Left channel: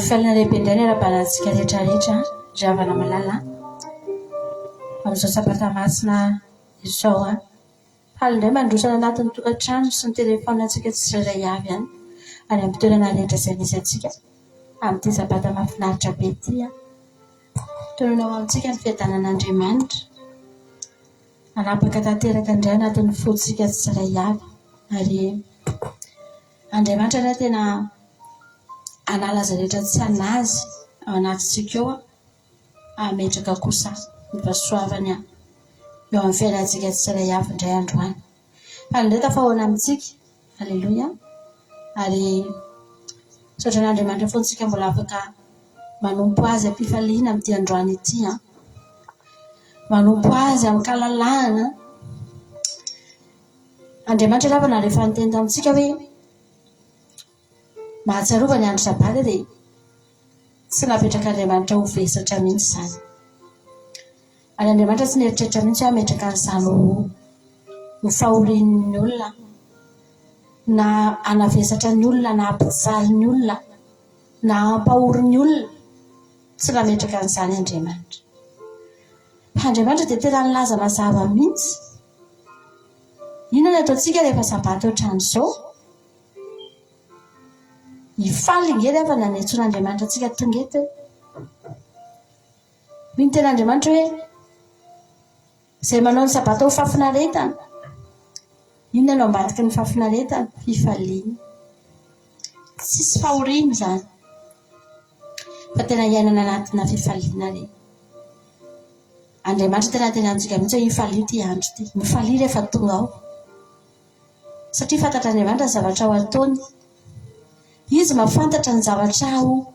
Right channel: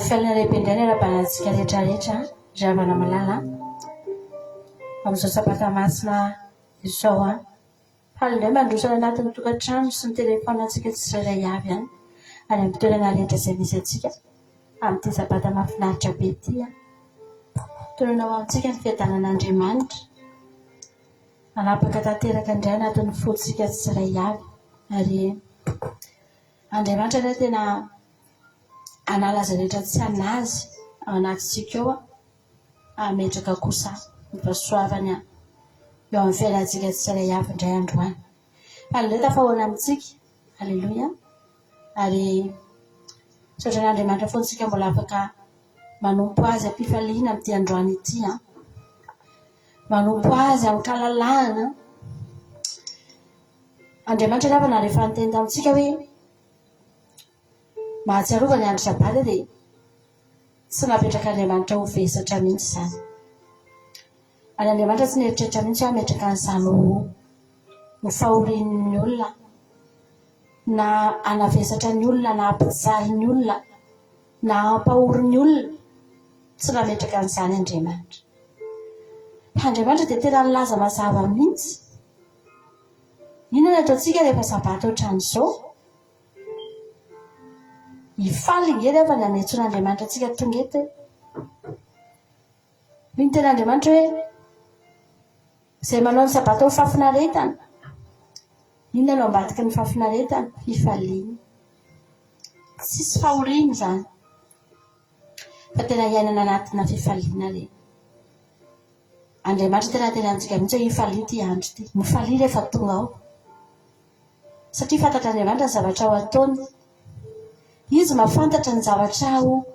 fialana lehibe indray ny ara-balatsika rehetrarehetra ry havana malala amin'izao sabata masina izao haly indray mandrosana anatin'ny tokantrano sy ny telefaonantsika tsy iray avy any amin'ny toerana rehetra izay misy antsika amin'ity sabata mahafinaritra be ity tonona ho amintsika ny fiadanan'Andriamanitra anapaka tanteraka indray anatin'ny fotsika tsy iray avy ary Andriamanitra indray tena anala izay rehetra tsy anazy ao anatintsika eo ametraka kosa ny fahasoavany eo amin'ny fiainantsika tsy iray avy indray androany. Indray tafahoana amintsika, haleloia, ary saotra n'Andriamanitra foantsika mbola afaka manompo azy am-pifaliana amin'ity androany ity, manompo azy amin'ny kalalahana. Andriamanitra lavana rehefa niteny tamintsika hoe mahatsiarova ny andro sabata dia tsy napetraka Andriamanitra ho vesatra mihitsy izany. Ary Andriamanitra tsy neritreritra mihitsy hametraka an'izany ho fahorian'ny olona na hanavesatra ny olona na hampijaly ny olona na hampahory ny olona, tsy nametraka an'izany Andriamanitra. Andriamanitra dia tena nilaza mazava mihitsy. Inona ataontsika rehefa sabata ohatran'izao? Hifaly ingely fa nanetsoan'Andriamanitra antsika tonga eto. Ny tena Andriamanitra hoe izay manao ny sabata ho fahafinaretana. Inona no ambadiky ny fahafinaretana? Fifaliana. Tsisy fahoriana izany. Fa tena iainana anatina fifaliana re. Andriamanitra tena antsika mihitsy hoe hifalia ity andro ity. Mifalia rehefa tonga ao. Satria fantatra Andriamanitra ny zavatra ho ataony. Izy mahafantatra ny zavatra ho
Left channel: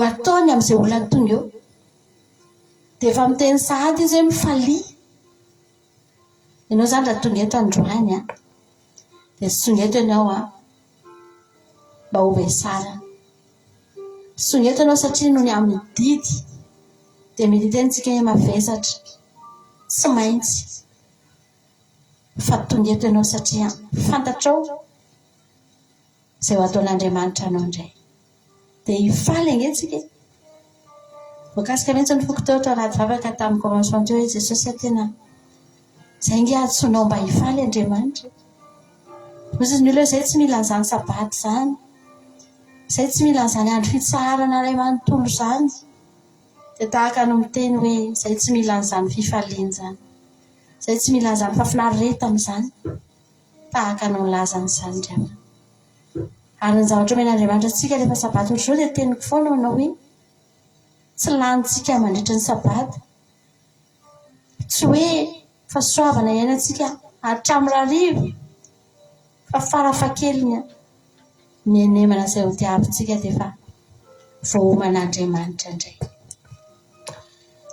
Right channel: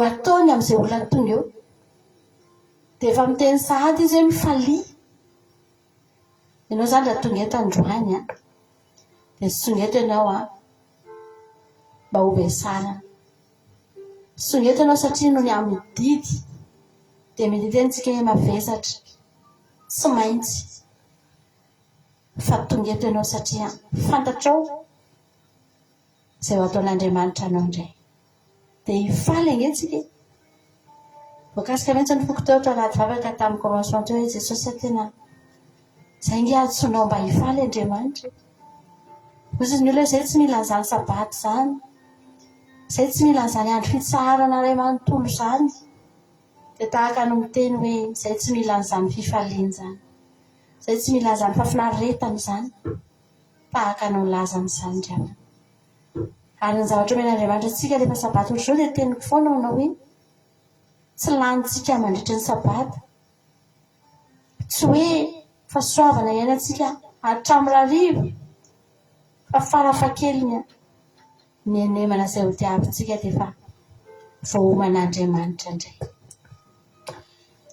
ataony amin'izay olona tonga eo. Dia efa miteny sahady izy hoe mifalia. Ianao izany raha tonga eto androany dia tsy tonga eto ianao mba ho besarana. Tsy tonga eto ianao satria noho ny amin'ny didy dia mididy antsika hoe mavesatra. Tsy maintsy. Fa tonga eto ianao satria fantatrao izay ho ataon'Andriamanitra anao indray. Dia hifaly angentsika. Voakasika mihitsy ny foko teo tao anaty vavaka tamin'ny commencement teo hoe Jesosy tena izay nge atsonao mba hifaly Andriamanitra. Misy ny olona izay tsy mila an'izany sabata izany. Izay tsy mila an'izany andro fitsarana iray manontolo izany. Dia tahaka no miteny hoe izay tsy mila an'izany fifaliana izany. Izay tsy mila an'izany fahafinaretana izany. Tahaka no milaza an'izany indray. Ary ny zavatra omen'Andriamanitra antsika rehefa sabata ohatr'izao dia teniko foana manao hoe tsy lanintsika mandritra ny sabata. Tsy hoe fahasoavana iainantsika hatramin'ny hariva fa farafahakeliny ny enemana izay ho tiavintsika dia efa voahoman'Andriamanitra indray.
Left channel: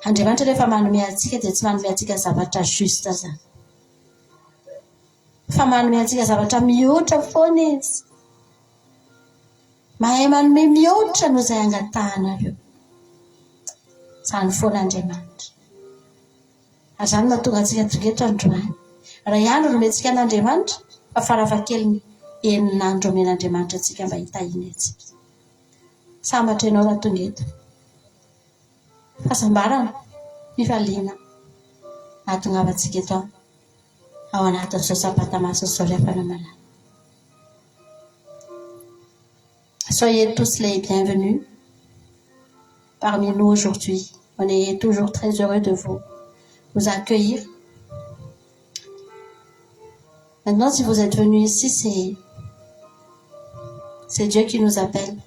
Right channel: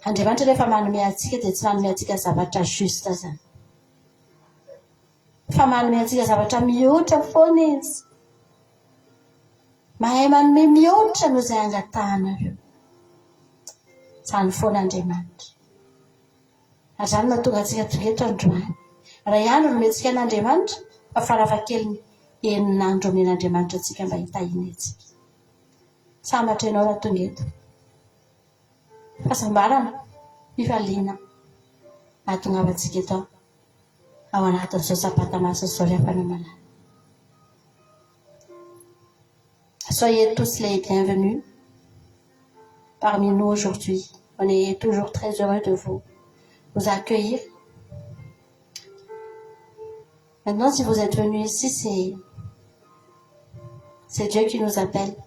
Andriamanitra rehefa manome antsika dia tsy manome antsika zavatra justa izany. Fa manome antsika zavatra mihoatra foana izy. Mahay manome mihoatra noho izay angatahanareo. Izany foana Andriamanitra. Ary izany mahatonga antsika tonga eto androany. Raha ihany nomentsika an'Andriamanitra fa farafahakeliny enin'andro omen'Andriamanitra antsika mba hitahiny antsika. Sambatra ianao raha tonga eto. Fahasambarana, fifaliana nahatongava antsika eto ao anatin'izao sabata masina izao ry havana malala. Soyez tous les bienvenus parmi nous aujourd'hui. On est toujours très heureux de vous accueillir. Maintenant, si vous êtes venus ici, c'est Dieu qui nous appelle.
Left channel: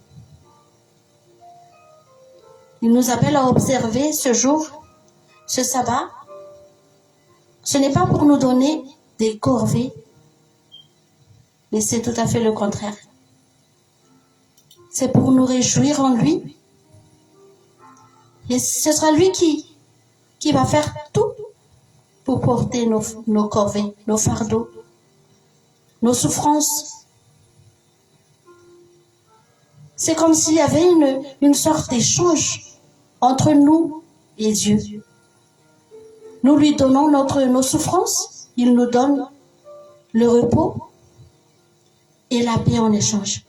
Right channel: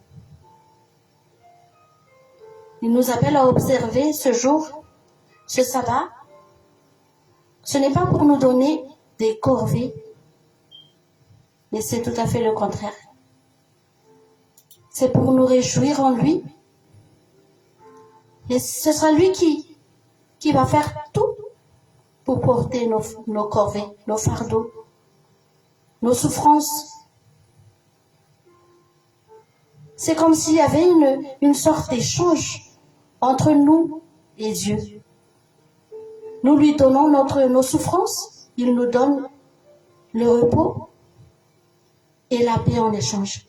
Il nous appelle à observer ce jour, ce sabbat. Ce n'est pas pour nous donner des corvées, mais c'est tout à fait le contraire. C'est pour nous réjouir en lui. Et ce sera lui qui va faire tout pour porter nos corvées, nos fardeaux, nos souffrances. C'est comme s'il y avait une sorte d'échange entre nous et Dieu. Nous lui donnons nos souffrances, il nous donne le repos et la paix en échange.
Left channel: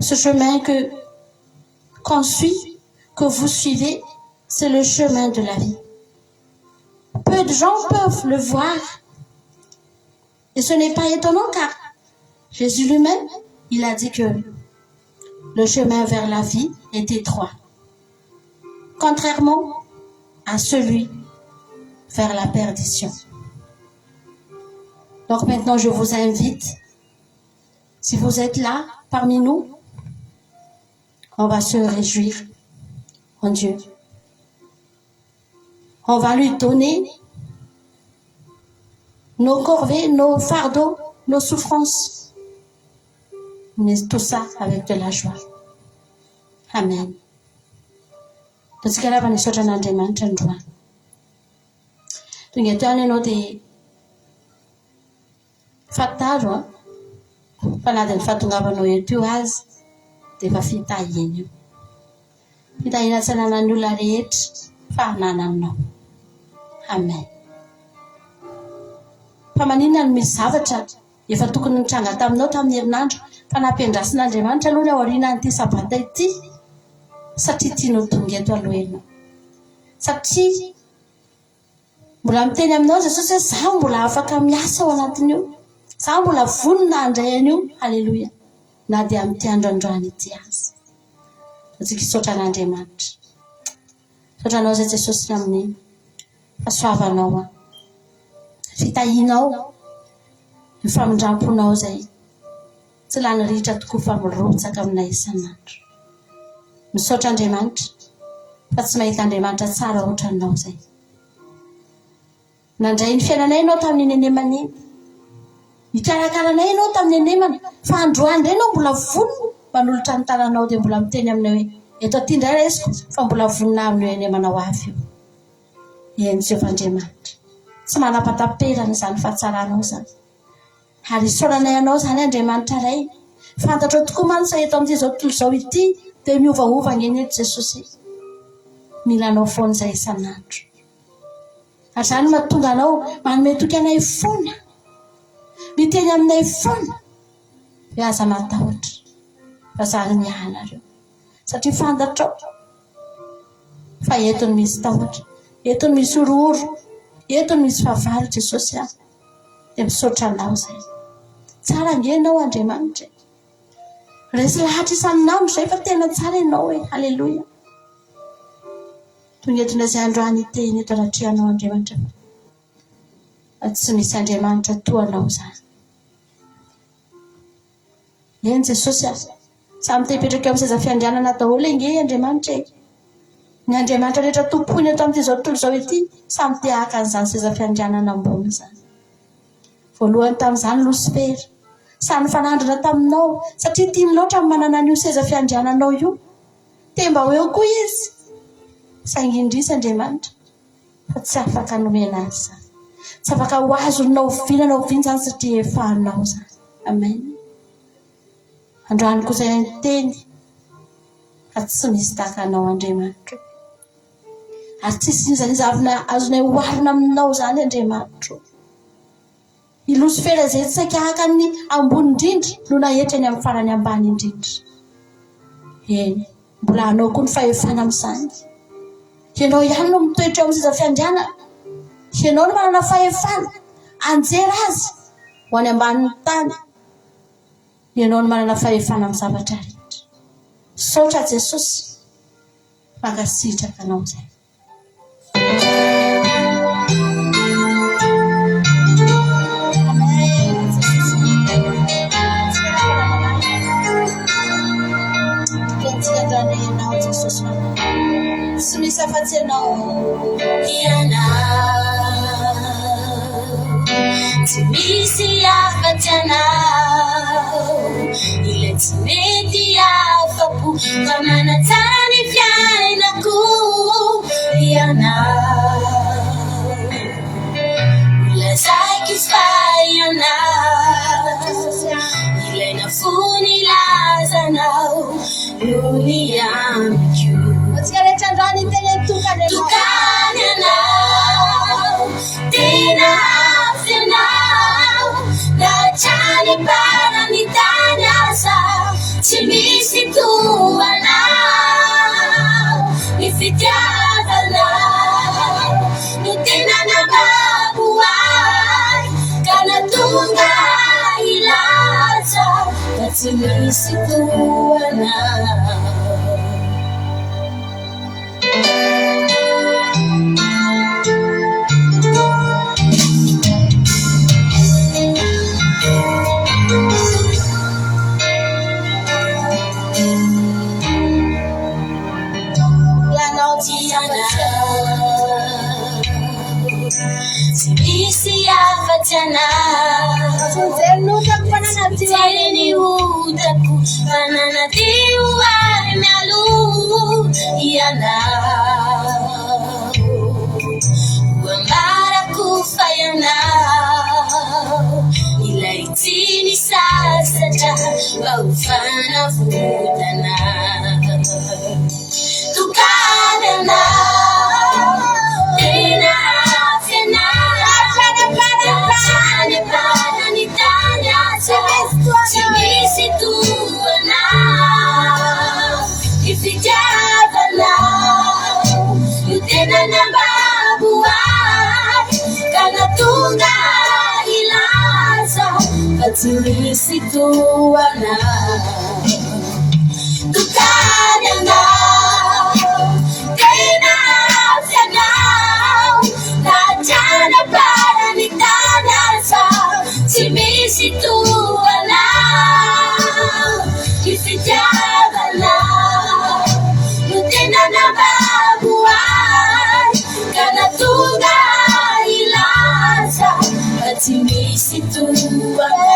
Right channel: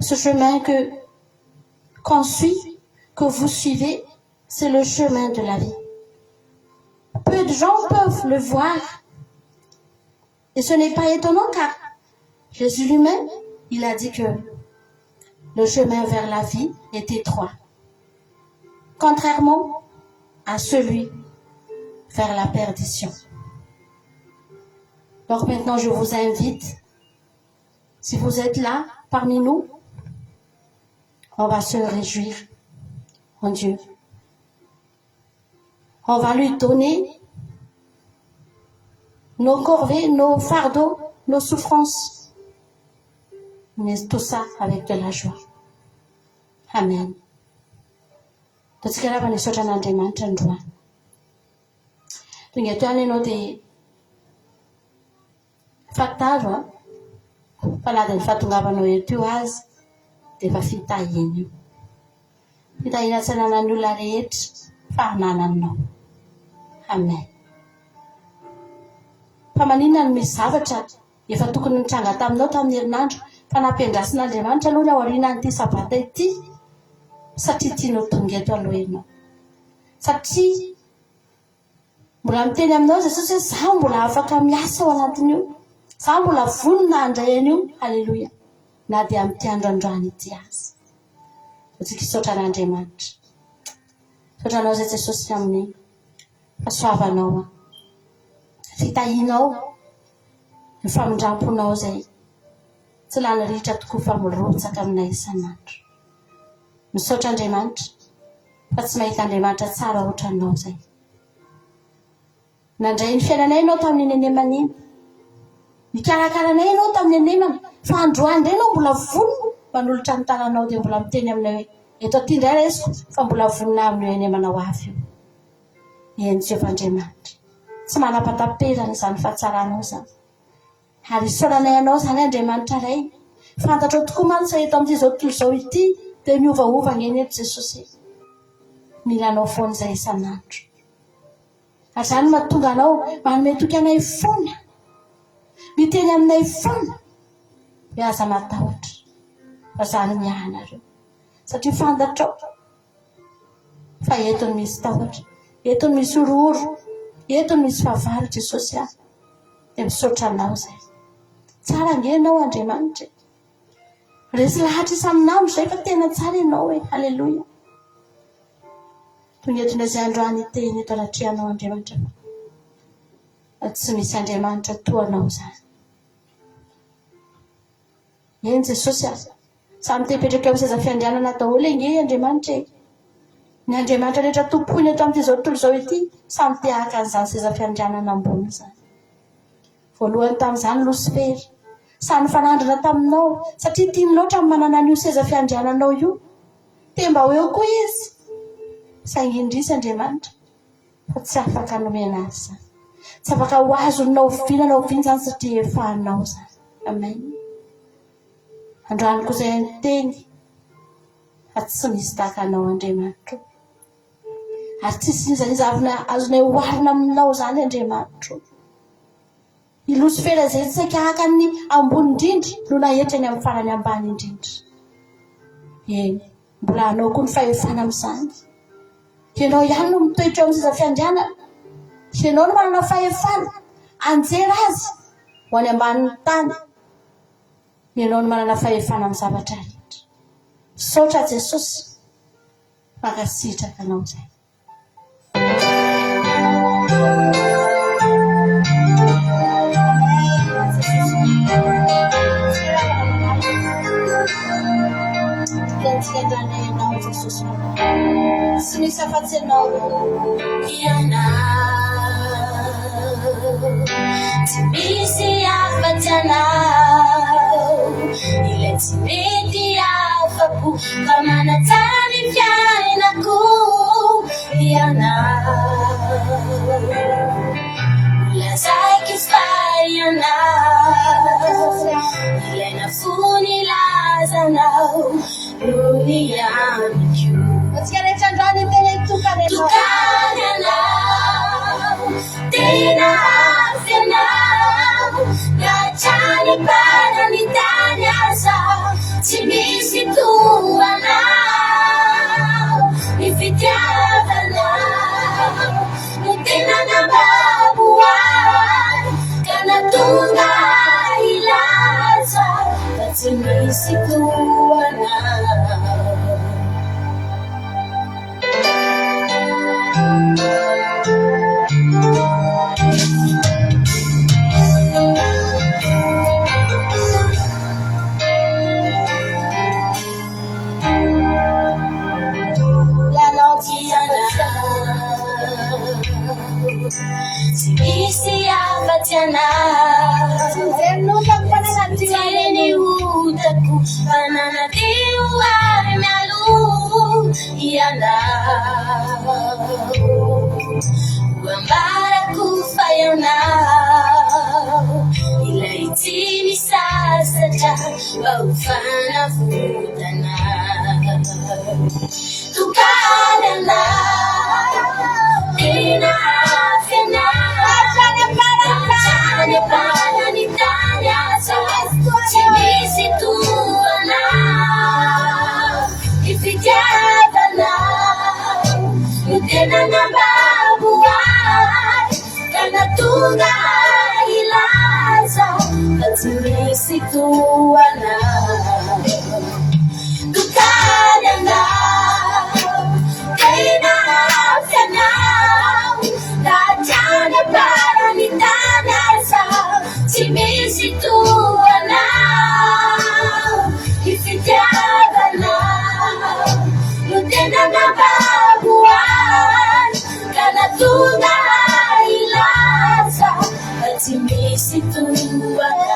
Ce chemin qu'on suit, que vous suivez, c'est le chemin de la vie. Peu de gens peuvent le voir. Et ce n'est pas étonnant car Jésus lui-même, il a dit que le chemin vers la vie est étroit. Contrairement à celui vers la perdition. Donc maintenant, je vous invite, si vous êtes là parmi nous, on va se réjouir en Dieu. On va lui donner nos corvées, nos fardeaux, nos souffrances. Mais tout ça avec de la joie. Amen. Tosikara vanisotra n'Andriamanitra androany. Tonga eto any ianao dia fantaro fa na dia ny fahatongavanao eto io azy dia efa fitahiny io. Fitahina tsy hananan'ny olona rehetra fa hanananao. Amen. Fa maninona no misy zavatra efa tokony nitranga taminao tamin'ny herinandro fa nampiandrasin'Andriamanitra aloha ny ao aorianan'ity sabata ity satria tianao tonga eto aloha ianao. Satria mbola miteny aminao Jesosy hoe zaho mbola afaka miasa ao anatin'io. Zaho mbola vonona handray an'io. Halleluja. Na dia amin'ity androandroany ity azy. Antsika hisaotra an'Andriamanitra. Saotranao zay Jesosy amin'ny fahasoavanao. Fitahinao, ny famindramponao zay tsy lany ritra tokoa fa mirotsaka aminay isan'andro. Misaotra Andriamanitra fa tsy mahita Andriamanitra tsara ohatranao zay. Nandray ny fiainanay ianao tamin'ny nenemana iny. Nikarakaranay ianao tamin'ny nenemana fa androany indray ianao mbola vonona manolotra ny tananao dia mbola miteny aminao hoe eto aty indray raisiko fa mbola vonona amin'ny nenemana ho avy io. Eny Jehovah Andriamanitra. Tsy manapataperana izany fahatsaranao zany. Ary isaoranay ianao zany Andriamanitra ray. Fantatrao tokoa mantsy eto amin'ity zao tontolo izao ity dia miovaova ngeny eto Jesosy. Milanao foana izay isan'andro. Ary zany mahatonga anao manome toky anay foana. Miteny aminay foana. Hoe aza matahotra. Fa zany miahanareo. Satria fantatrao fa eto no misy tahotra. Eto no misy orooro. Eto no misy fahavalo Jesosy ahy. Dia misaotra anao zay. Tsara ngenao Andriamanitra. Resy lahatra isan'andro zay fa tena tsara ianao hoe. Halleluja. Tonga eto indray izay androany iteny eto anatrehanao Andriamanitra. Tsy misy Andriamanitra toa anao zany. Eny Jesosy ahy. Samy te hipetraka eo amin'ny seza fiandrianana daholo nge Andriamanitra e. Ny Andriamanitra rehetra tompoiny eto amin'ity zao tontolo izao ity samy te haka an'izany seza fiandrianana ambony zany. Voalohany tamin'izany Losifera. Samy fanandrana taminao satria tiany loatra manana an'io seza fiandriananao io. Te mba ho eo koa izy. Saingy indrisy Andriamanitra fa tsy afaka nomena azy zany. Tsy afaka ho azonao vinanao viny zany satria efa anao zany. Amen. Androany koa izay miteny fa tsy misy tahaka anao Andriamanitra. Ary tsisy izany azonay oharina aminao zany Andriamanitra. I Losifera izay tsy saika haka ny ambony indrindra no nahetrany amin'ny farany ambany indrindra. Eny, mbola anao koa ny fahefana amin'izany. Ianao ihany no mitoetra amin'ny seza fiandrianana. Ianao no manana fahefana anjera azy ho any ambanin'ny tany. Ianao no manana fahefana amin'ny zavatra rehetra. Saotra Jesosy. Mankasitraka anao zay. Tsy misy afa-tsy ianao. Tsy misy afa-tsy ianao. Ilay tsy mety afa-po fa manatsara ny fiainako. Ianao lazaiko izy fa ianao. Ilaina fony lazanao lony amiko. Atsika rehetra androany teny tokany ianao. Tena avy ianao. Latrany barany tany aza. Tsy misy fitiavana no tena nababuay kanatunga ilaza fa tsy misy toana Sibisi afatana Tuzenuka panana tiwaleni utaku Panana tiwari nalu Yana Wambara kufayana Ila itini sasaja Waufana futana Tukadana Ina Kanatunga ilaza Fatimisi tuana Tukadana Kena afyanau Najana para nitanasa Timisi tuana Ifijabana Mutena na babuan Kanatunga ilaza Fatimisi tuana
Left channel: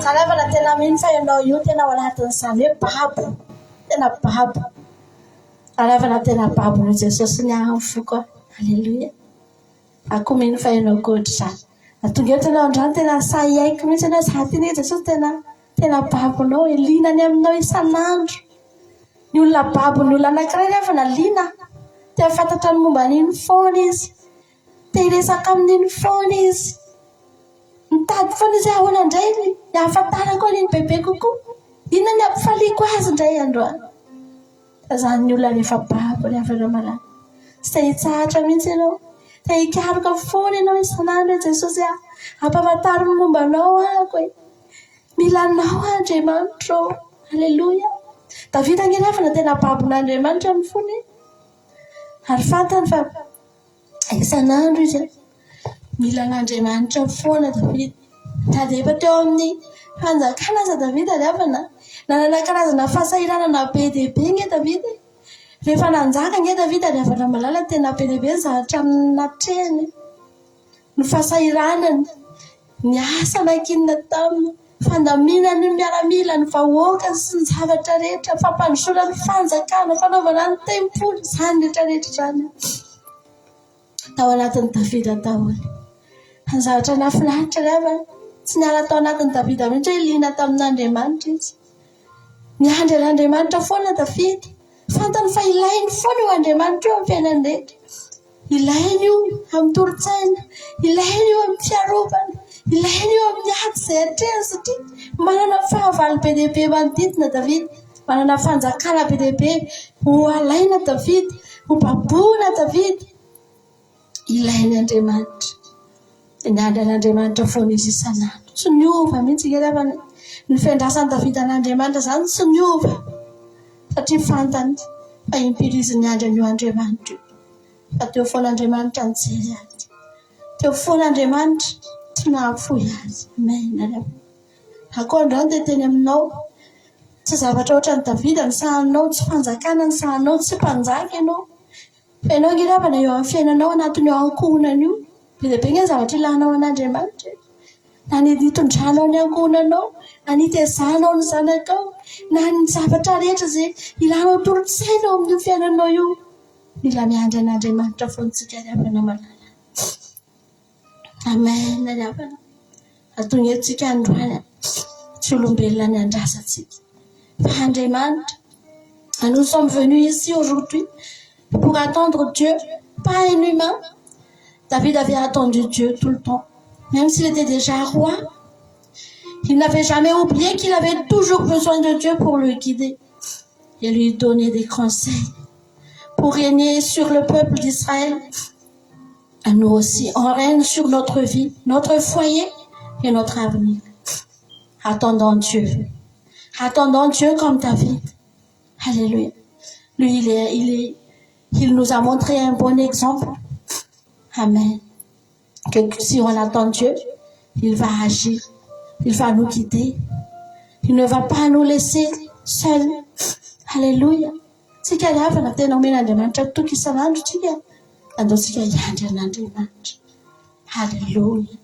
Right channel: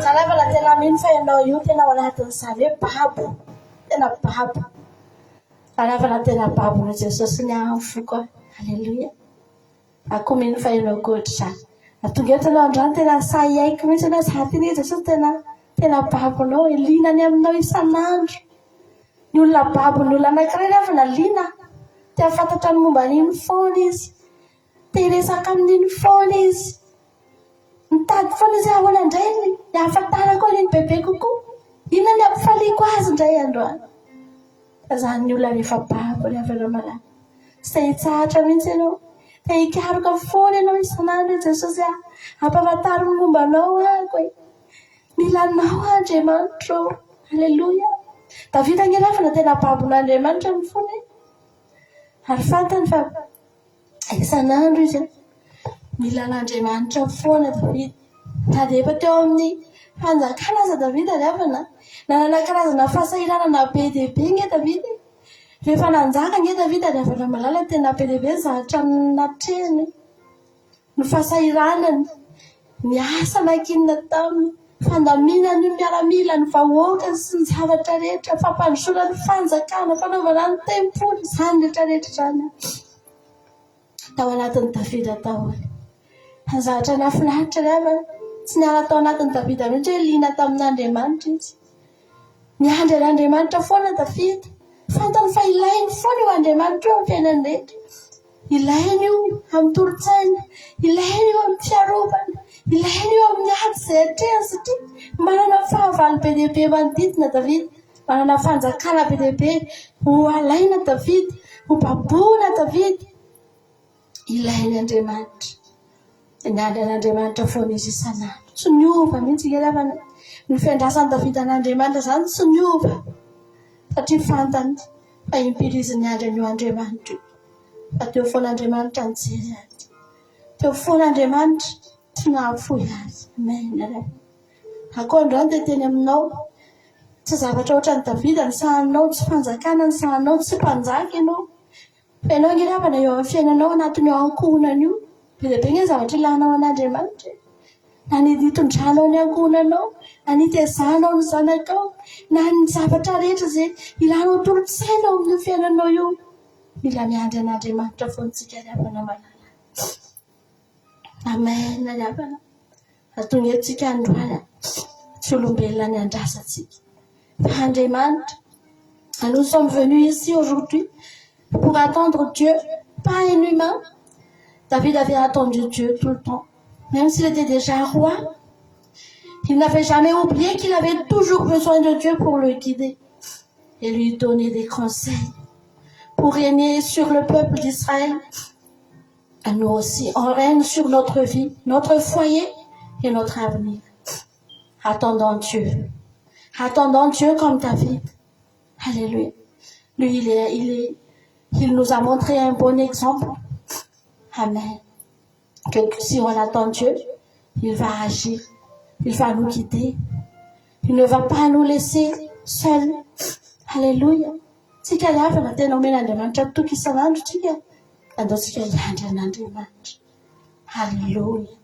Karena tena minfa yang dah you tena wala hatan sale pahabu tena pahabu karena tena pahabu no Jesus nya fuko haleluya aku minfa yang good sa atungo tena ondran tena saya aku tena hati ni Jesus tena pahabu no elina ni amno isanandro ni ulla pahabu ni ulla nakrena fa na lina te fatatra momba ni phone izy te resaka amin'ny phone izy Mitady foana izy ahoana indray ny ahafantarako ny bebe kokoa. Inona ny ampifaliako azy indray androany. Tazany ny olona rehefa babo ny avy malala. Tsy te hitsahatra mihitsy ianao. Te hikaroka foana ianao isanandro Jesosy ampahafantariny momba anao ako e. Mila anao Andriamanitra. Haleluya. Davida angeravana tena babon'Andriamanitra ny fony. Ary fantany fa isanandro izy mila n'Andriamanitra foana Davida. Tady efa teo amin'ny fanjakana aza Davida rehefa nanana karazana fahasahiranana be dia be nge Davida. Rehefa nanjaka nge Davida rehefa malala tena be dia be zahatra natreny. Ny fahasahiranany, ny asa nakinina taminy, fandaminany ny miaramila ny vahoaka sy ny zavatra rehetra, fampandrosoana ny fanjakana, fanaovana ny tempolo, izany rehetra rehetra izany. Tao anatin'ny Davida taoany. Zavatra nafinaritra rehefa tsy niala tao anatin'ny Davida mihitsy hoe liana tamin'Andriamanitra izy. Niandry an'Andriamanitra foana Davida. Fantany fa ilainy foana io Andriamanitra io amin'ny fiainany rehetra. Ilainy io amin'ny toro-tsaina, ilainy io amin'ny fiarovana, ilainy io amin'ny ady izay hatrehany satria manana fahavalo be dia be manodidina Davida, manana fanjakana be dia be ho alaina Davida, ho baboina Davida. Ilainy Andriamanitra. Niandry an'Andriamanitra foana izy isanandro. Tsy niova mihitsy rehefa Ny fiandrasany Davida an'Andriamanitra zany tsy niova satria fantany fa impiriziny andra an'io Andriamanitra io. Fa teo foana Andriamanitra nijery azy. Teo foana Andriamanitra tsy nahafoy azy. Amen. Akondro dia teny aminao tsy zavatra ohatran'ny Davida ny sahanao, tsy fanjakana ny sahanao, tsy mpanjaka ianao. Fa ianao ngiravana eo amin'ny fiainanao anatin'ny eo ankohonana io. Be dia be ny zavatra ilahnao an'Andriamanitra. Na ny hitondranao ny ankohonanao, na ny hitaizanao ny zanakao, na ny zavatra rehetra izay ilahnao tolontsainao amin'io fiainanao io. Mila miandry an'Andriamanitra foantsika riavana malala. Amen, riavana. Atonga antsika androany tsy olombelona ny andrasantsika. Fa Andriamanitra, nous sommes venus ici aujourd'hui pour attendre Dieu, pas un humain. David avait attendu Dieu tout le temps. Même s'il était déjà roi, il n'avait jamais oublié qu'il avait toujours besoin de Dieu pour le guider et lui donner des conseils pour régner sur le peuple d'Israël. Et nous aussi, on règne sur notre vie, notre foyer et notre avenir. Attendons Dieu. Attendons Dieu comme David. Alléluia. Lui, il nous a montré un bon exemple. Amen. Que si on attend Dieu, il va agir. Il va nous guider. Il ne va pas nous laisser seuls. Alléluia. Tsika riavana tena omena Andriamanitra toky isan'andro tsika. Andao tsika hiandry an'Andriamanitra. Alléluia.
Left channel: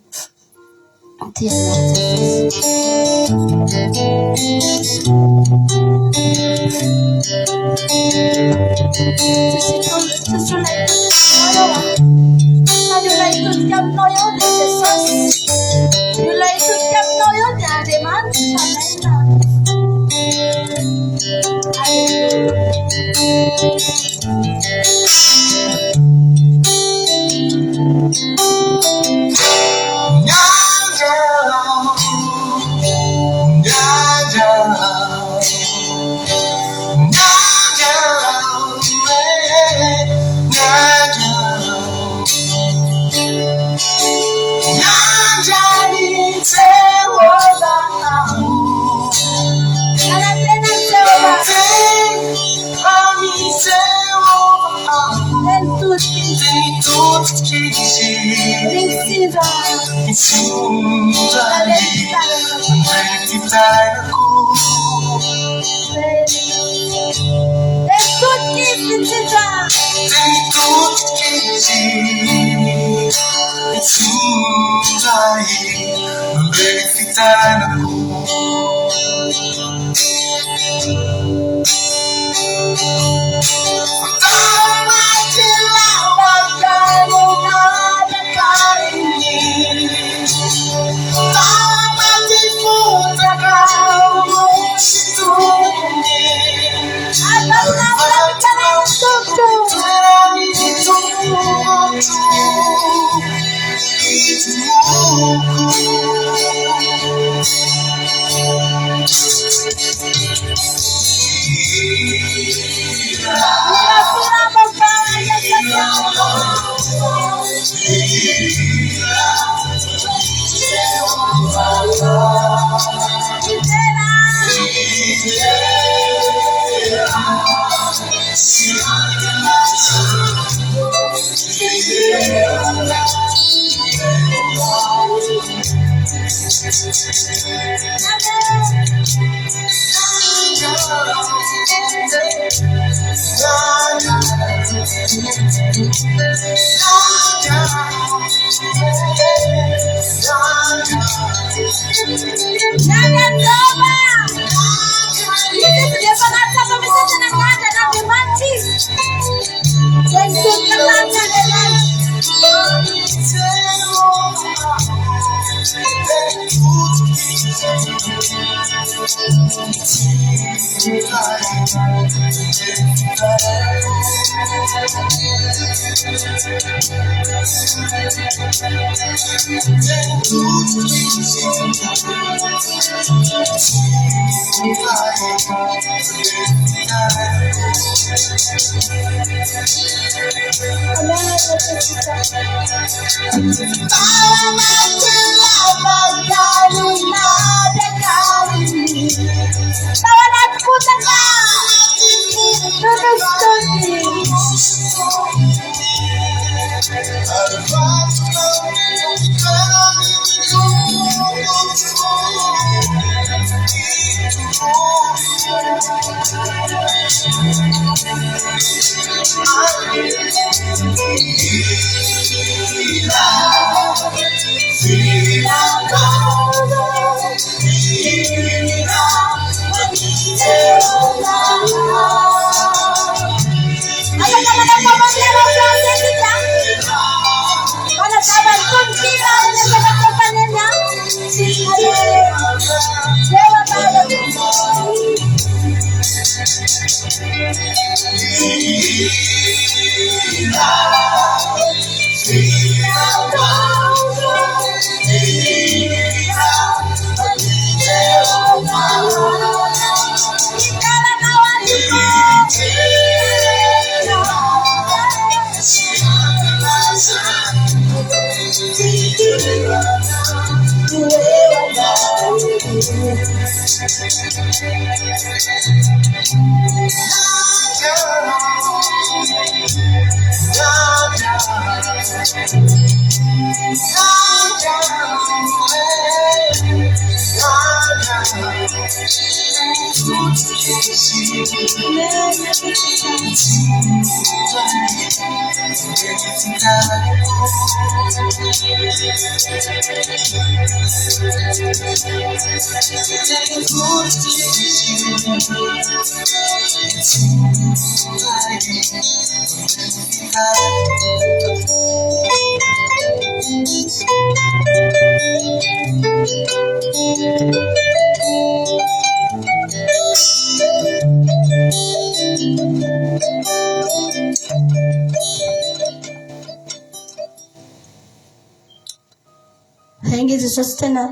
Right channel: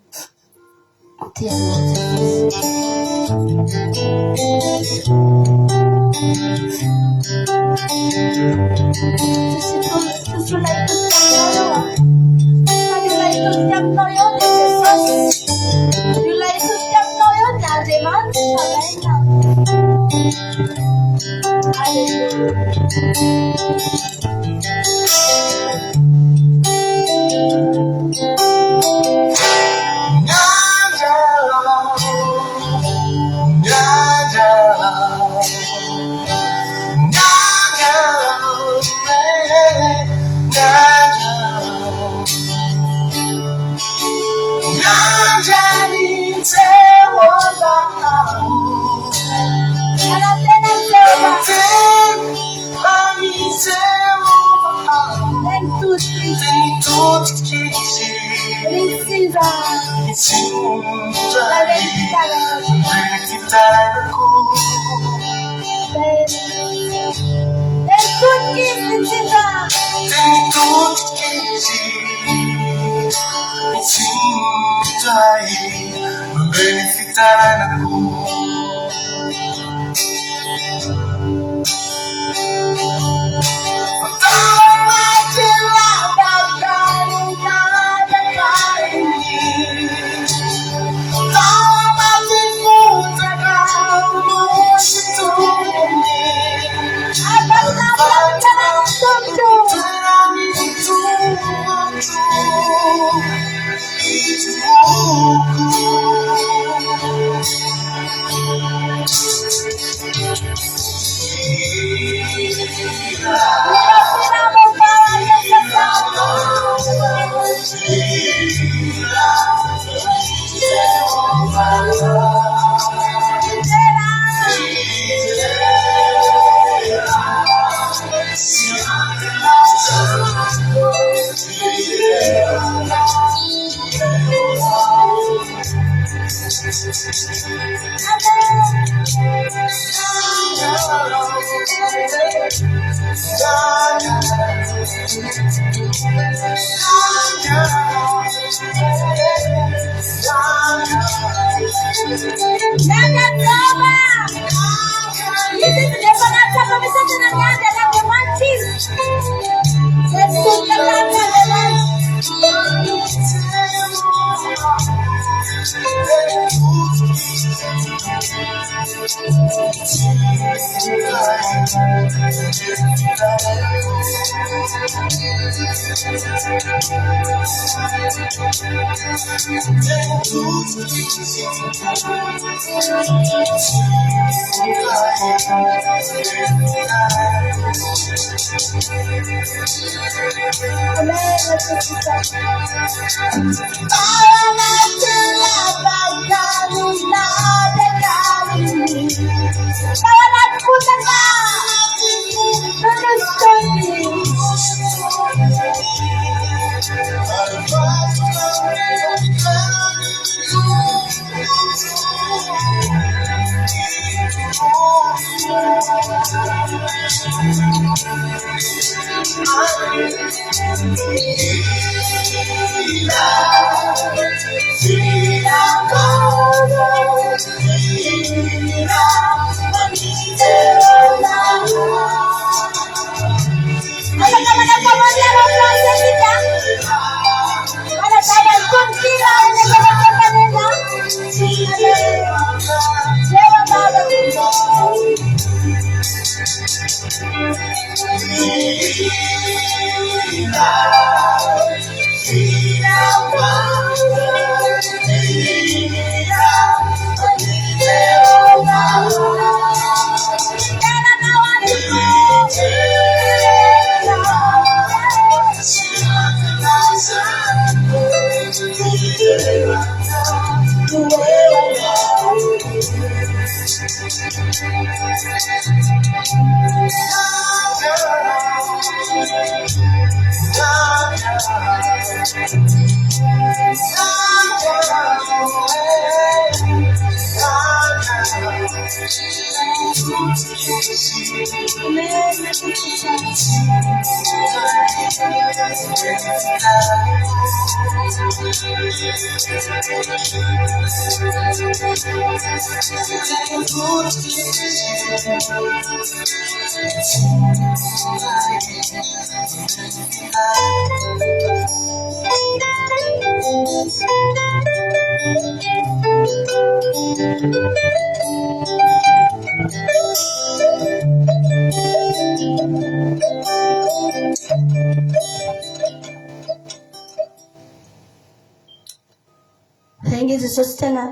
Jesosy tena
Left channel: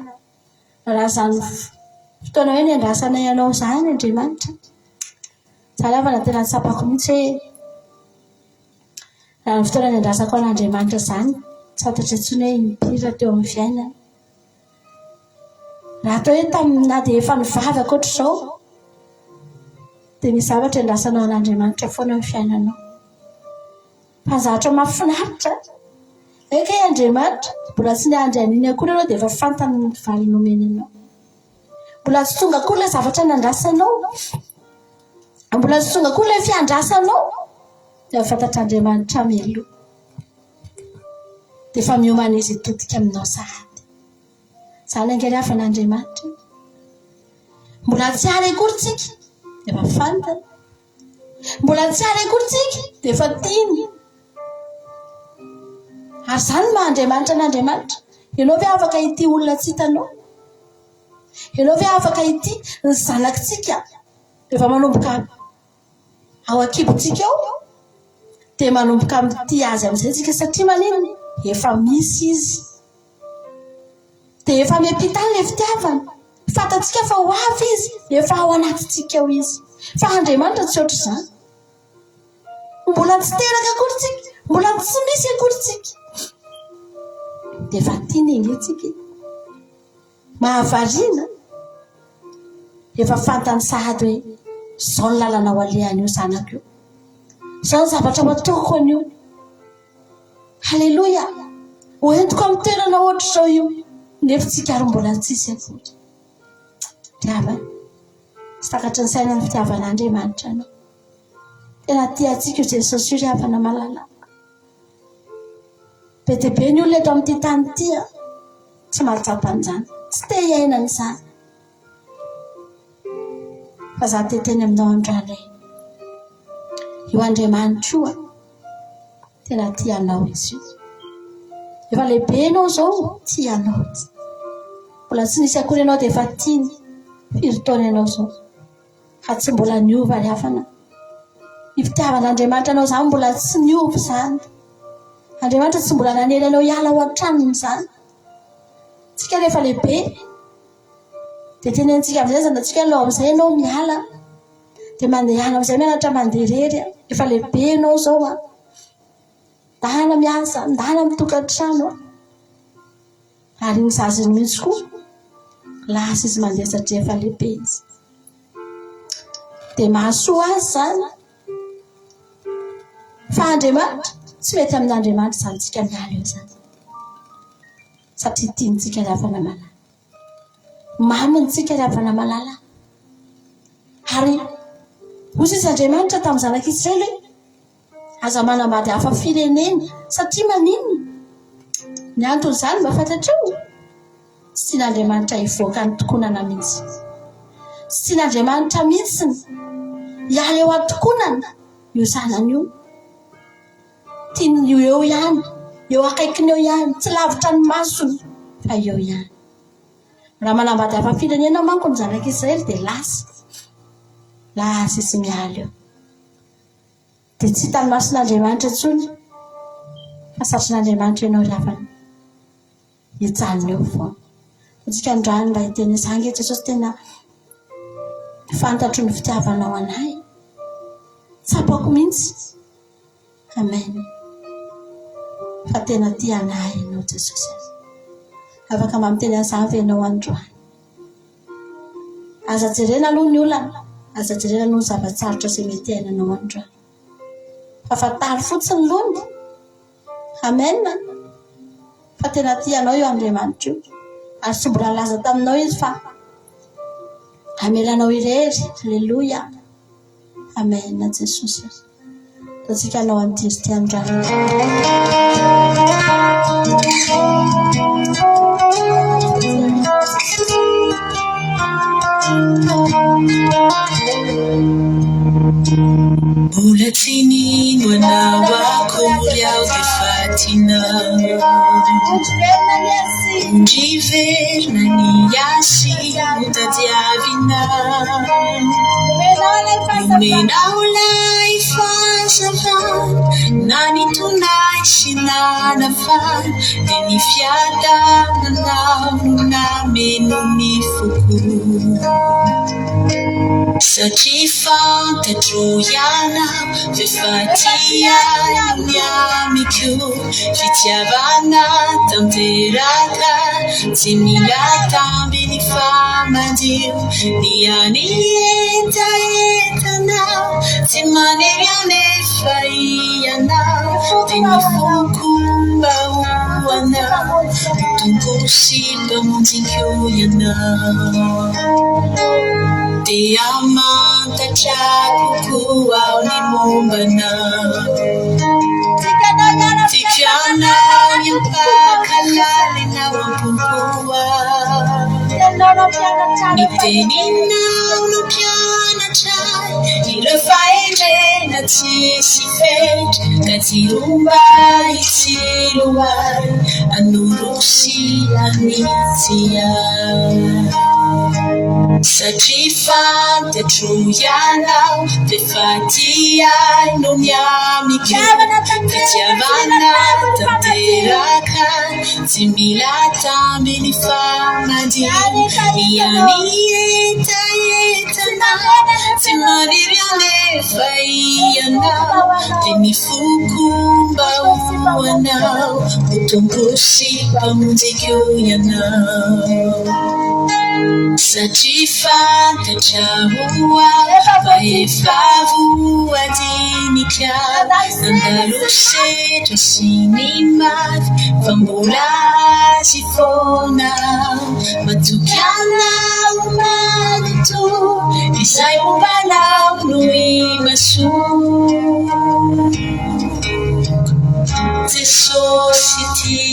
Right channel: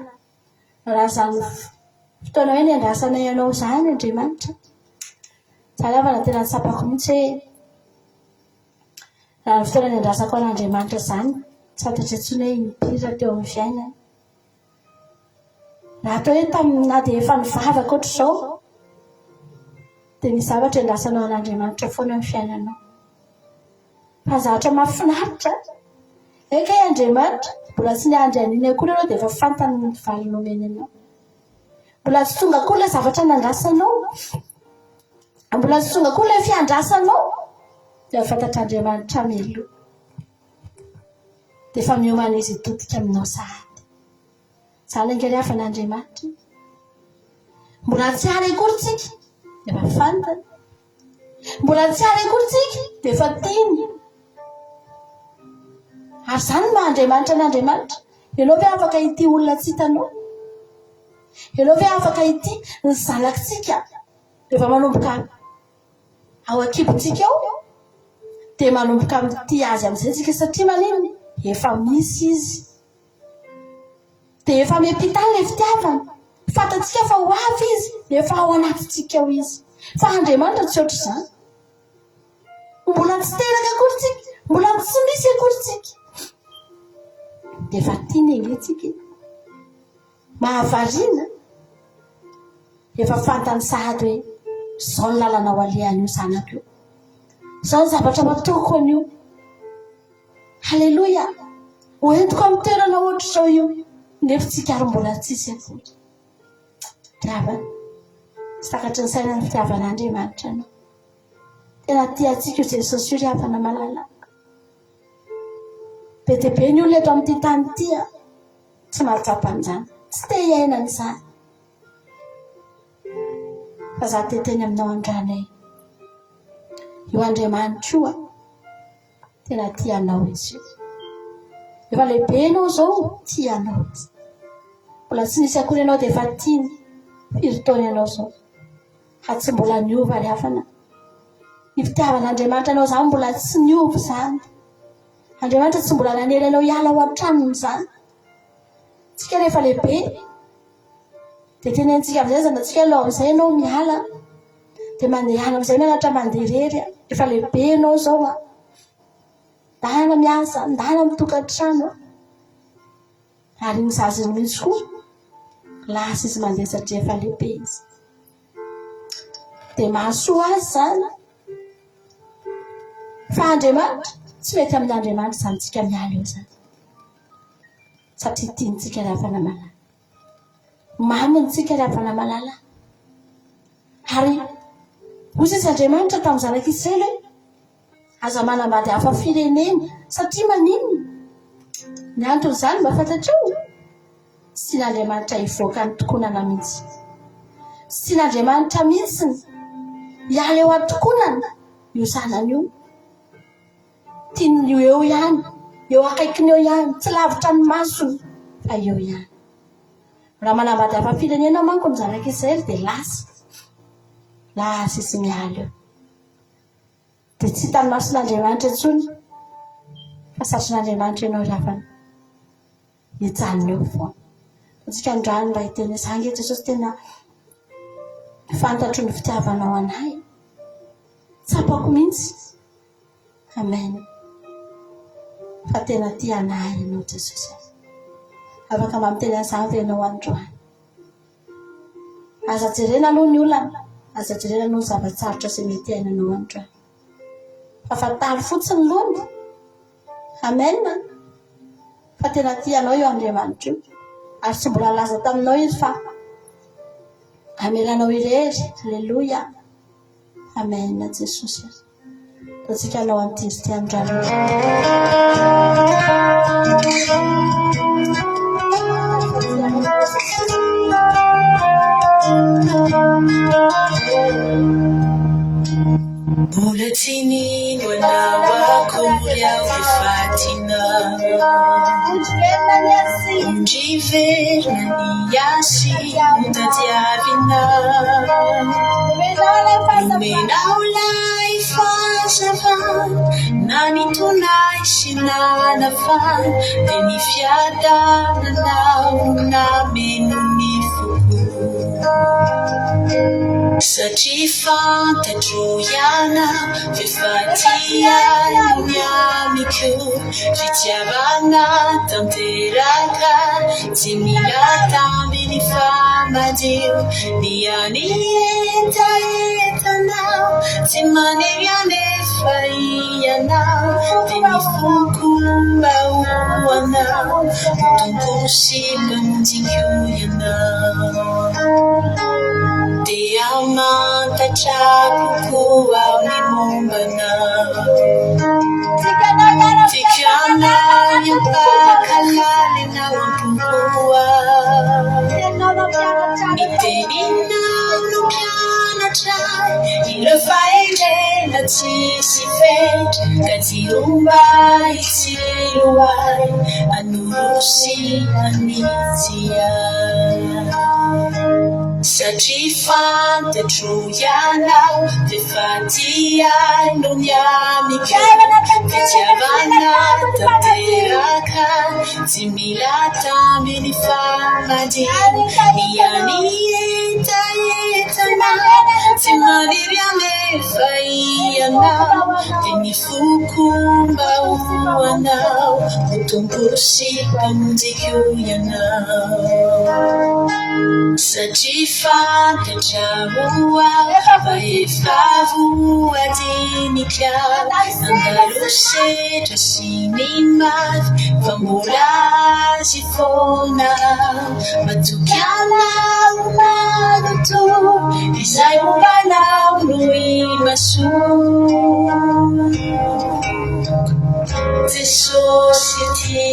raha zany fotoana hoe niandrasana ianao zany Andriamanitra. Zahavana tena tsapako mihitsy hoe raha ny fotoana niandrasako an'Andriamanitra zany tsy fantatry intsony hoe impiry teo amin'ny fiainana. Raha atao hoe tamin'ny na dia efa nivavaka ohatr'izao dia misy zavatra iandrasanao an'Andriamanitra foana amin'ny fiainanao. Fa zavatra mahafinaritra eka Andriamanitra mbola tsy niandry an'iny akory ianao dia efa fantany ny valinao omeny anao. Mbola tsy tonga akory ilay zavatra nandrasanao, mbola tsy tonga akory ilay fiandrasanao dia fantatr'Andriamanitra mialoha dia efa miomana izy hitodika aminao sahady. Izany angary hafa n'Andriamanitra. Mbola tsy ary akory tsika dia efa fantany, mbola tsy ary akory tsika dia efa tiany. Ary izany maha-Andriamanitra n'Andriamanitra. Ianao ve afaka ity olona tsy hitanao? Ianao ve afaka ity ny zanakitsika rehefa manomboka ao an-kibontsika ao dia manomboka amin'ity azy amin'izay tsika satria manino efa misy izy. Dia efa miampita ilay fitiavana. Fantatsika fa ho avy izy, efa ao anatintsika ao izy. Fa Andriamanitra tsy ohatr'izany. Mbola tsy teraka akory tsika, mbola tsy misy akory tsika. Dia efa tiany antsika. Mahavariana. Efa fantany sahady hoe izao ny lalana ho alehan'io zanako io. Izao ny zavatra ho ataoko an'io. Halleloia. Hoentiko amin'ny toerana ohatr'izao io. Nefa tsika ary mbola tsisy akory. Ravana. Tsy takatry ny saina ny fitiavan'Andriamanitra anao. Tena tiantsika io Jesosy io ravana malalaka. Be dia be ny olona eto amin'ity tany ity tsy mahatsapa an'izany. Tsy te hiainana izany. Fa za teteny aminao andray. Io Andriamanitra io tena tianao izy io. Efa lehibe ianao izao tianao. Mbola tsy nisy akory ianao dia efa tiany. Firy taona ianao izao. Fa tsy mbola niova ry havana. Ny fitiavan'Andriamanitra anao izany mbola tsy niova izany. Andriamanitra tsy mbola nanely anao hiala ao an-tranony izany. Tsika rehefa lehibe dia tenentsika amin'izay zanantsika aloha amin'izay ianao miala dia mandeha any amin'izay mianatra mandeha irery. Efa lehibe ianao izao ndahana miasa, ndahana mitokantrano. Ary iny zazany mihitsy koa lasa izy mandeha satria efa lehibe izy. dia mahasoa azy zany fa Andriamanitra tsy mety amin'Andriamanitra zany tsika miala eo zany satria tiantsika ravana malala maminy tsika ravana malala ary hozy izy Andriamanitra tamin'ny zanak'Israely aza manambady hafa firenena satria maninona ny antony zany mba fantatrao sy tian'Andriamanitra hivoaka ny tokonana mihitsy sy tian'Andriamanitra mihitsy hiala eo atokonana io zanany io tiany io eo ihany eo akaikiny eo ihany tsy lavitra ny masony fa eo ihany raha manambady hafa firenena manko ny zanak'Israely dia lasa izy miala eo dia tsy hitany mason'Andriamanitra intsony fa satrin'Andriamanitra ianao ravana hijanona eo foana atsika andrany mba hiteny zange Jesosy tena fantatro ny fitiavanao anahy tsapako mihitsy amen fa tena tia anahy ianao Jesosy afaka mamiteny an'izany ve ianao androany aza jerena aloha ny olana aza jerena aloha ny zavatsarotra izay mety ainanao androany fa fantary fotsiny lony amen fa tena tianao io Andriamanitra io ary tsy mbola laza taminao izy fa amelanao irery alleluia amen Jesosy tatsika anao antiry ty androany mbola tsy nino anao akory aho dia fatinao ondriverina ny asy no tadiavinao omenao lay fahazavana na nitonay sy nanafana dia ny fiadananao nameno ny foko satria fantatro ihana fefatia ny amiko fitiavana tanteraka tsy mila tamby ny famadio ny anietaetanao tsy manery anefa ianao dia ny fokomba hoanao tonkosy mpamonjiko ianao dia mantatra kokoa ao ny mombanao ty fianany ampakalalynao ampokoa ny teninao no mpianatray ireo fahendrena tsisy fetra ka tsy romba itsiloay anorosy anitsy ay satria fantatro ianao dia fatiay no miamiko fitiavana tanteraka tsy mila tamby ny famadio ianietaetana tsy maniry alefa ianao dia ny fokomba hoanao ho tonkosy mpamonjiko ianao satria fantatra hoa fa efa voadinika nandalo setra sy ny mafy fa mbola azy foana matoky anao manoto izay mombanao no imasoa Jesosy ty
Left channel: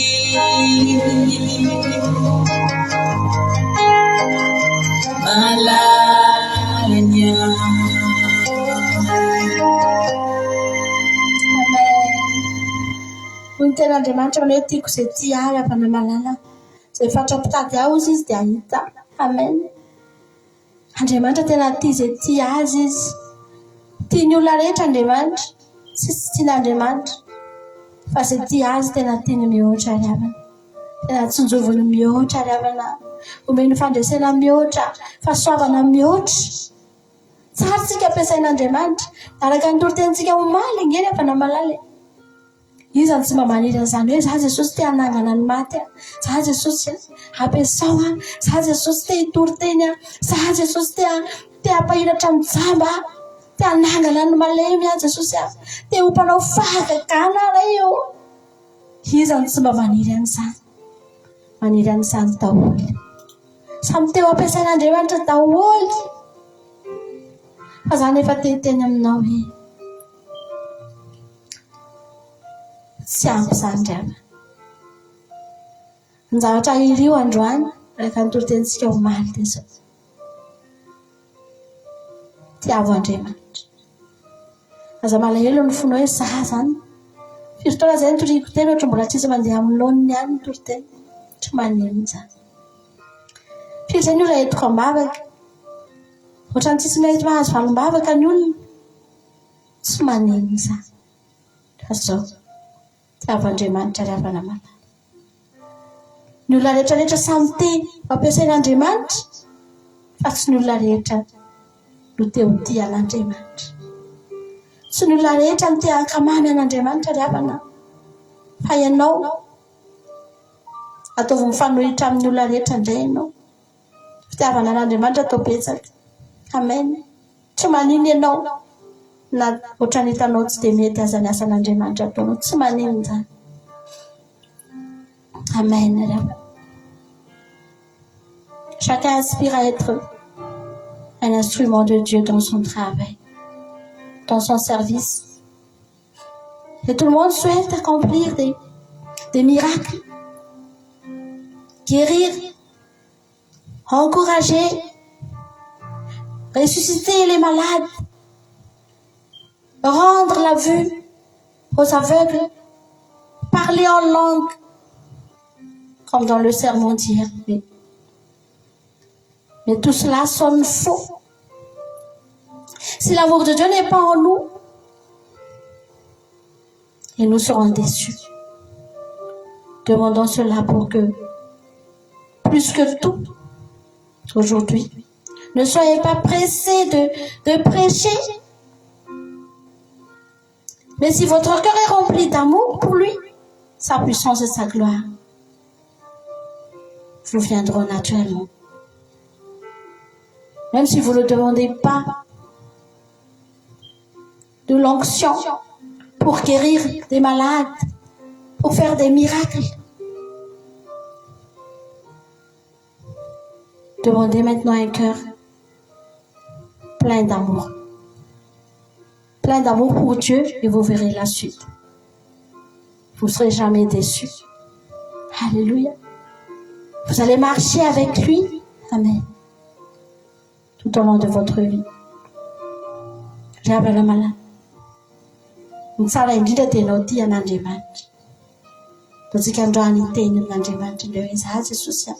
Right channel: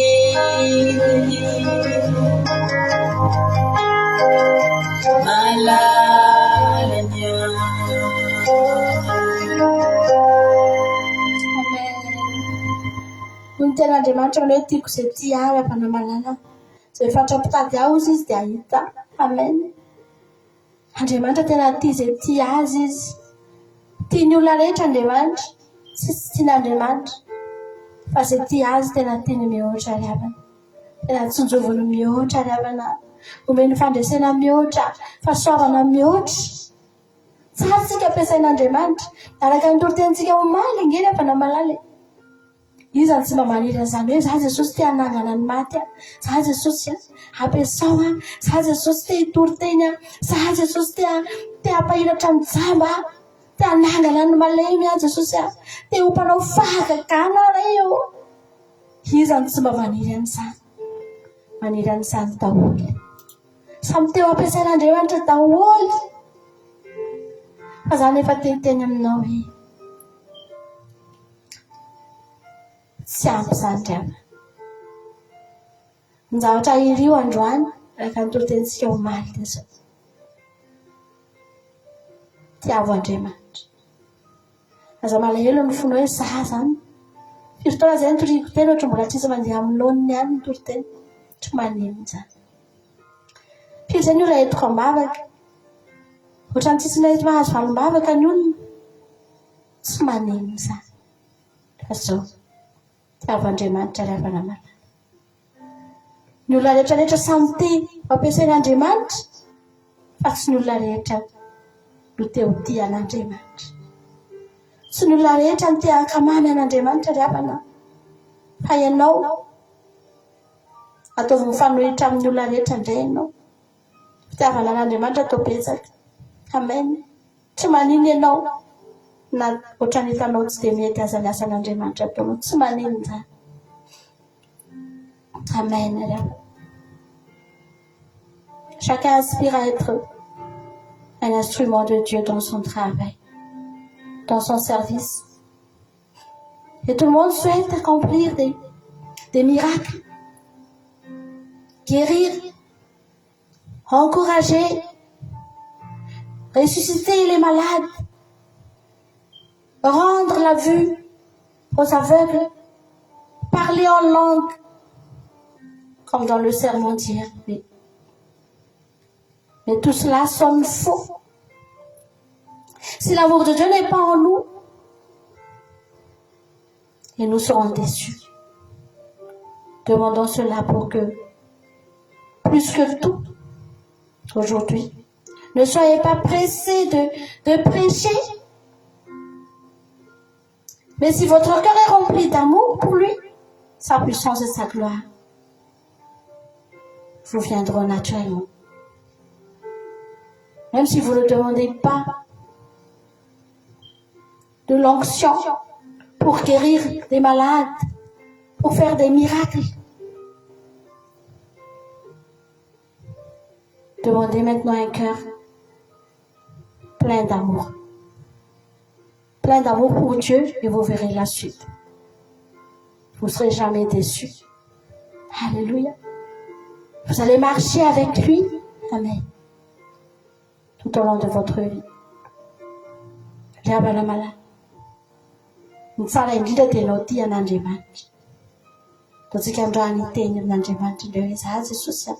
malalanya ny ten'Andriamanitra manao hoe tiako izay tia ahy ravana malala izay fatrapitady aho izy dia hita amen Andriamanitra tena tia izay tia azy izy tiany olona rehetra Andriamanitra tsy tian'Andriamanitra fa izay tia azy tena tiany mihoatra ravana tena tsinjoviny mihoatra ravana omeny fandresena mihoatra fahasoavana mihoatra tsara tsika ampiasain'Andriamanitra araka ny torotentsika omaly ingeny ravana malala izany tsy mba maniry an'izany hoe za Jesosy tia hanangana ny maty za Jesosy ampiasao za Jesosy tia hitory teny za Jesosy tia Te-ampahiratra ny jamba, te-anangana ny malemy azy Jesosy a. Te-hompanao fahagagana ray eo. Izany tsy mba maniry an'izany. Maniry an'izany daholo. Samy teo ampiasain'Andriamanitra daholo. Fa zany efa teny aminao hoe tsy ampy zany drama. Ny zavatra irio androany araka ny torotentsika omaly dia zao. Tiavo Andriamanitra. Aza malahelo ny fona hoe za zany. Firy zay nitoriako teny ohatra mbola tsisy mandeha amin'ny laoniny ihany ny toriteny. Tsy maninona zany. Firy zay ny olona entiko ambavaka. Ohatra ny tsisy mety mahazo valim-bavaka ny olona. Tsy maninona zany. Fa zao. Tiavo Andriamanitra ravana malala. Ny olona rehetra samy teny fampiasain'Andriamanitra. Fa tsy ny olona rehetra no te ho tia an'Andriamanitra. Tsy ny olona rehetra no te hankamamy an'Andriamanitra ravana. Fa ianao ataovy mifanohitra amin'ny olona rehetra indray ianao. Fitiavana an'Andriamanitra atao betsaka. Amen. Tsy maninona ianao na ohatra ny hitanao tsy dia mety aza ny asan'Andriamanitra ataonao. Tsy maninona zany. Amen. Chacun aspire à être un instrument de Dieu dans son travail, dans son service. Et tout le monde souhaite accomplir des miracles, guérir, encourager, ressusciter les malades, rendre la vue aux aveugles, parler en langue, comme dans le sermon d'hier. Mais tout cela sonne faux. Si l'amour de Dieu n'est pas en nous, et nous serons déçus. Demandons cela pour que, plus que tout, aujourd'hui, ne soyez pas pressés de prêcher. Mais si votre cœur est rempli d'amour pour lui, sa puissance et sa gloire vous viendront naturellement. Même si vous ne demandez pas de l'onction pour guérir des malades, pour faire des miracles. Demandez maintenant un cœur plein d'amour. Plein d'amour pour Dieu et vous verrez la suite. Vous ne serez jamais déçus. Alléluia. Vous allez marcher avec lui. Amen. Tout au long de votre vie. Ravana malala. Tsara indrindra dia ianao tia an'Andriamanitra. Totsika androany teny amin'Andriamanitra indray hoe za Jesosy aho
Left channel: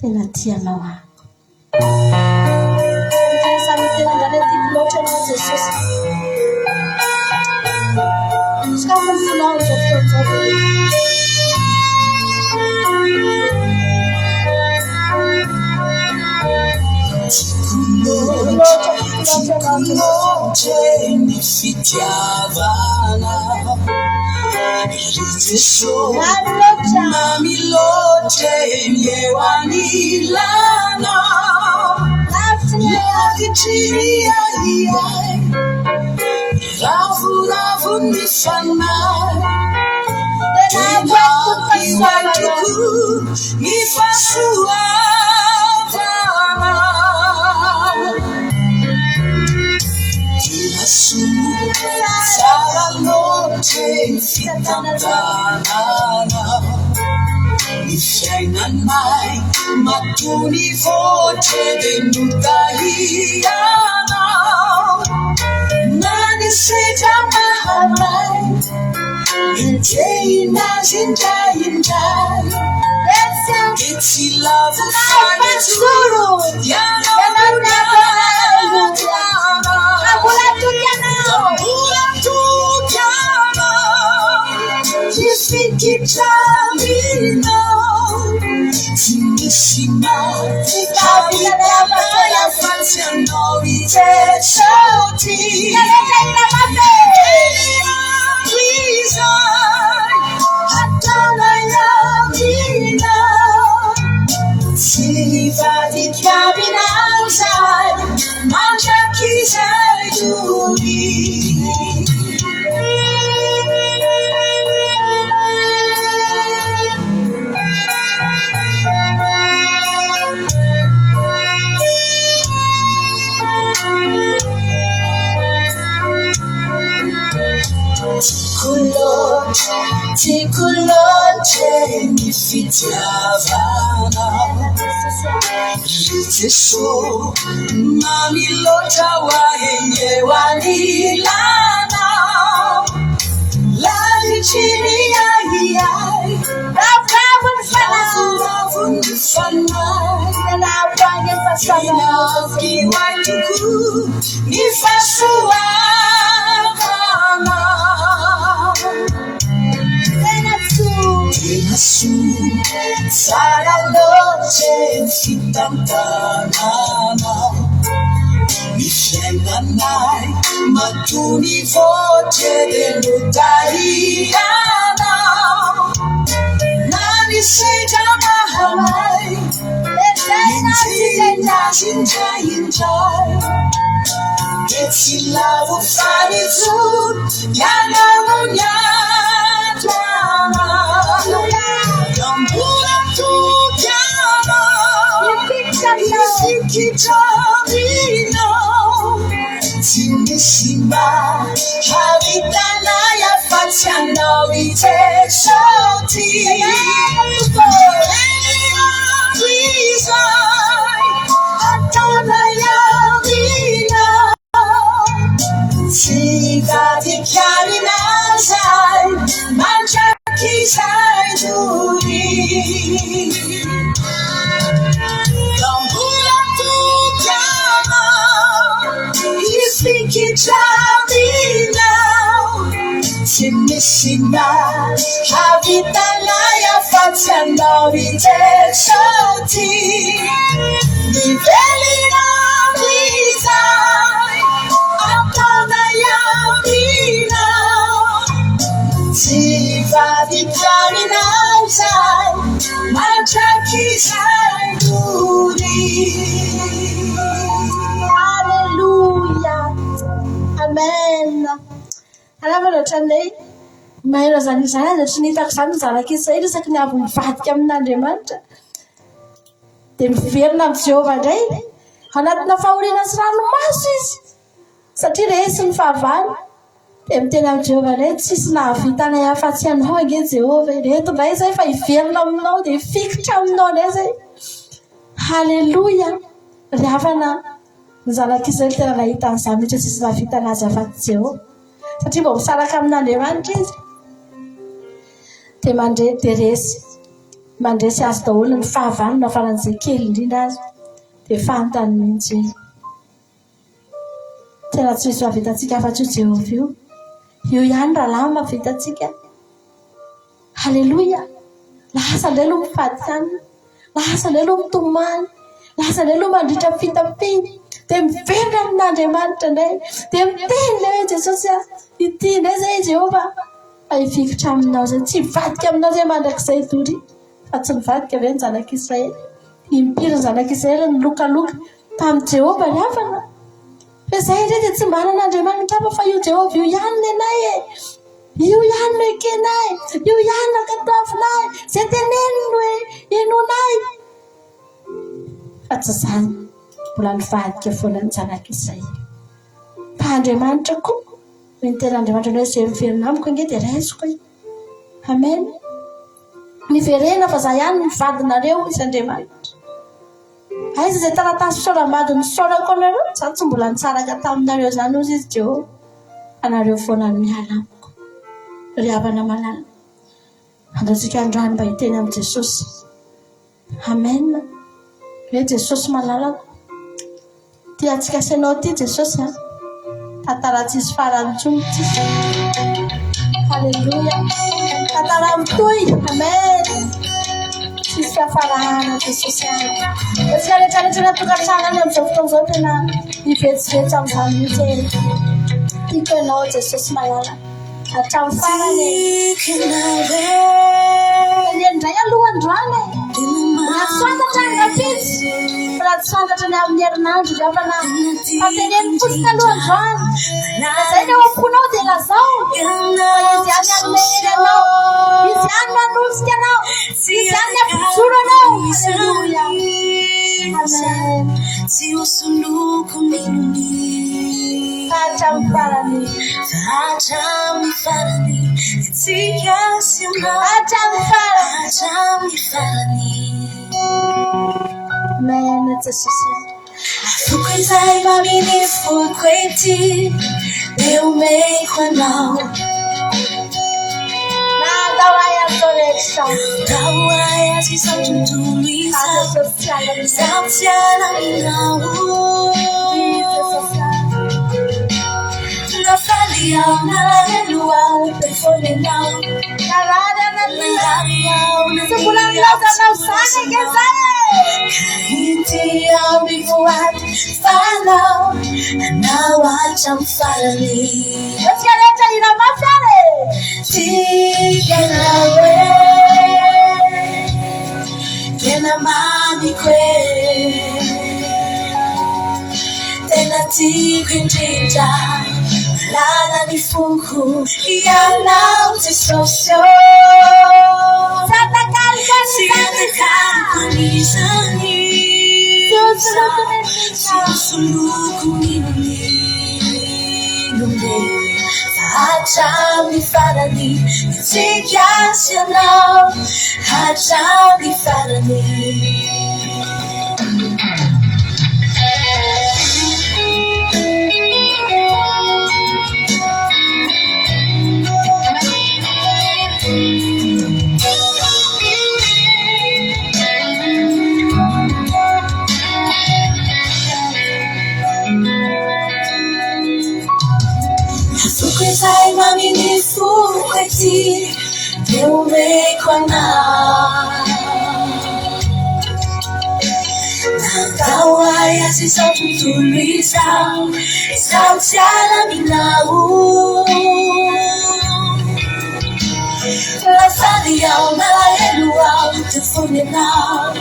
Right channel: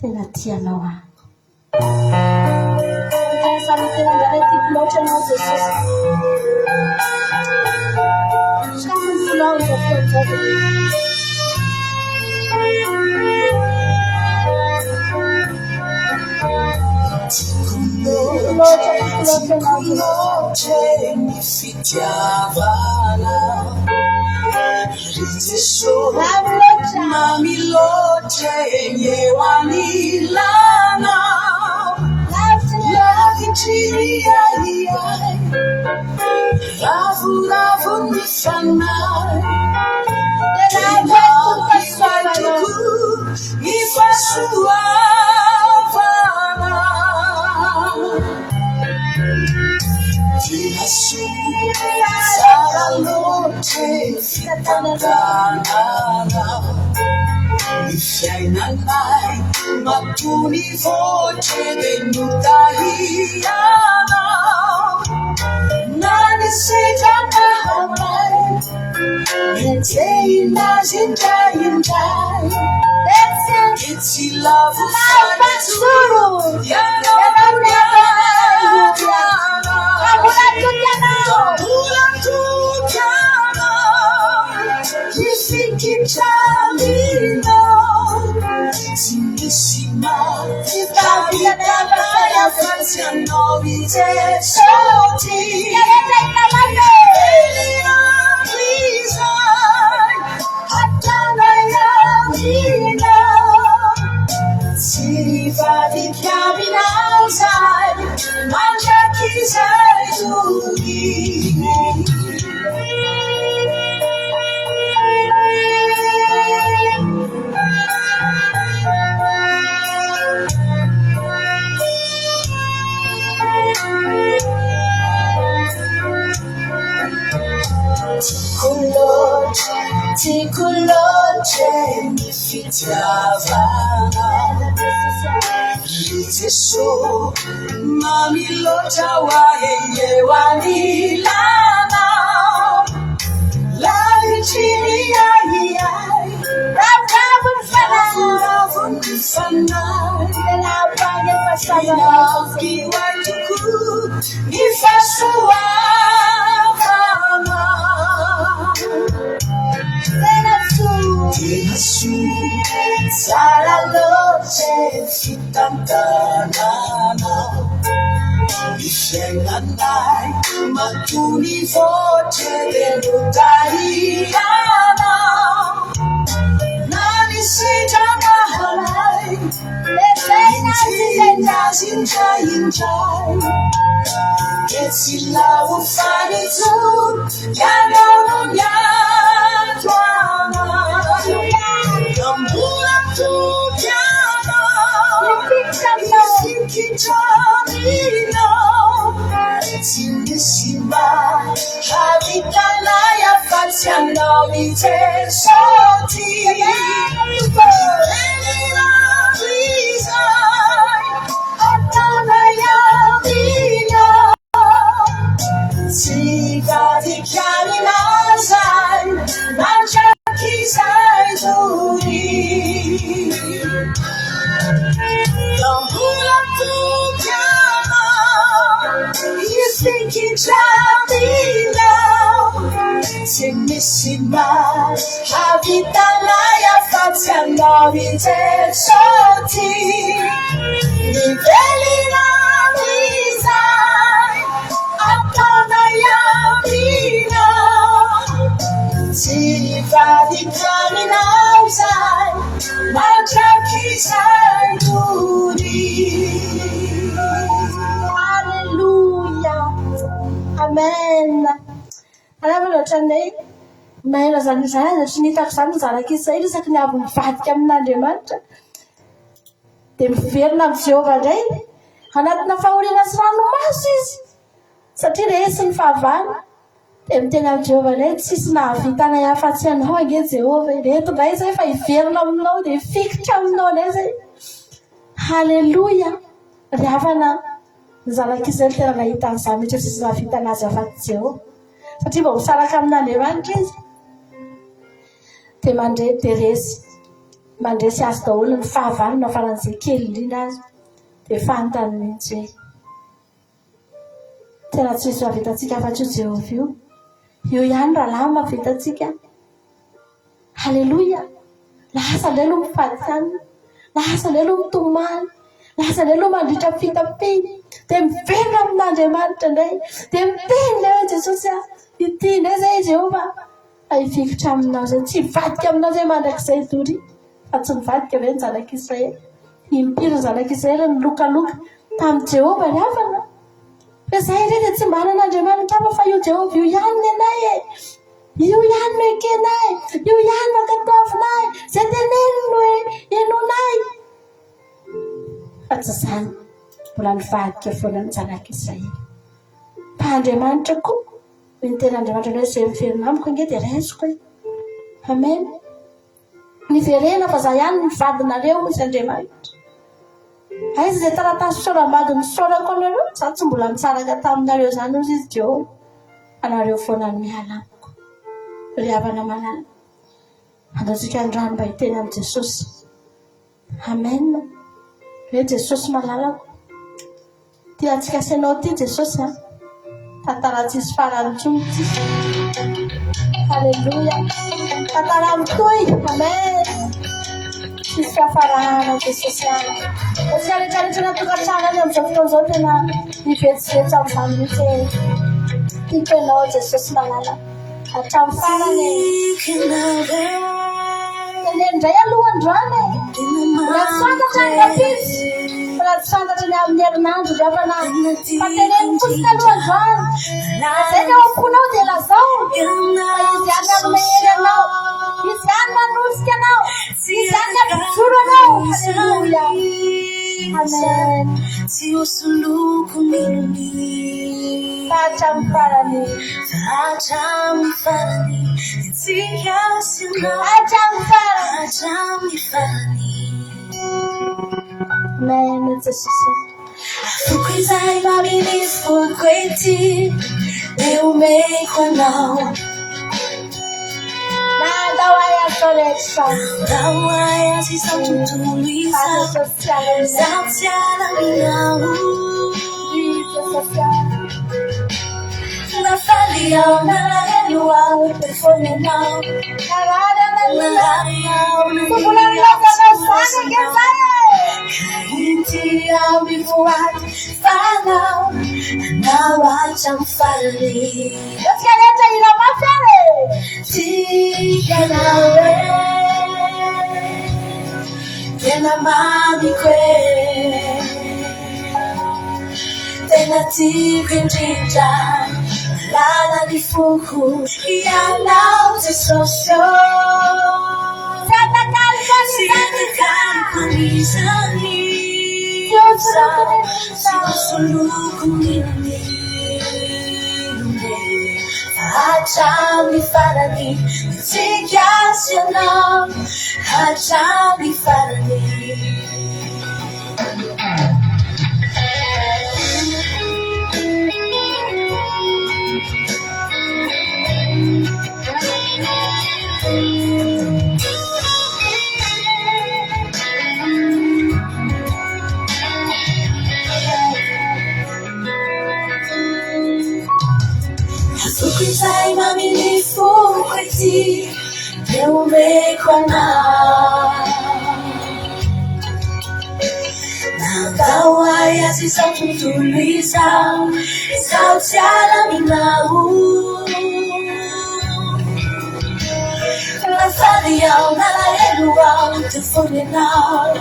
tena tianao ako. Samy tena andrana tiako loatra ianao Jesosy. Ska fonao izao fotoana mi fitiavana Jesù mami loce yewanilana la vicina iai ravu mi sanai mi fasua sarà notte fitantanana mi frena mai ma tu mi voce venuta hiana nani sei già mai niente inai che ti lavo fare solo Ciamino, finissima, capita la faccia noi tesoti, si va di chiavi in alzare. Tikulote nifitiavana Yesu mami lota waenye wanilana Lali chini ya iyai Rafu nifana Kiwa tuku nifasua Yesu, sara loche fitantanana Ifenanai, matuni voce delutariana Nani sita mahamai, injai Ketsila ufani tu, yana munyatwana Gambula tu kama Ifikichamino Timisima Haritana ya fatiana Wite shoti Atana ya vina Sigati kyani nazai Manchaki saiduri Gambula tu kama Ifikichamino Timisima Havitana ya fatiana Wite shoti Nivelina vizai Atana ya vina Tivadi kyani nazai Manchaki saiduri Hallelujah. Amen. Anavana trandray mahera zany izany tsy nitako zany zanaka izay resaky ny avy mivadika amin'Andriamanitra dia miverina amin'ny Jehovah indray anatina fahoriana sy ranomasy izy satria resy ny fahavalo dia miteny amin'ny Jehovah indray tsisy nahavitana afa-tsy anao ange Jehovah reto indray izay fa hiverina aminao dia hifikitra aminao indray izay. Halleluja. Ravana ny zanaka izay tena nahita an'izany mihitsy tsisy nahavitana azy afa-tsy Jehovah satria mba misaraka amin'Andriamanitra izy dia mandresy azy daholo ny fahavalona faran'izay kely indrindra azy dia fantany mihitsy tena tsy misy mahavitantsika afa-tsy Jehovah io ihany rahalahy mahavitantsika. Halleluja. Lasa indray aloha mifady hanina, lasa indray aloha mitomany, lasa indray aloha mandritra fitapiny dia miverina amin'Andriamanitra indray dia miteny ilay hoe Jesosy ity indray izay Jehovah hifikitra aminao izay tsy hivadika aminao izay mandrakizay tory fa tsy nivadika ve ny zanaka Israely nimpiry ny zanaka Israely ny lokaloka tamin'ny Jehovah ny havana fa izay indray dia tsy mba anan'Andriamanitra hafa fa io Jehovah io ihany ny anay io ihany no ekenay io ihany no akatavinay izay teneniny hoe enonay fa tsy izany mbola nivadika foana ny zanaka Israely fa Andriamanitra koa ny tena Andriamanitra hoe izay miverina amiko ange dia raisiko. Amen. Niverena fa za ihany nivadinareo izy Andriamanitra. Aiza izay taratasy fisaoram-bady nisaorako anareo za tsy mbola nitsaraka taminareo izany ozy izy Jehovah anareo foana ny miala amiko. Ry havana malala andratsika androany mba hiteny amin'ny Jesosy. Amen. Hoe Jesosy malalako tiantsika asanao ty Jesosy tantara tsisy farany intsony ty. Halleluja. Tantara mitohy. Amen. Tsisy hafarana Jesosy Resika rehetrarehetra natokantranany amin'izao fotoan'izao tena hivetsivetsy amin'izany mihitsy tiako ianao Jesosy malala hatramin'ny farany indray aloha androany raha tsy fantatra ny rapitsy raha tsy fantatra ny amin'ny herinandro ravana fa teneny fosika aloha androany izay ny ao am-ponao dia lazao fa izy ihany anome hery anao izy ihany manosika anao izy ihany ampijoro anao. Halleluja. Amen. hatramin'ny farany hatramin'ny farany tsika sy anao hatramin'ny farany maina Jesosy afokon'izay maminy foko ety dia omeko anao Nandao ay azo rehetra Andao ay azy izao tontolo izao Zaho tsy alaminao Nafaly aho nalahelo aho telefony anao Narary aho Siguranilazanao zany ake zany Kahity aho mivoady fanao Anao hatramin'ny farany Rehetra rehetra ina mafy Tiganao Tena mamiko Tena tiako indrindra Lalany foko Ianao Jesosy Sianakaliko nisany Siusuloko ninonine Hatramin'ny farany tsika sy anao hatramin'ny farany Afokon'izay maminy foko ety dia omeko anao Nandao ay azy izao tontolo izao Zaho tsy alaminao Nafaly aho nalahelo aho telefony anao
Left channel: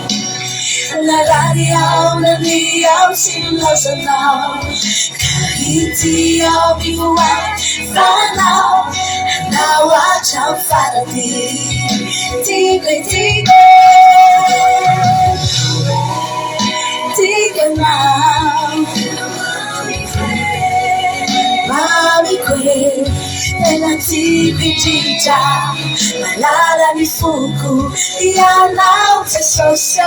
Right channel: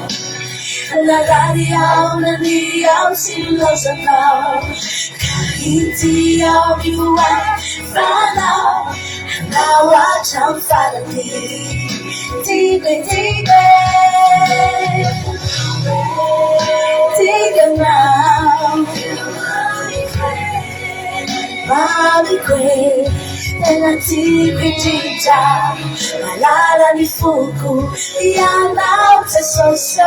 Narary aho nany aho sy milaozanao Kahity aho mivoady fanao Anao hatramin'ny farany Tiganao Mamiko Tena tiako indrindra Malalany foko Ianao Jesosy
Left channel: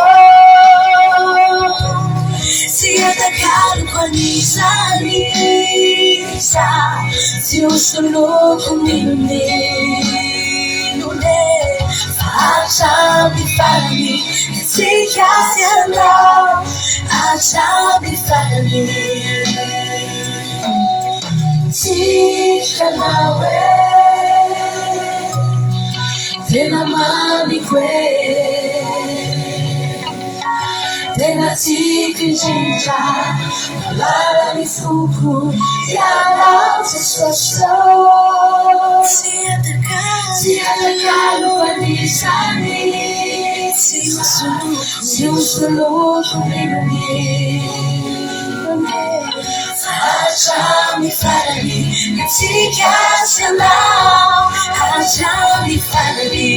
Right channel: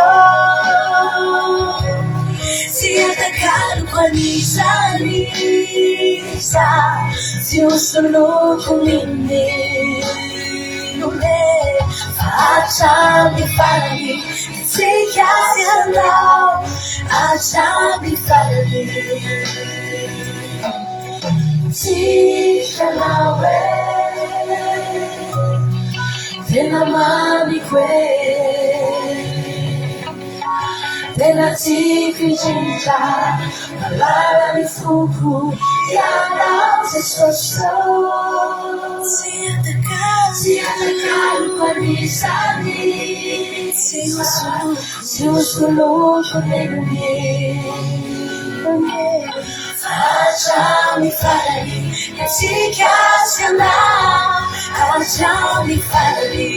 Sianakaliko anisany Tsy hosoloko ninone Hatramin'ny farany tsika sy anao hatramin'ny farany Tiganao Tena mamiko Tena tiako indrindra Malalany foko Ianao Jesosy Sianakaliko anisany Tsy hosoloko ninone Hatramin'ny farany tsika sy anao hatramin'ny farany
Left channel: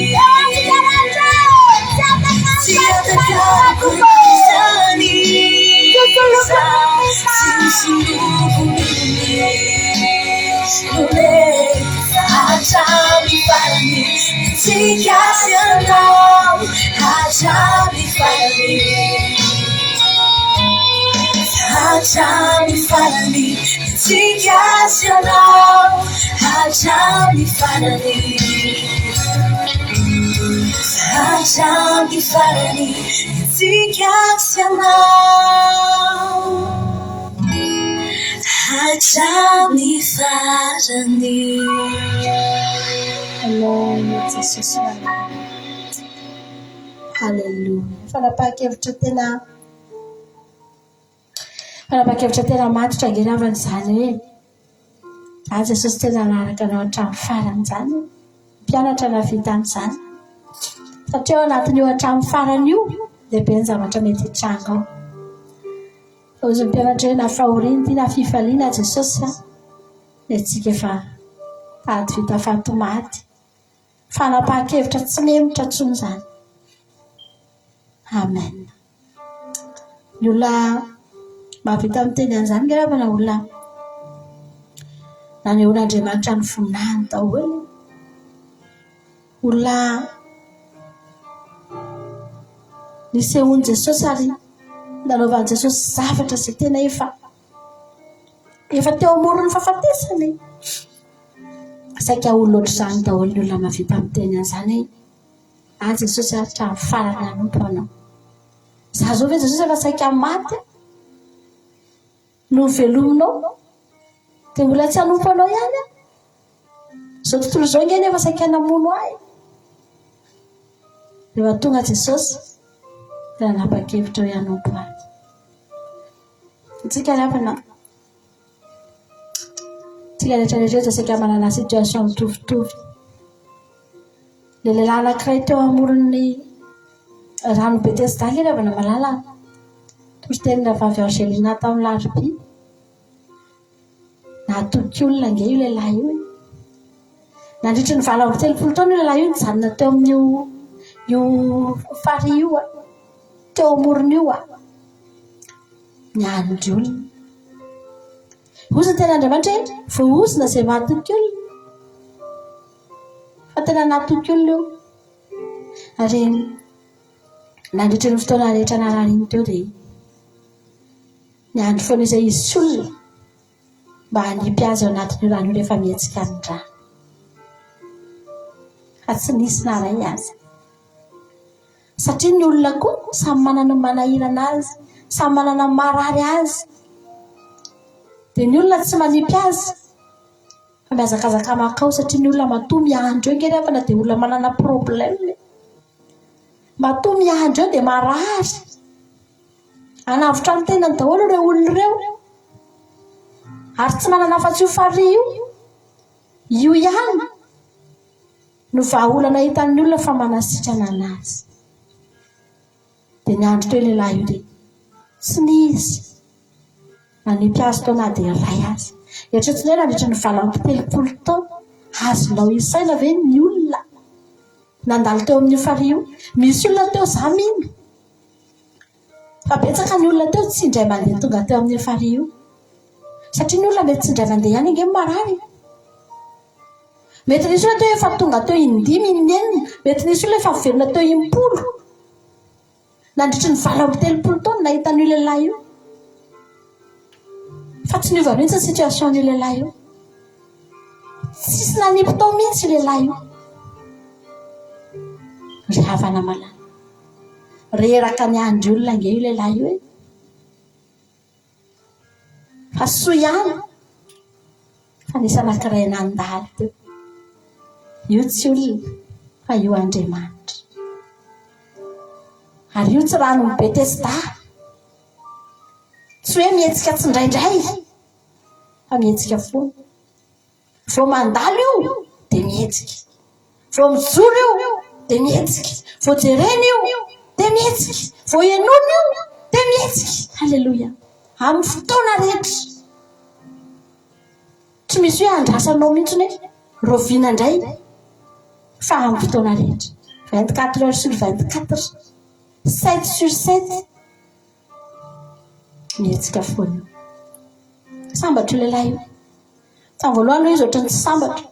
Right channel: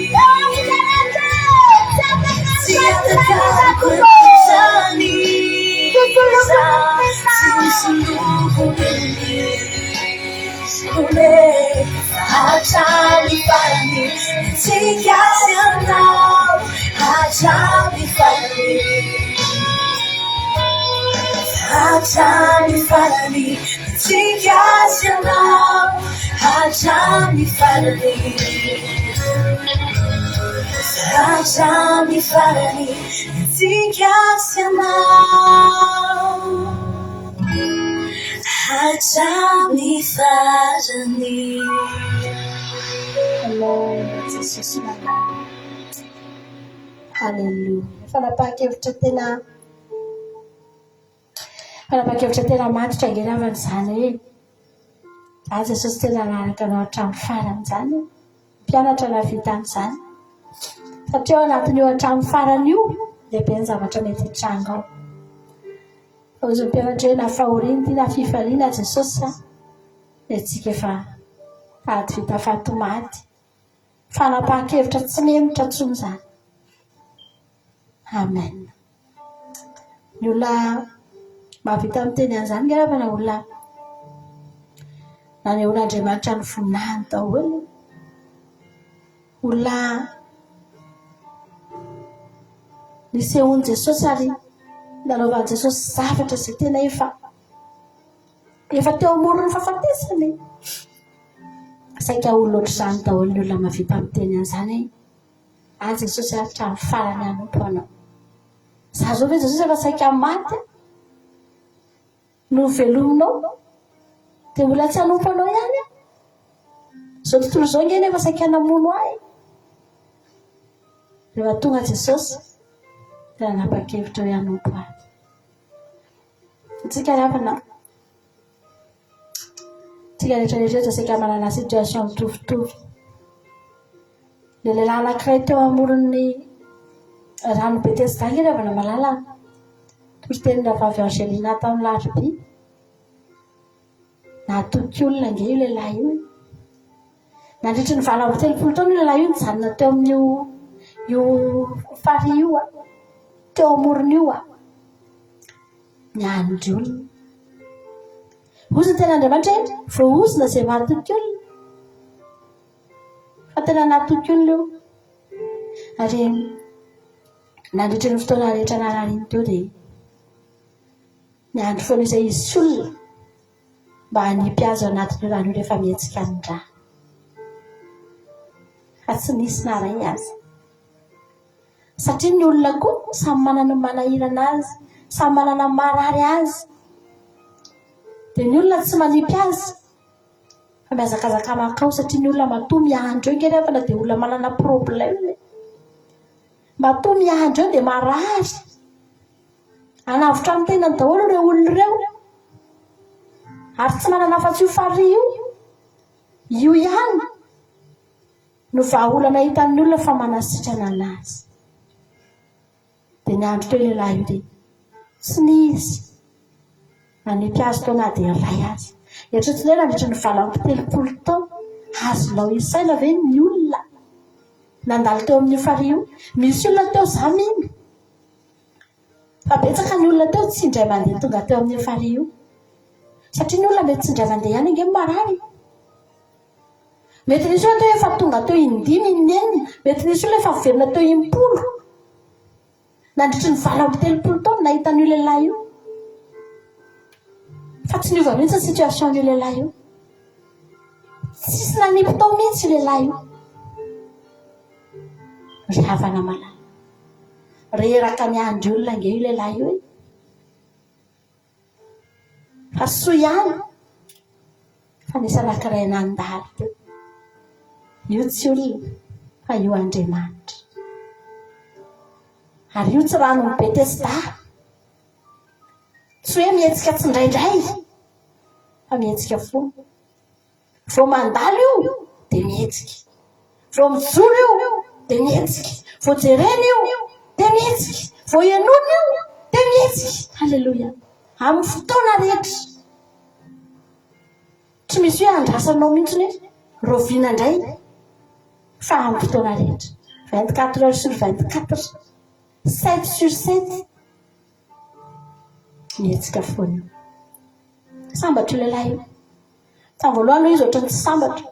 Sianakaliko anisany Tsy hosoloko ninone hatramin'ny farany tsika sy anao hatramin'ny farany hatramin'ny farany tsika sy anao hatramin'ny farany hatramin'ny farany tsika sy anao hatramin'ny farany Amen Jesosy Halleluja Fanapakevitra tena matotra angeravana izany hoe Jesosy tena nanaraka anao hatramin'ny farany izany mpianatra navita amin'izany satria ao anatin'io hatramin'ny farany io lehibe ny zavatra mety hitranga ao ozy mpianatra hoe na fahoriana ty na fifaliana Jesosy dia tsika efa tady vita fatomaty fanapakevitra tsy nemotra tsony izany Amen ny olona mahavita miteny an'izany ngeravana olona naneon'Andriamanitra ny voninahiny daholo olona nisehony Jesosy ary nanaovan'i Jesosy zavatra izay tena efa teo amorony fahafatesany. Saika olona ohatr'izany daholo ny olona mahavita miteny an'izany hoe Jesosy hatrany farany hanompo anao. Za zao ve Jesosy efa saika maty no velominao dia mbola tsy hanompo anao ihany zao tontolo izao ngeny efa saika namono ahy. Rehefa tonga Jesosy dia nanapa-kevitra hoe hanompo ahy. Tsika rehetrarehetra saika manana situation mitovitovy. Le lehilahy anankiray teo amoron'ny rano Betesda ilay ravana malala tory-tenina vavy Angelina tamin'ny Larobia. Nahatoky olona nge io lehilahy io. Nandritry ny 20 taona io lehilahy io nijanona teo amin'io fary io teo amorony io niandry olona. Ozy ny tena Andriamanitra hoe voozina izay mahatoky olona. Fa tena nahatoky olona io. Ary nandritry ny fotoana rehetra nanariny teo dia niandry foana izay izy sy olona mba hanipy azy ao anatin'io rano io rehefa mihetsika ny rà. Fa tsy nisy naray azy. Satria ny olona koa samy manana ny manahirana azy, samy manana ny marary azy. Dia ny olona tsy manipy azy fa mihazakazaka makao satria ny olona matoa miandro eo ngerefa na dia olona manana problème. Matoa miandro eo dia marary. Anavotra ny tenany daholo ireo olona ireo. Ary tsy manana afa-tsy io fary io ihany no vahaolana hitan'ny olona fa manasitrana anazy. Dia niandro teo lehilahy io dia tsy nisy manipy azy tao na dia ray azy. Eritreretina hoe nandritry ny 20 taona azonao isaina ve ny olona nandalo teo amin'ny fary io. Misy olona teo izany iny fa betsaka ny olona teo tsy indray mandeha tonga teo amin'ny fary io. Satria ny olona mety tsy indray mandeha ihany nge marary. Mety nisy olona teo efa tonga teo 5-9, mety nisy olona efa velona teo 10. Nandritry ny 20 taona nahita ny lehilahy io. Fa tsy niova mihitsy ny situation ny lehilahy io. Tsisy nanipy tao mihitsy lehilahy io. Ry havana malala. Reraka niandry olona nge io lehilahy io. Fa soa ihany fa nisy anankiray nandalo teo. Io tsy olona fa io Andriamanitra. Ary io tsy rano ny Betesda. Tsy hoe mihetsika tsy indraindray fa mihetsika foana. Vao mandalo io dia mihetsika. Vao mijoro io dia mihetsika. Vao jerena io dia mihetsika. Vao ianona io dia mihetsika. Halleloja. Amin'ny fotoana rehetra. Tsy misy hoe andrasanao mihitsy hoe roviana indray fa amin'ny fotoana rehetra. 24 heures sur 24, 7 sur 7 mihetsika foana. Sambatra io lehilahy io. Tamin'ny voalohany izy ohatran'ny tsy sambatra.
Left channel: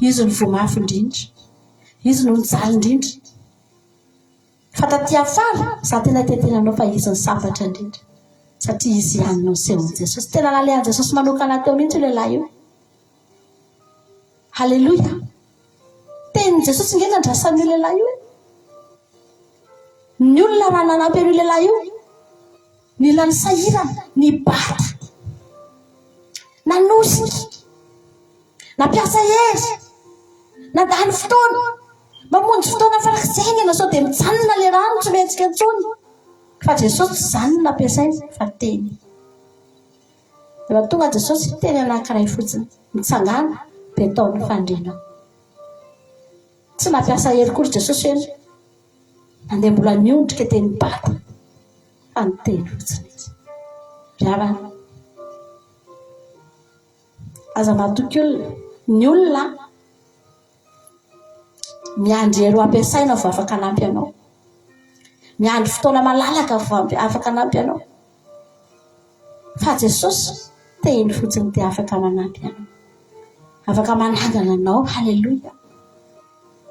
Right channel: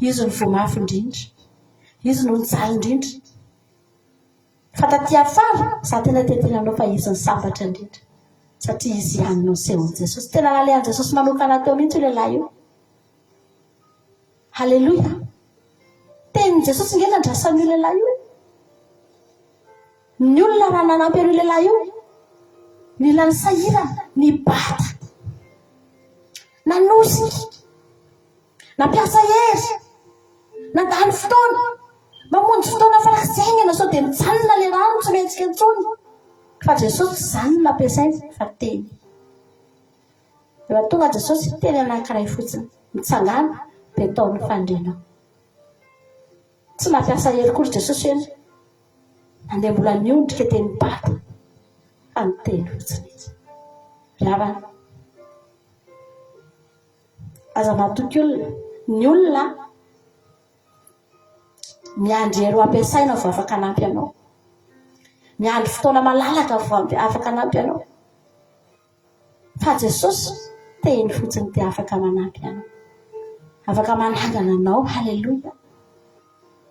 Izy ny voamafy indrindra. Izy no nijaly indrindra. Fa taty afara za tena tetenanao fa izy ny sambatra indrindra. Satria izy ihany no nisehony Jesosy. Tena nalehan'i Jesosy manokana teo mihitsy io lehilahy io. Halleloja. Tenin'i Jesosy nge nandrasan'io lehilahy io. Ny olona raha nanampy an'io lehilahy io, mila ny sahirana, ny bata, nanosika, nampiasa hery, nandalo fotoana, mamonjy fotoana farak'izay ngena sao dia mijanona le rano tsy mihetsika intsony. Fa Jesosy tsy izany nampiasay fa teny. Rehefa tonga Jesosy teny anankiray fotsiny, mitsangana dia ataony fandrenao. Tsy nampiasa hery kory Jesosy hoe andeha mbola niondrika teny bata fa ny teny fotsiny izy. Ravana. Aza mahatoky olona. Ny olona miandry hery ho ampiasaina vao afaka hanampy anao. Miandry fotoana malalaka vao afaka hanampy anao. Fa Jesosy teny fotsiny dia afaka manampy anao. afaka manangana anao. Halleluja.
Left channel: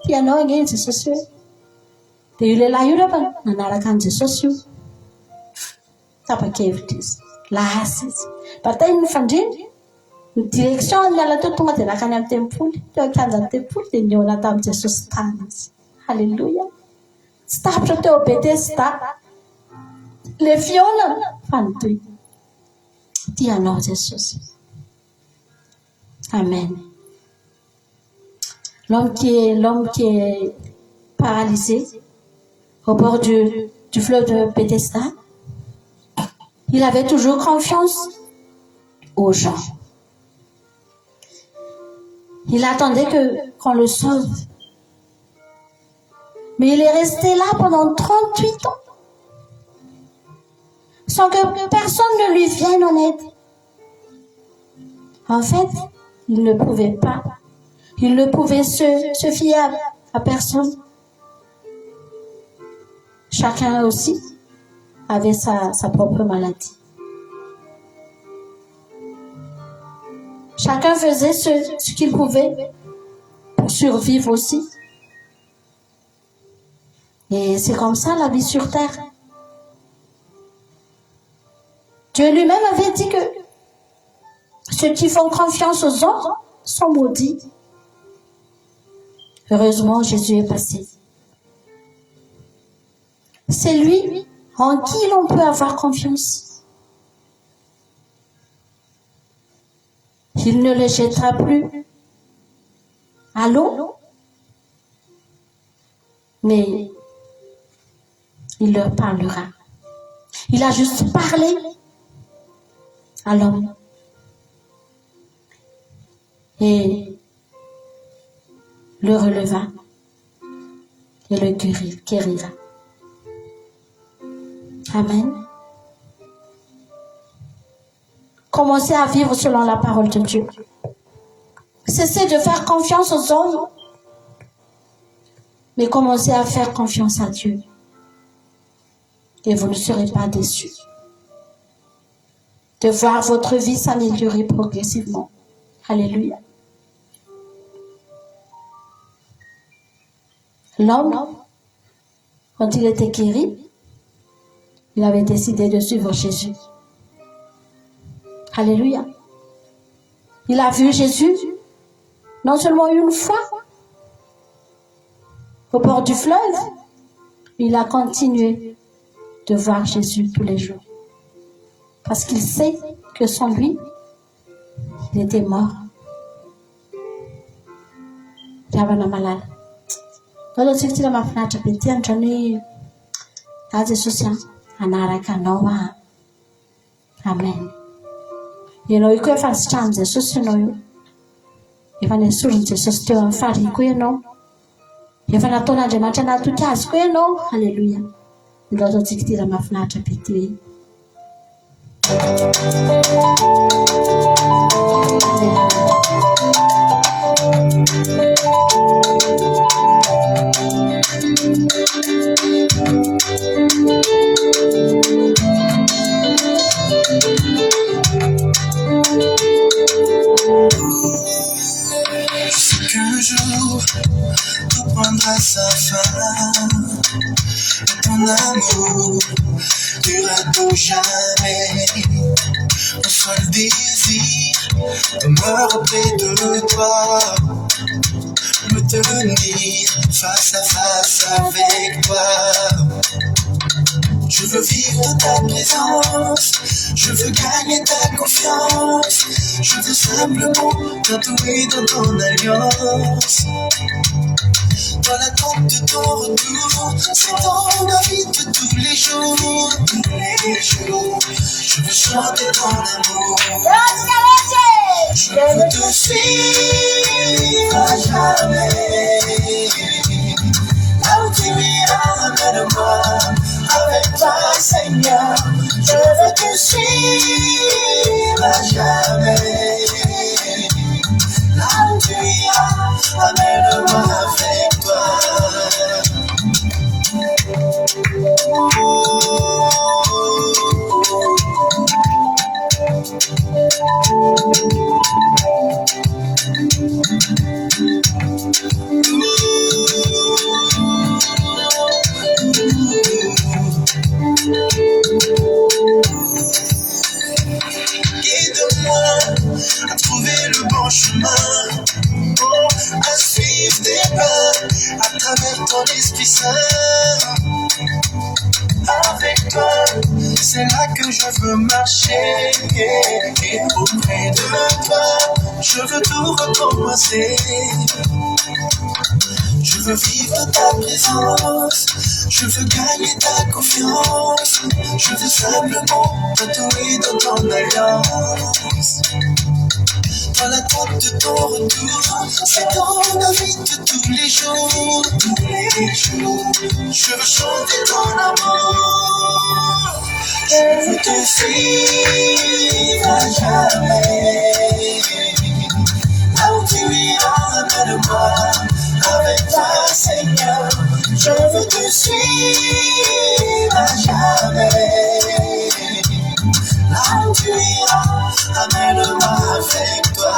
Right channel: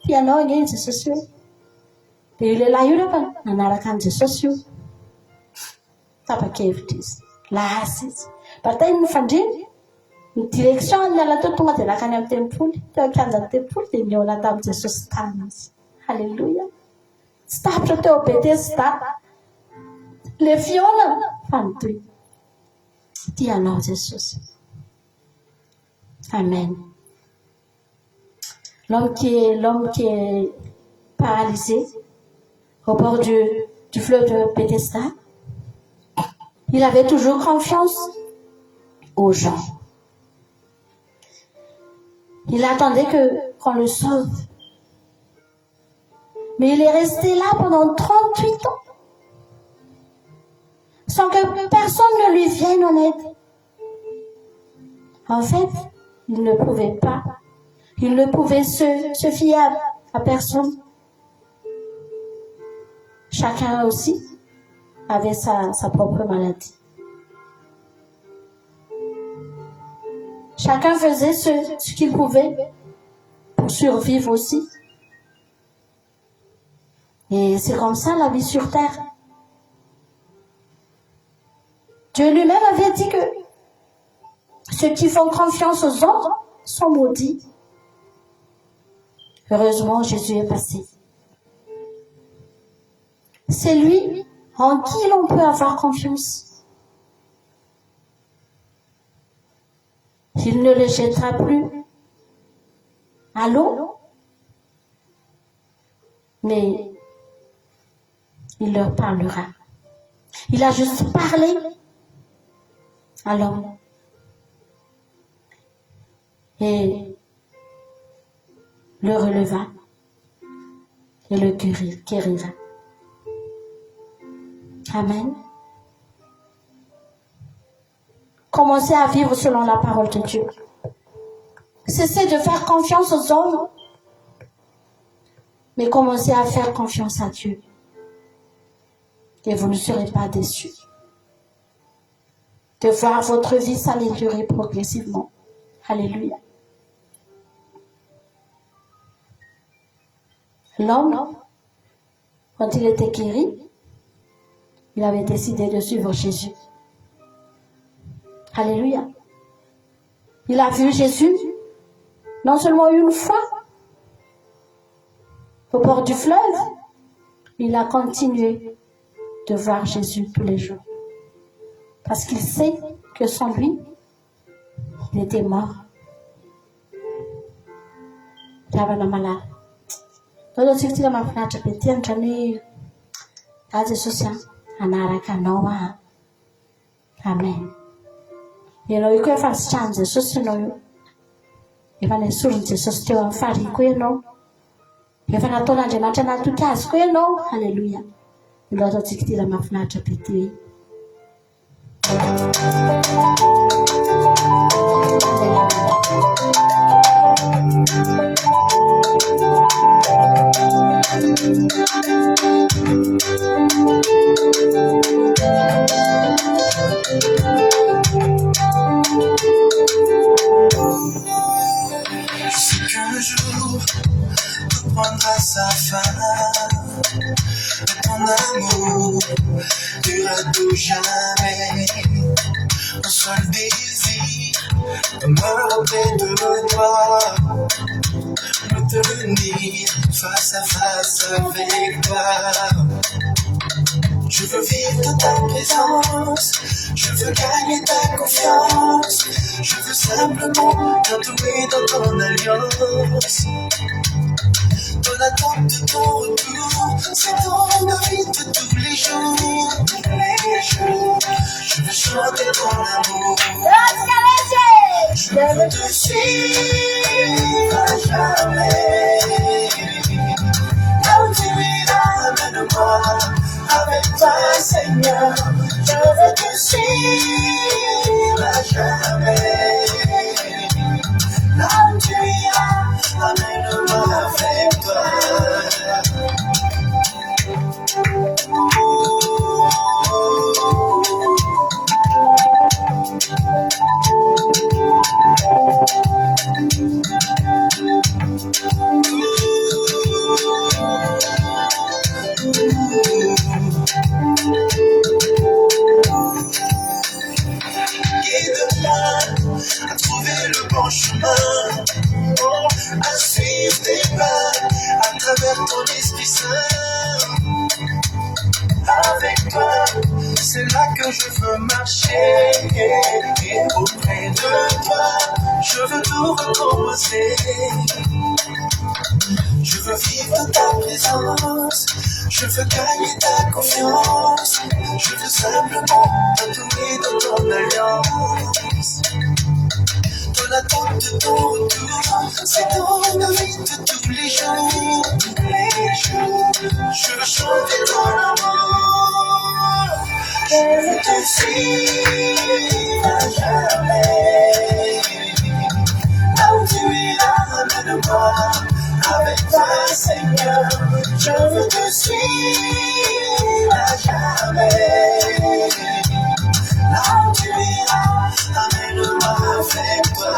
Tianao ange Jesosy hoe dia io lehilahy io rehefa nanaraka an' Jesosy io tapa-kevitra izy lasa izy batainy nofandriny ny direction miala teo tonga dia nakany amin'ny tempoly teo an-kianja ny tempoly dia niona tamin'i Jesosy tany izy. Halleluja. Tsy tapitra teo Betesda le fiona fa nitoy. Tianao Jesosy. Amen. L'homme qui est paralysé au bord du fleuve de Bethesda, il avait toujours confiance aux gens. Il attendait qu'on le sauve. Mais il est resté là pendant 38 ans sans que personne ne lui vienne en aide. En fait, il ne pouvait pas. Il ne pouvait se fier à personne. Chacun aussi avait sa propre maladie. Chacun faisait ce qu'il pouvait pour survivre aussi. Et c'est comme ça la vie sur terre. Dieu lui-même avait dit que ceux qui font confiance aux hommes sont maudits. Heureusement, Jésus est passé. C'est lui en qui l'on peut avoir confiance. Il ne les jettera plus à l'eau, mais il leur parlera. Il a juste parlé à l'homme. Et le releva et le guérira. Amen. Commencez à vivre selon la parole de Dieu. Cessez de faire confiance aux hommes, mais commencez à faire confiance à Dieu. Et vous ne serez pas déçus de voir votre vie s'améliorer progressivement. Alléluia. L'homme, quand il était guéri, il avait décidé de suivre Jésus. Alléluia. Il a vu Jésus non seulement une fois au bord du fleuve, il a continué de voir Jésus tous les jours. Parce qu'il sait que sans lui, il était mort. Il y avait un malade. Ndio sisi mafinatra betia ntrany aje Jesosy anaraka anao a. Amen. Ianao io koa efa nisitrany Jesosy ianao io. Efa nesorony Jesosy teo amin'ny fariny koa ianao. Efa nataon'Andriamanitra natotra azy koa ianao. Halleluja. Ndio ataontsika tira mafinatra betia. Qu'un jour, tout prendra sa fin. Ton amour durera pour jamais. Mon seul désir demeure auprès de toi. Me tenir face à face avec toi. Je veux vivre ta présence, je veux gagner ta confiance, je veux simplement t'entourer dans ton alliance. Dans l'attente de ton retour, c'est ton envie de tous les jours, je veux chanter ton amour. Je veux te suivre à jamais. Là où tu iras, amène-moi avec toi, Seigneur. Je veux te suivre à jamais. Là où tu iras, amène-moi avec toi. Aide-moi à trouver le bon chemin, oh, à suivre tes pas à travers ton Esprit Saint. Avec toi, c'est là que je veux marcher. Auprès de toi, je veux tout recommencer. Je veux vivre ta présence, je veux gagner ta confiance. Je veux simplement t'entourer dans ton alliance. Dans l'attente de ton retour, c'est dans la vie de tous les jours, tous les jours. Je veux chanter ton amour, je veux te suivre à jamais. Là où tu iras, amène-moi avec toi, Seigneur. Je veux te suivre à jamais. Là où tu iras, amène-moi avec toi.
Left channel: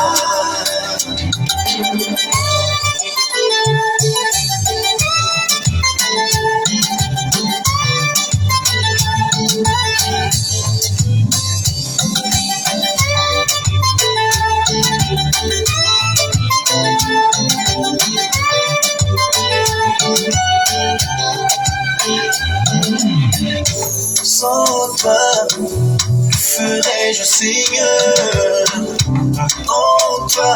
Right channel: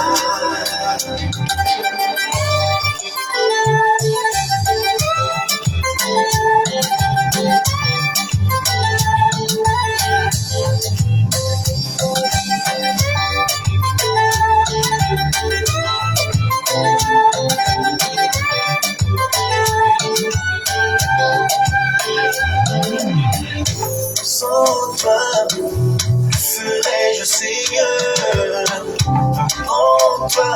Sans toi, que ferais-je, Seigneur? En toi,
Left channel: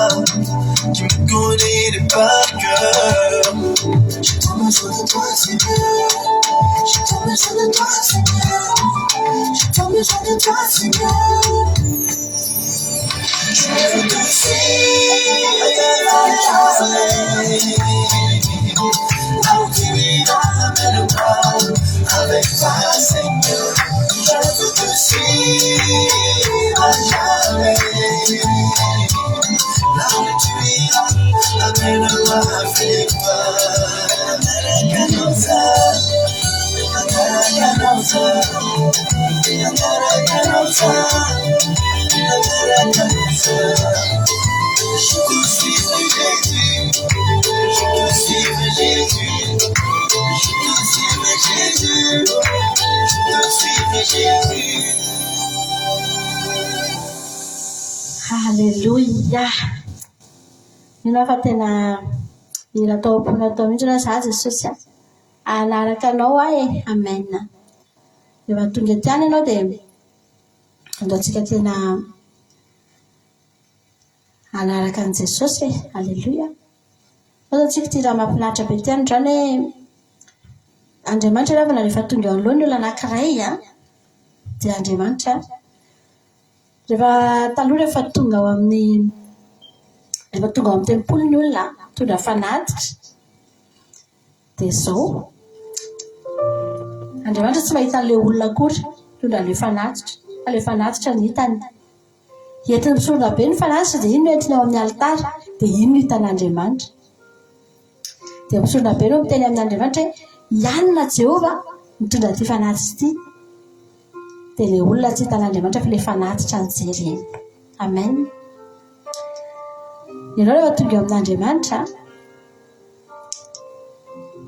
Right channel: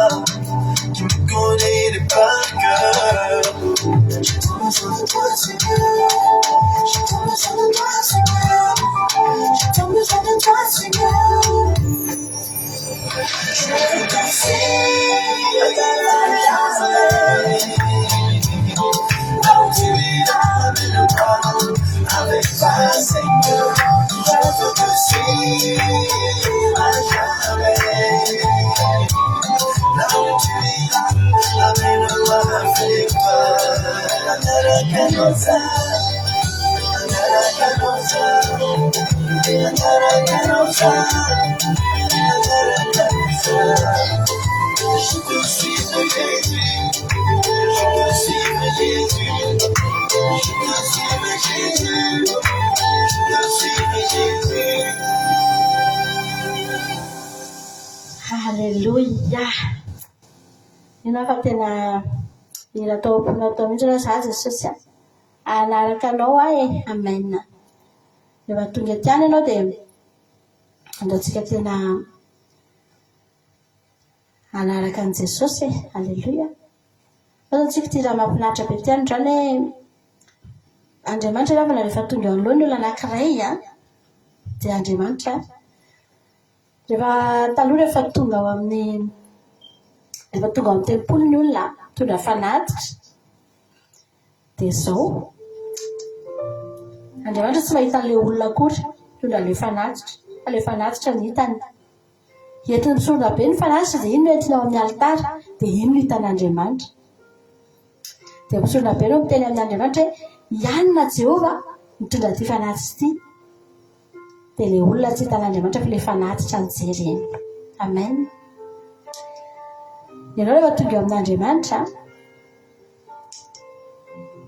tu me connais les par cœur. J'ai tant besoin de toi, Seigneur. J'ai tant besoin de toi, Seigneur. J'ai tant besoin de toi, Seigneur. Je veux te suivre à jamais. Là où tu iras, amène-moi avec toi, Seigneur. Je veux te suivre à jamais. Là où tu iras, amène-moi avec toi. Angaraganosa, angaraganosa, angaraganosa, angaraganosa. Je te suivre, Jésus. Je te suivre, Jésus. Je te suivre, Jésus. Je te suivre, Jésus. Halleluja. Minao fa tena mila taom-pona atao mihitsy na za Jesosy anaraka anao ahy. Amen. Rehefa tonga ety any ianao dia andaontsika tena anaraka an' Jesosy. Halleluja. Ataontsika ty raha mahafinaritra be ty any zany hoe Andriamanitra ravana rehefa tonga eo anoloany olona anankiray dia Andriamanitra rehefa taloha rehefa tonga ao amin'ny tempolo ny olona tondra fanatitra dia zao Andriamanitra tsy mahita an'ilay olona akory tondra ilay fanatitra fa ilay fanatitra ny hitany. Entiny misorona be ny fanatitra dia iny no entiny ao amin'ny alitara dia iny no hitan'Andriamanitra. Dia misorona be no miteny amin'Andriamanitra hoe ianona Jehova mitondra ty fanatitra ity. Dia ilay olona tsy hitan'Andriamanitra fa ilay fanatitra ny jereny. Amen. Ianao rehefa tonga eo amin'Andriamanitra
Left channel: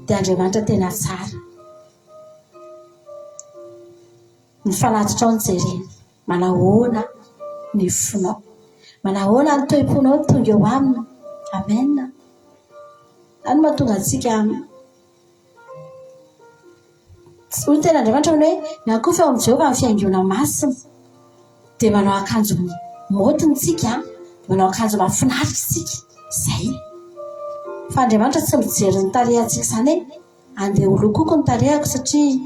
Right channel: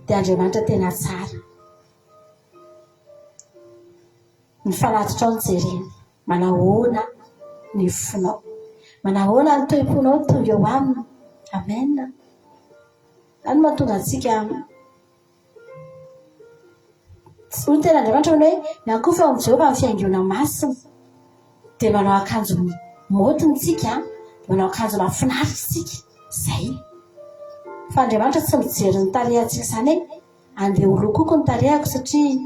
dia Andriamanitra tena tsara. Ny fanatitra ao ny jereny. Manahoana ny fonao, manahoana ny toe-ponao tonga eo aminy. Amen. Any mahatonga antsika hoy tena Andriamanitra hoe nakofa eo amin'ny Jehova ny fiaingona masina. Dia manao akanjo motiny tsika, manao akanjo mahafinaritra tsika. Zay. Fa Andriamanitra tsy mijery ny tarehantsika izany hoe andeha holokoko ny tarehako satria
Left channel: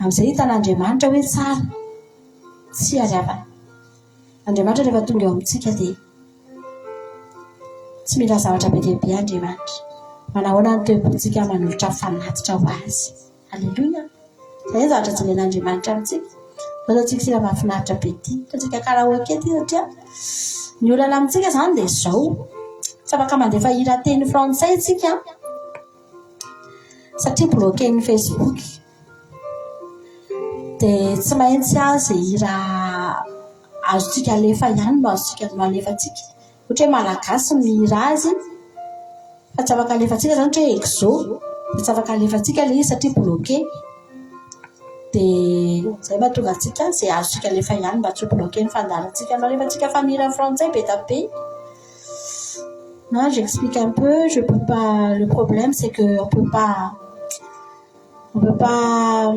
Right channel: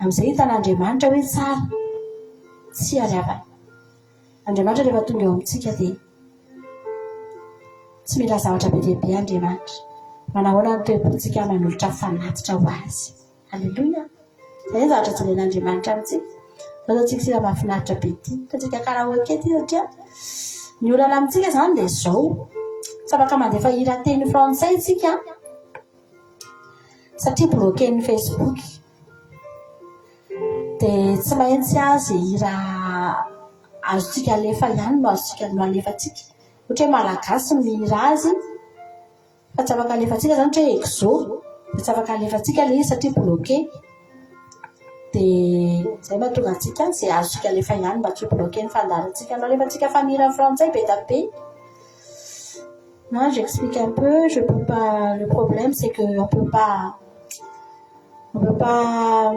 amin'izay hitan'Andriamanitra hoe tsara. Tsy ariavana. Andriamanitra rehefa tonga eo amintsika dia tsy mila zavatra be dia be Andriamanitra. Manahoana ny toe-pontsika manolotra fanatitra ho azy. Halleluja. Izay zavatra jeren'Andriamanitra amintsika. Ataontsika sira mahafinaritra be ity. Ataontsika karaoke ity satria ny olana amintsika izany dia izao. Tsy afaka mandefa hira teny frantsay isika satria bloquen'ny Facebook. Dia tsy maintsy azy hira azotsika alefa ihany no azotsika no alefatsika ohatra hoe malagasy mira azy fa tsy afaka alefatsika zany ohatra hoe exo fa tsy afaka alefatsika le izy satria bloqué dia zay mahatonga antsika izay azotsika alefa ihany mba tsy ho bloqué ny fandaharantsika no alefatsika fa mira frantsay be da be. Non, j'explique un peu, je peux pas. Le problème, c'est que on peut pas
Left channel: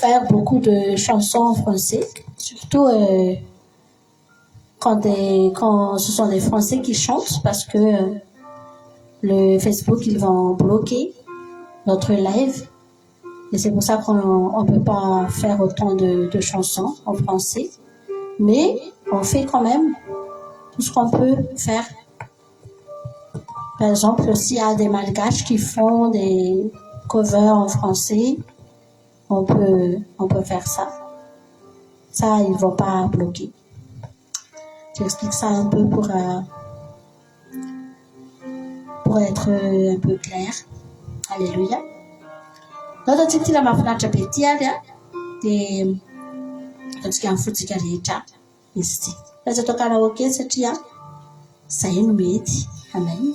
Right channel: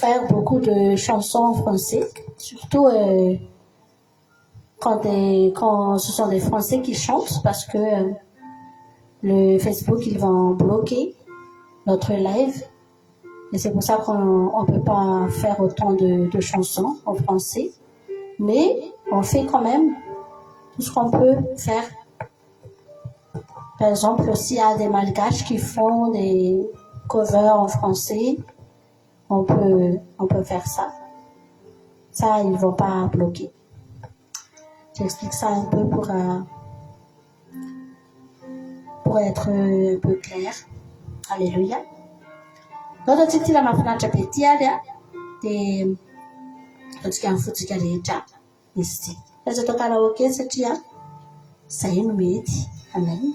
faire beaucoup de chansons en français, surtout quand ce sont des Français qui chantent, parce que le Facebook, ils vont bloquer notre live, et c'est pour ça qu'on peut pas faire autant de chansons en français, mais on fait quand même tout ce qu'on peut faire. Par exemple, s'il y a des malgaches qui font des covers en français, on peut faire ça. Ça, ils vont pas bloquer. J'explique ça un peu pour être un peu clair. Alléluia. Notre titre la mafinatra be ty ary dia atsika mifotsika rehetra izy ty. Aza atao karaoké satria zay no mety. Amen.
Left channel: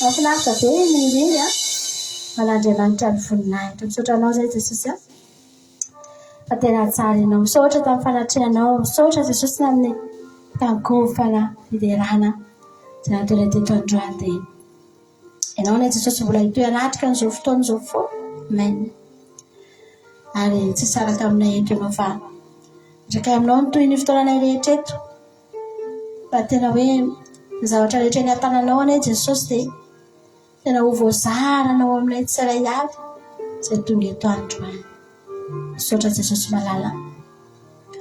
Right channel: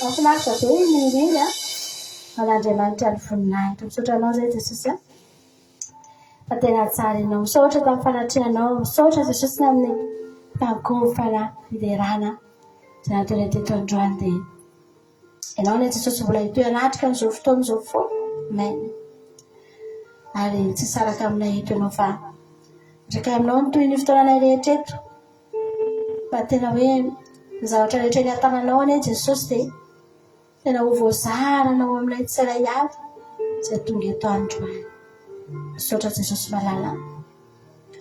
Mahafinaritra be mireny malandro Andriamanitra ny voninahitra misaotra anao zay Jesosy. fa tena tsara ianao misaotra tamin'ny fanatrehanao misaotra Jesosy amin'ny tangofana fiderana zanatena teto androany dia ianao ny Jesosy mbola hitoy anatrika n'izao fotoana izao foana amen ary tsy saraka aminay eto ianao fa ndraiky aminao ny toy ny fotoananay rehetra eto fa tena hoe ny zavatra rehetra ny an-tananao anie Jesosy dia tena ho voazaranao aminay tsiray avy izay tonga eto androany misaotra Jesosy malala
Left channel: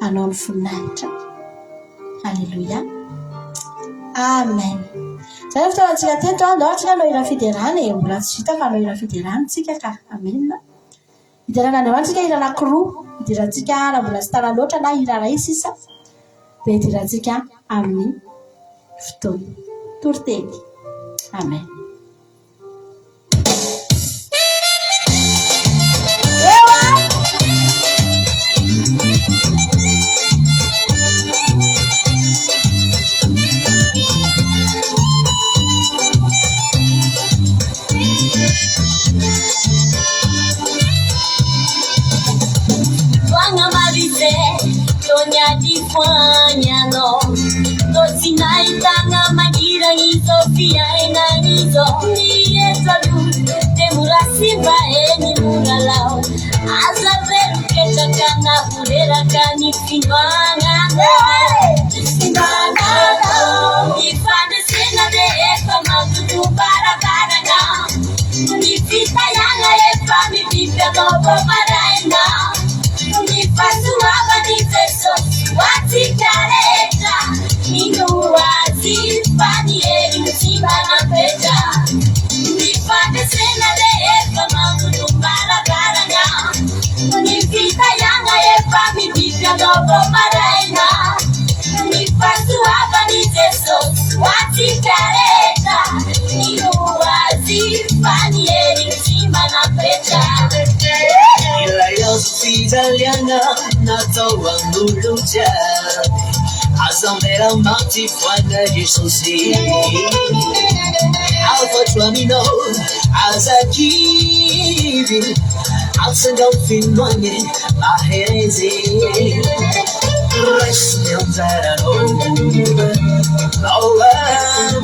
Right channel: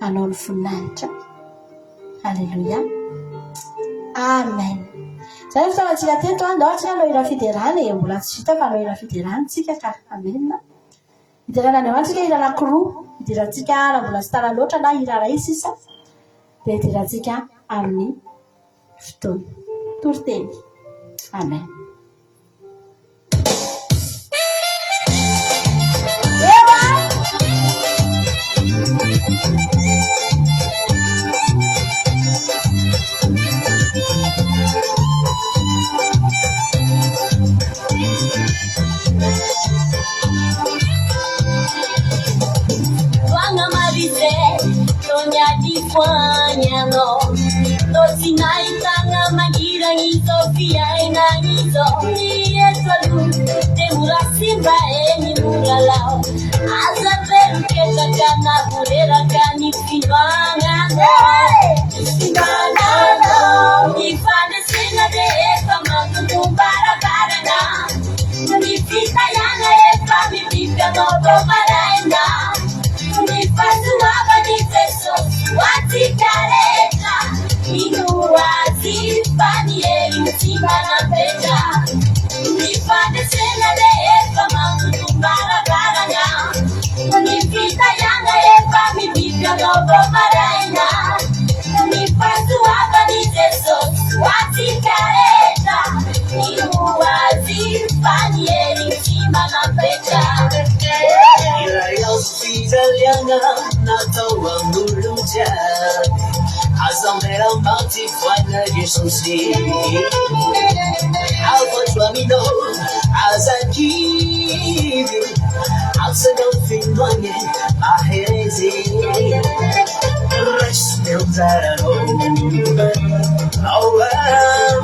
anao ny voninahitra halleluia amen zay ny fotoanantsika teto andao anao ira fiderana mbola tsy vita fa anao ira fiderana tsika ka amen hiderana ny amantsika ira anankiroa hidirantsika raha mbola tsy tara loatra na ira ray sisa dia hidirantsika amin'ny fotoana toriteny amen Fanyano Tosinai tanga magira nizo Fia enanizo Ni esalu Temura simba eni muralao Asa veru kecha kana Pudera kani simana Simana Nifane sena de eka Mantutu para karana Nifita yana epa Nifika nopo maraena Nifasu waba nifeso Wati kareta Inuwazi Panieri Mchibana pecha Nifane sena de eka Mantutu para karana Nifita yana epa Nifika nopo maraena Nifasu waba nifeso Wati kareta Inuwazi Panieri Mchibana pecha Italiana natoa muluja Azamera mati fwana Jesusi Alfa Tuamino Azakiri Alsandau Finwane Ahezi Resmenzarano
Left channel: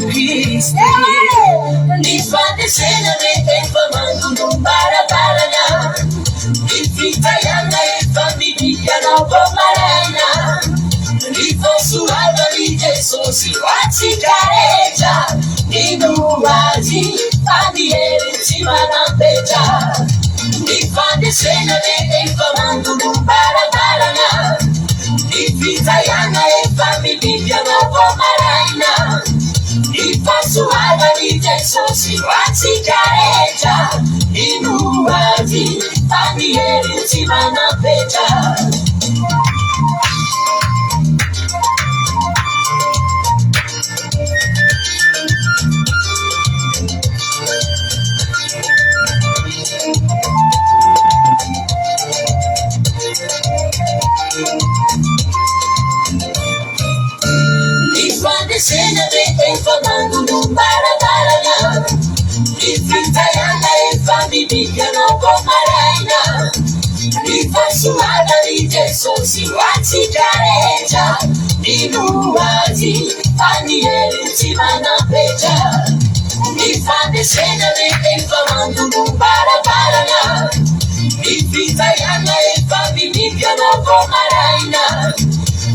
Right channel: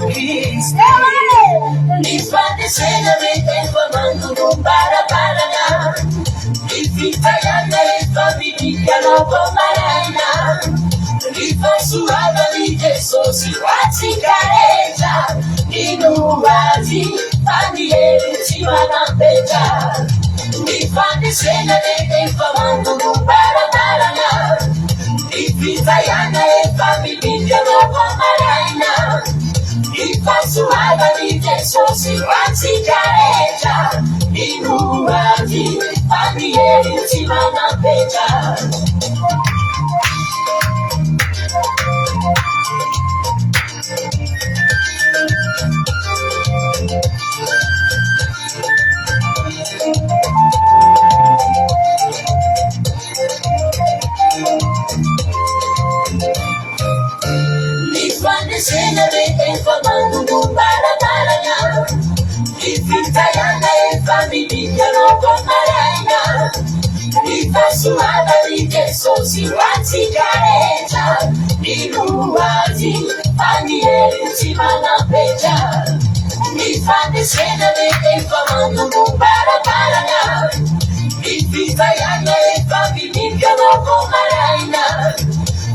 Peace Nifate sena vete Famandu Kumbara Parana Italiana e famiglia no pomarena Nifosu adali Jesusi Wati careggia Inuwazi Panieri Chimana pecha Nifande sena vete Famandu Kumbara Parana Italiana e famiglia no pomarena Nifosu adali Jesusi Wati careggia Inuwazi Panieri Chimana pecha Nifande sena vete Famandu Kumbara Parana Italiana e famiglia no pomarena Nifosu adali Jesusi Wati careggia Inuwazi Panieri Chimana pecha Nifande sena vete Famandu Kumbara Parana Italiana e famiglia no pomarena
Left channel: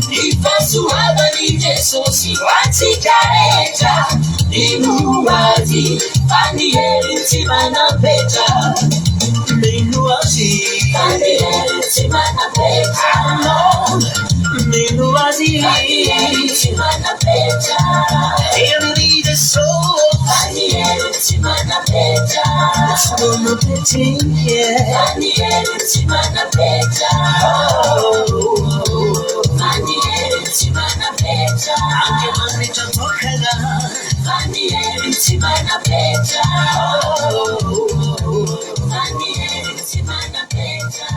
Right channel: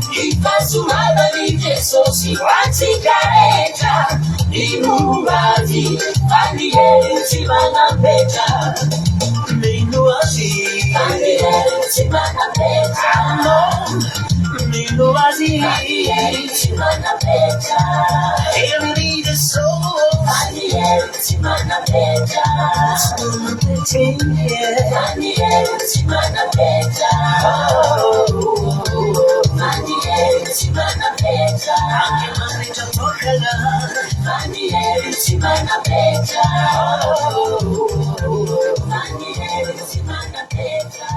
Nifosu adali Jesusi Wati careggia Inuwazi Panieri Chimana pecha Minuwazi Panieri Chimana pecha Minuwazi Panieri Chimana pecha Every the soul Panieri Chimana pecha Chimana pecha Panieri Chimana pecha Panieri Chimana pecha Anche mangia tocala Panieri Chimana pecha Panieri Chimana pecha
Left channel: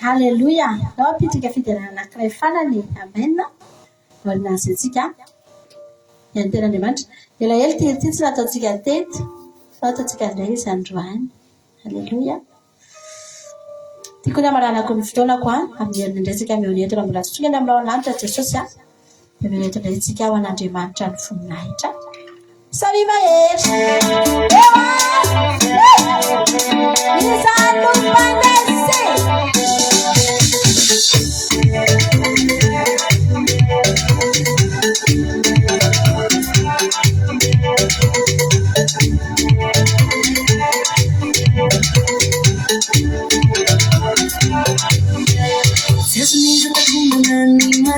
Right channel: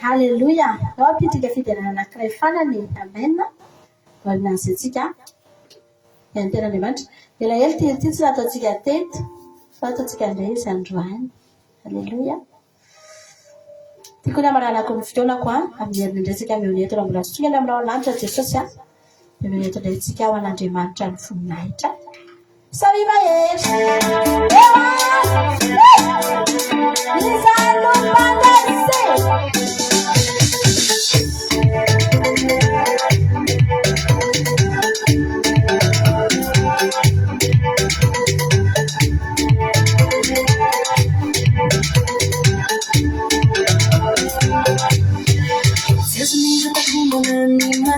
halleluia nao apitrika fiderana anankiray fanany amen valinazy atsika ny tena Andriamanitra elaela ty tsy nataontsika teto fa ataontsika indray izy androany halleluia tiako ny amaranako ny fotoanako amin'ny resaka mionetona mbola tsitsongana aminao lanitra Jesosy dia mionetona itsika ao an'Andriamanitra ny voninahitra sariva hetra izano mandese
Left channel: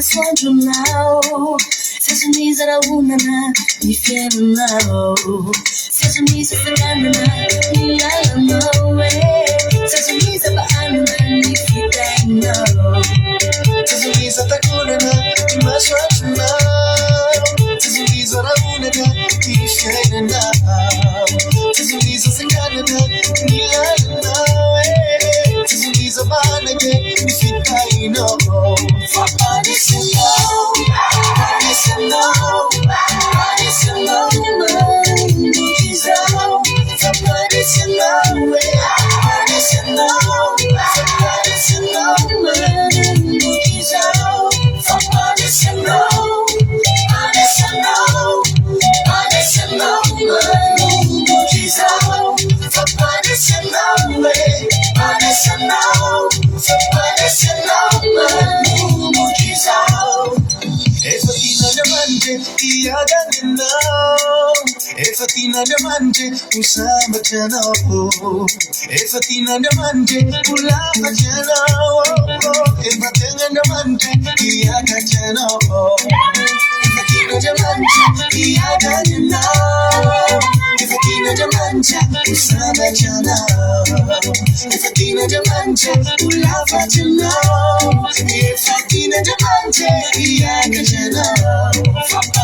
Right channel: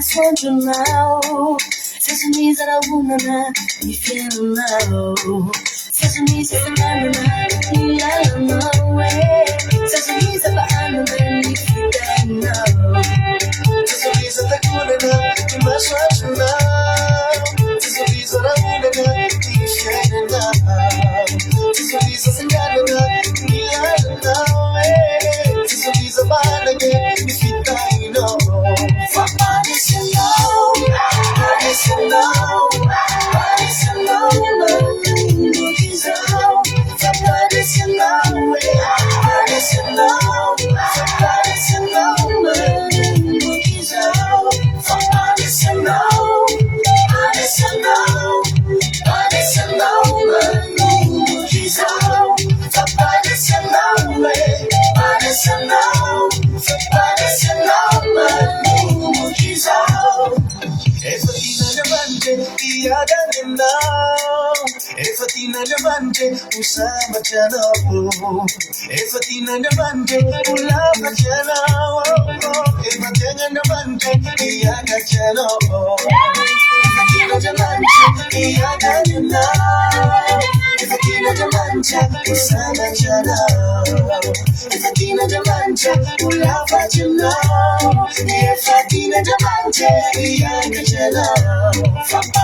Sandro now, says me that I woman, me feel now, says me that I'm me I know it, says me that I'm me feel now, says me that I couldn't be my Sandro now, says me that I woman, me feel now, says me that me I know it, says me that I'm me feel now. Fatina Namante, Usama Chano, Fatina Namante, Ulama Chano, Fatina Namante, Yaka Chano, Fatina Namante, Yaka Chano, Fatina Namante, Usama Chano, Fatina Namante, Ulama Chano, Fatina Namante, Yaka Chano, Fatina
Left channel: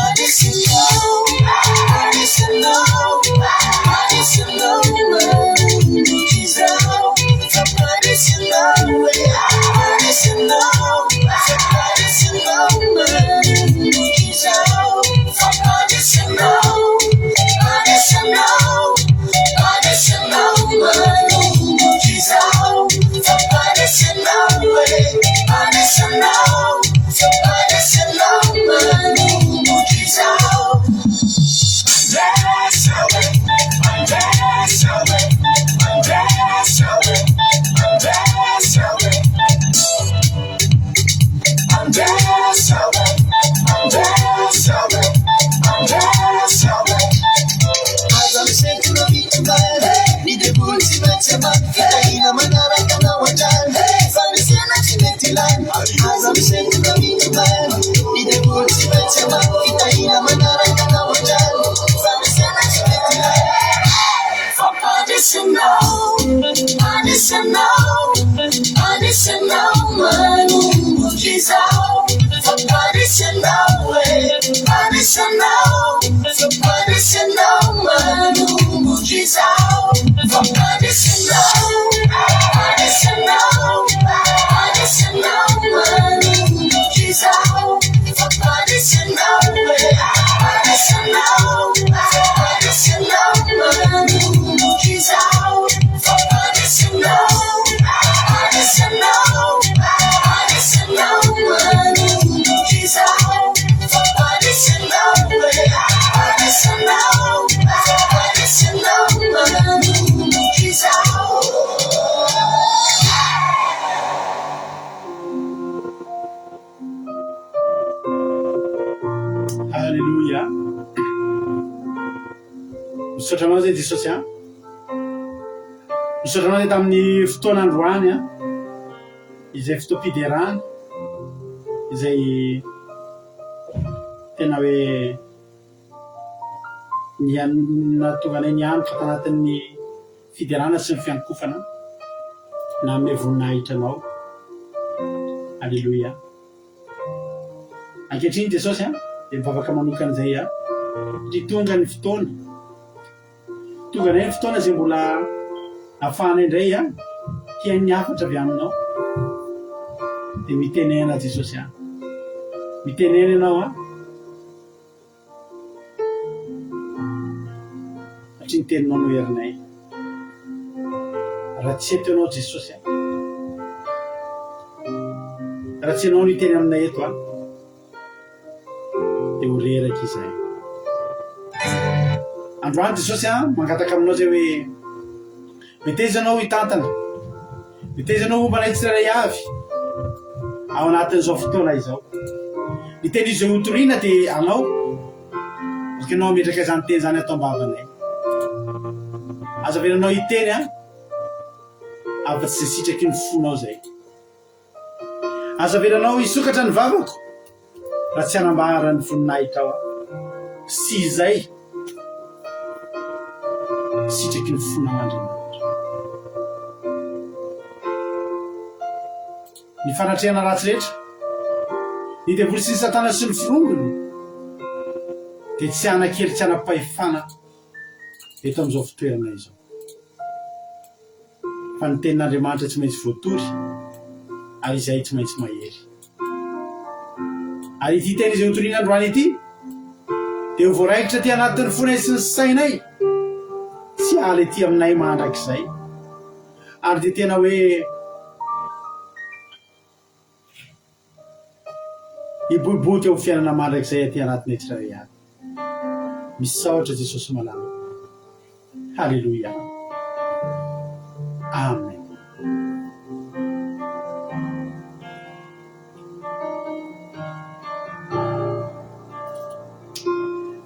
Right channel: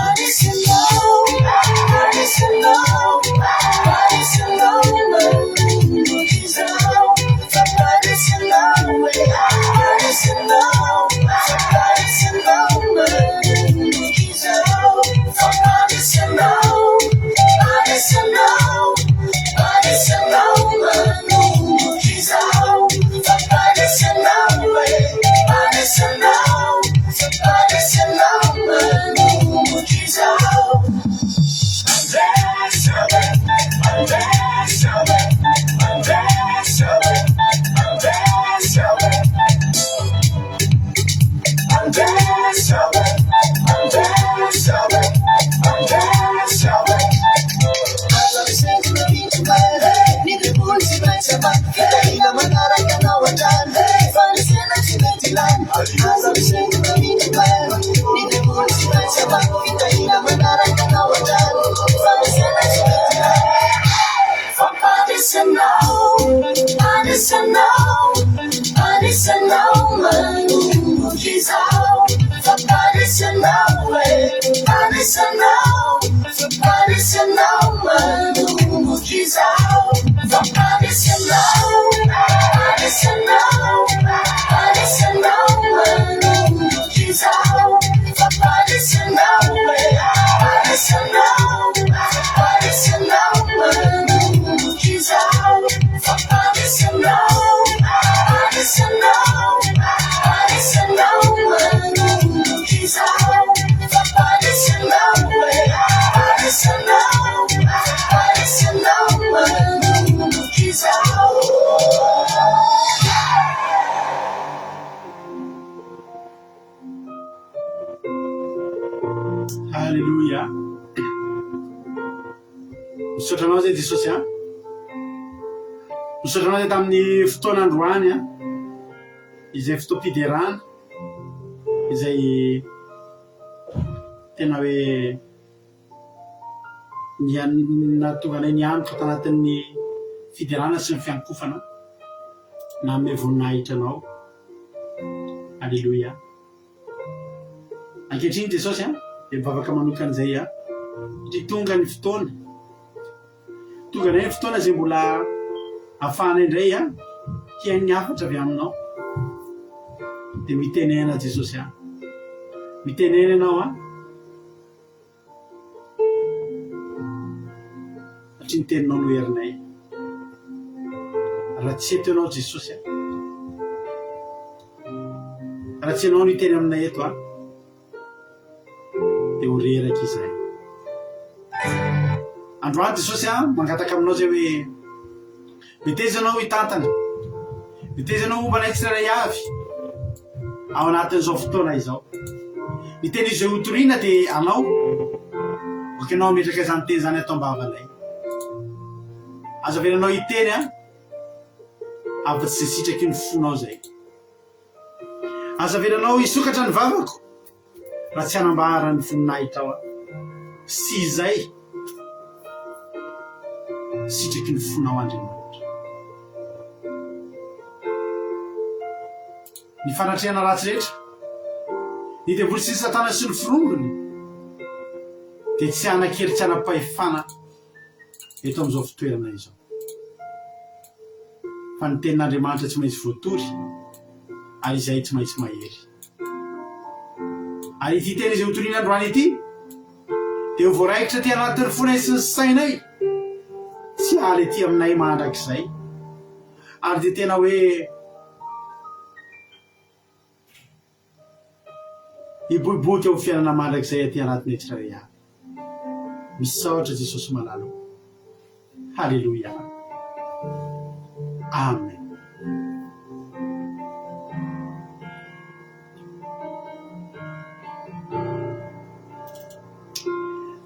Alléluia. Misotranao zay Jesosy misotranao zay tamin'ny fotoan'androany izay fotoam-piderana izay tena hoe natonga anay nianatra tanatin'ny fiderana sy ny fiankofana na ame voninahitra anao. Alléluia. Ankehitriny Jesosy dia mivavaka manokana izay satria tonga ny fotoana zay mbola ahafahana indray hiain'ny hafatra avy aminao dia mitenena Jesosy mitenena ianao satria ny teninao no herinay raha tsy eto ianao Jesosy raha tsy anao no iteny aminay eto a dia ho reraka izay. Androany Jesosy a mangataka aminao zay hoe miteza anao hitantana, miteza anao momba anay tsirairay avy ao anatin'izao fotoana izao. Miteny izy ho toriana dia anao oka anao metraka izany teny zany atao am-bavanay. Aza velanao hiteny a afa-tsy zay sitraky ny fonao zay. Aza velanao hisokatra ny vavako raha tsy hanambara ny voninahitra ao a. Sy izay sitraky ny fonao Andriamanitra. Ny fanatrehana ratsy rehetra, ny devoly sy ny satana sy ny firongony dia tsy hanakely, tsy hanapahefana eto amin'izao fitoerana izao. Fa ny tenin'Andriamanitra tsy maintsy voatory ary izay tsy maintsy mahery. Ary ity teny izay hotoriana androany ity dia ho voaraikitra ty anatin'ny fonay sy ny sainay, tsy haly ety aminay mandrakizay. Ary dia tena hoe hiboiboika ho fiainana mandrakizay aty anatin'ny tsirairay avy. Misaotra Jesosy malalo. Halleluja. Amen.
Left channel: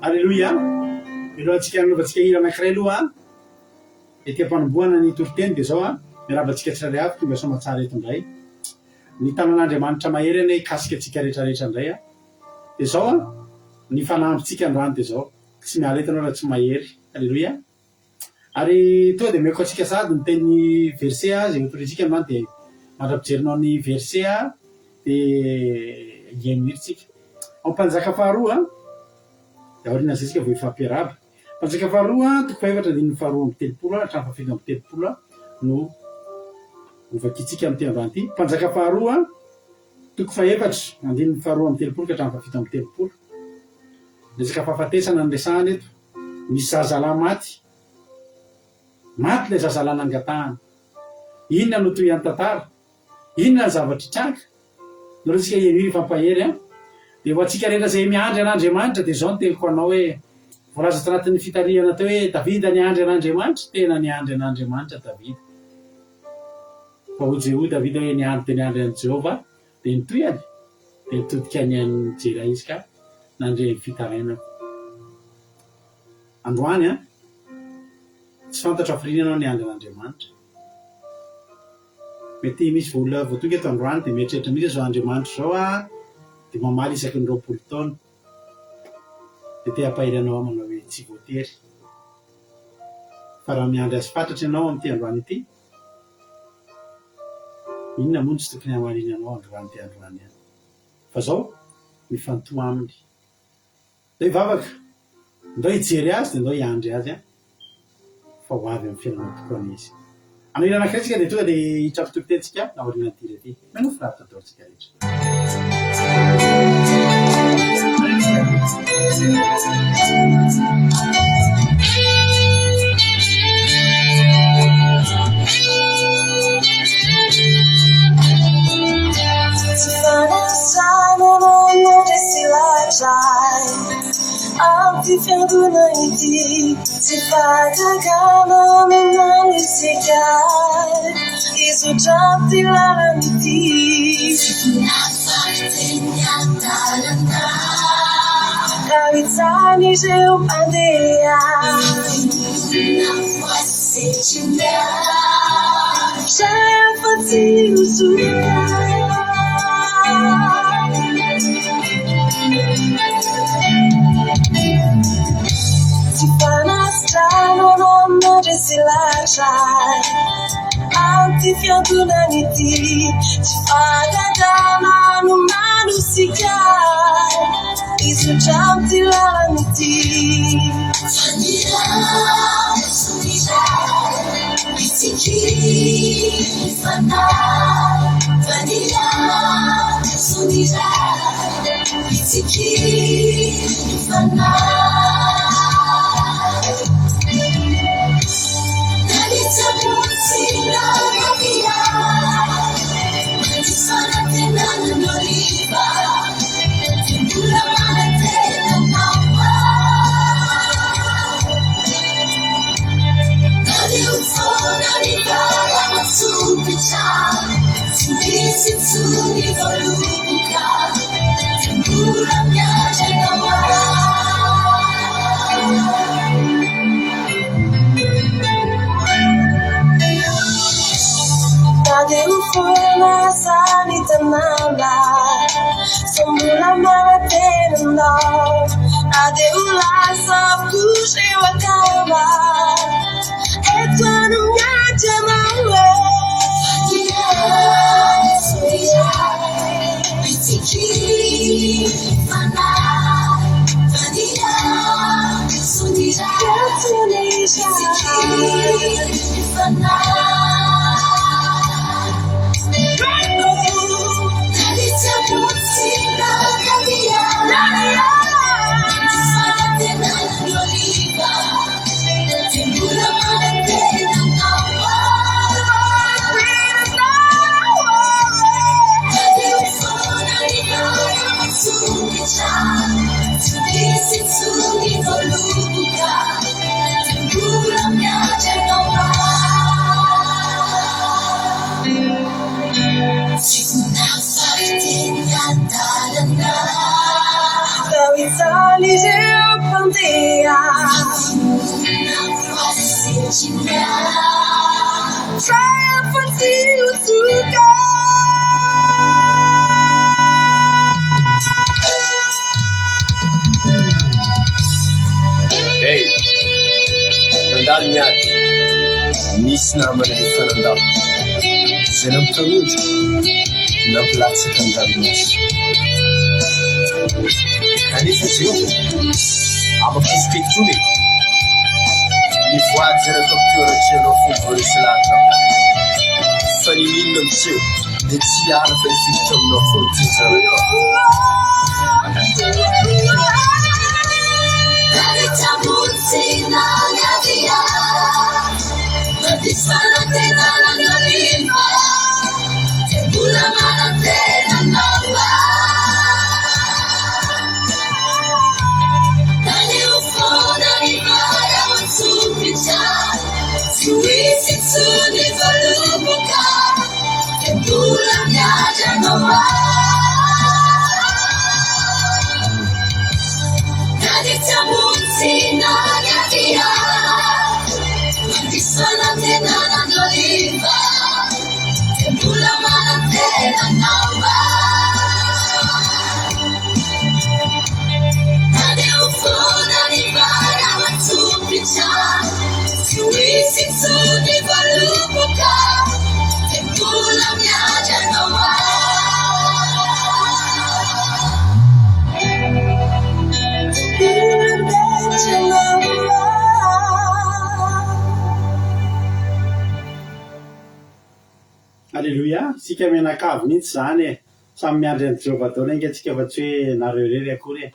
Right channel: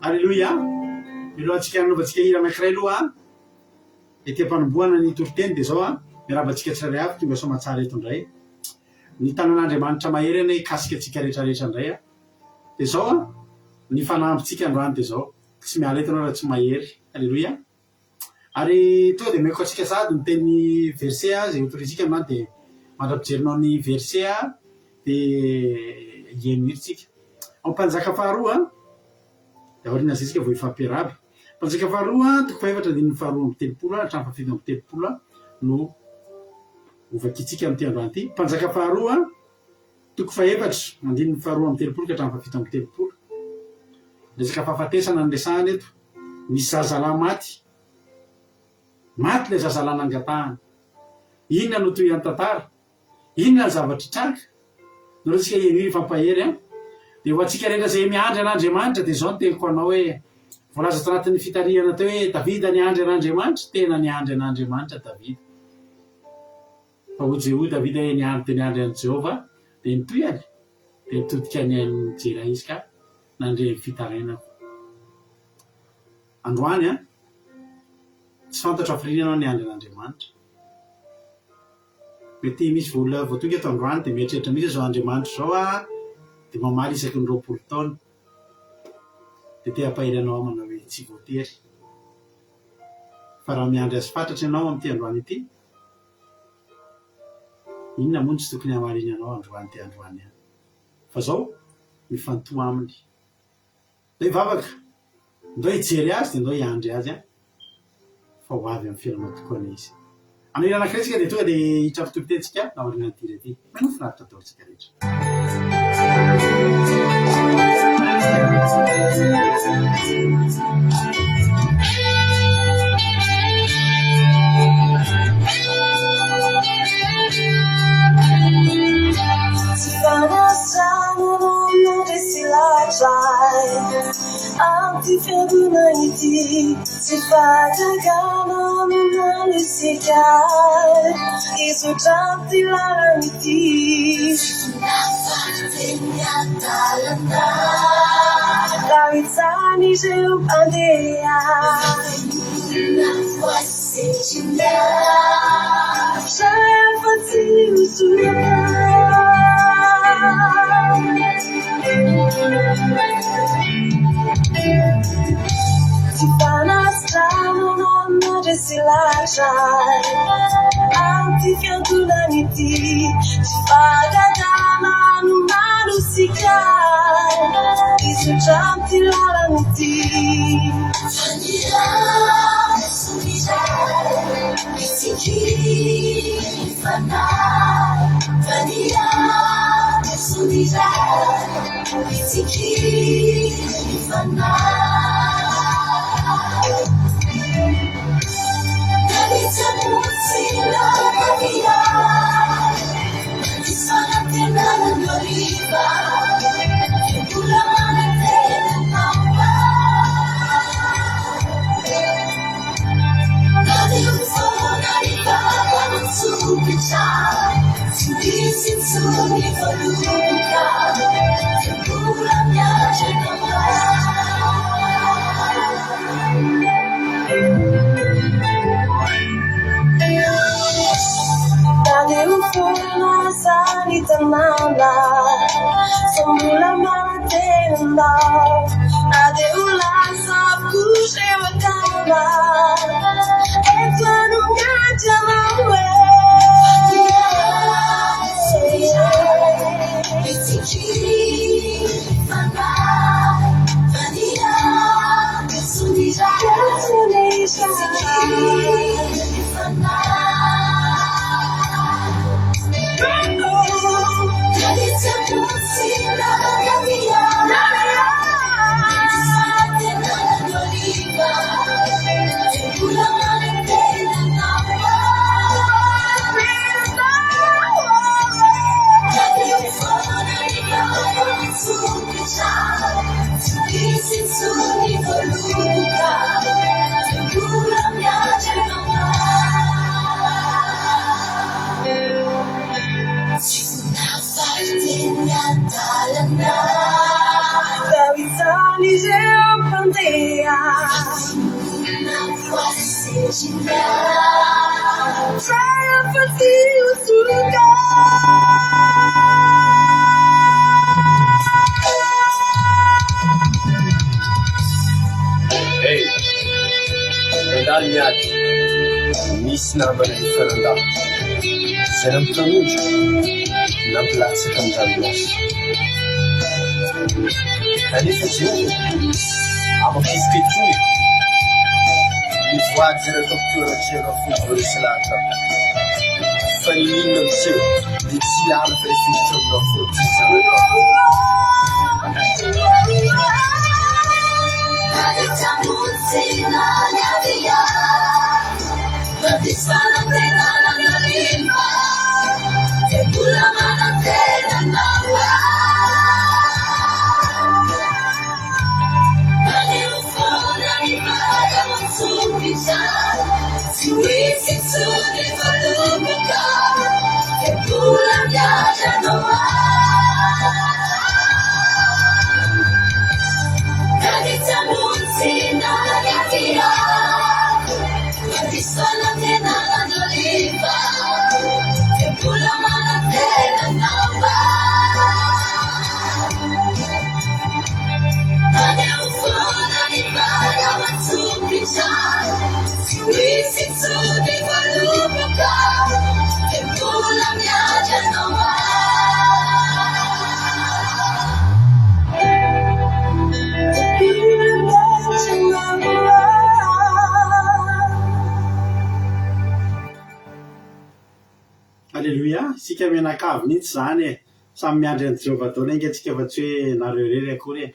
Halleluja. Milohantsika nanaovantsika hira anankiray aloha ety am-panombohana ny toriteny dia zao miarabantsika tsirairay avy tonga soa matsara eto indray. Ny tanan'Andriamanitra mahery any kasika antsika rehetrarehetra indray dia zao ny fanampintsika androany dia zao tsy miala eto anao raha tsy mahery. Halleluja. Ary tonga dia meko antsika sady ny teny verset zay hotorisika androany dia mandra-pijerinao ny verset dia ieniritsika. Ao Mpanjaka faharoa dia aoriana zay tsika vao ifampiaraba. Mpanjaka faharoa toko fahaefatra andininy faharoa amby telopolo hatramin'ny fafito amby telopolo no ovakitsika amin'ity androany ity. Mpanjaka faharoa toko fahaefatra andininy faharoa amby telopolo ka hatramin'ny fafito amby telopolo. Resaka fahafatesana ny resahana eto. Misy zazalahy maty. Maty ilay zazalahy nangatahana. Inona no toy any tantara? Inona ny zavatra tranga? No resika ieniry fampahery dia ho antsika rehetra izay miandry an'Andriamanitra dia zao no teniko anao hoe voalaza tanatin'ny fitarihana teo hoe Davida niandry an'Andriamanitra, tena niandry an'Andriamanitra Davida. Fa ho Jeho Davida niandry an'i Jehova dia nitoyany dia nitodika ny an'ny jera izy ka nandre ny fitarainako. Androany tsy fantatra hafirinana niandry an'Andriamanitra. Mety misy olona vao tonga eto androany dia mieritreritra misy zao Andriamanitra zao dia mamaly isaky ny 20 taona dia te hampahery anao manao hoe tsy voatery. Fa raha miandry azy fatratra ianao amin'ity androany ity, inona moa tsy tokony hamariny anao androany ty androany any. Fa zao mifantoha aminy. Ndao hivavaka, ndao hijery azy dia ndao hiandry azy fa ho avy amin'ny fiainanao tokoa izy. Amin'ny hira anankiray tsika dia tonga dia hitrapitopitentsika naoriana ny tira ity. Manohy finaritra ataontsika rehetra. Fianguna ity tsy fatagana manano isikay izotra ty lalana ity nafarteny adalana raha hitsany ireo mpandeha nafoasetrina rehefa tsy hosorana Antifiantunang iti Pagagana no manusikay Isujam tilalang iti Vanilla, sulijay Bisikiri, fanay Vanilla, sulijay Bisikiri, fanay Sila Maria, di sana tinangan terenao na dia ho lasa puseo akava eto no anaty anao Hey, nandalo niady, nisy namana efa nandalo. Zay nampitanondro, nampilatsaka andalonaso. Kanefa Jehova, amam-pizipetony, nivoady zay natao toeran-tsenao fomba resy lahatra. Fa ny inona mitseho, dia tsy ala fa ifiditra aminao forontsiny zareo. Alléluia, sika menakavy mihitsy zany e, samy miandry an'i Jéhovah daholo inga atsika fa tsy hoe nareo rery akory e.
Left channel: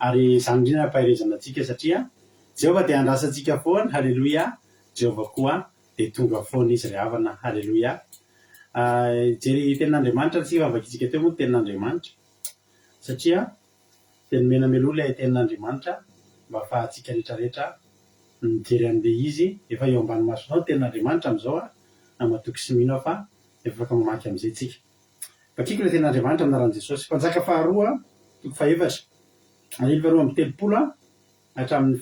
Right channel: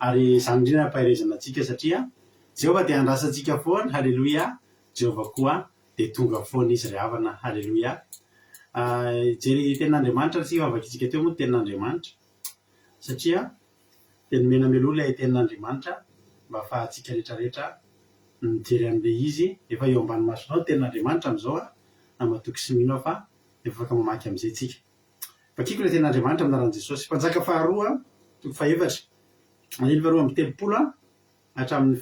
Ary zany indrindra ampahirezana atsika satria Jéhovah dia andrasantsika foana, halleluia. Jéhovah koa dia tonga foana izy ry havana, halleluia. Jery tenin'Andriamanitra tsika avakitsika teo moa tenin'Andriamanitra satria dia nomena melolo ilay tenin'Andriamanitra mba ahafahantsika rehetrarehetra mijery an'ilay izy efa eo ambany masonao tenin'Andriamanitra amin'izao a, na matoky sy mino aho fa efa afaka mamaky amin'izay tsika. Vakiko ilay tenin'Andriamanitra amin'ny anaran'i Jesosy. Mpanjaka faharoa toko faefatra, andiny faharoa amby telopolo hatramin'ny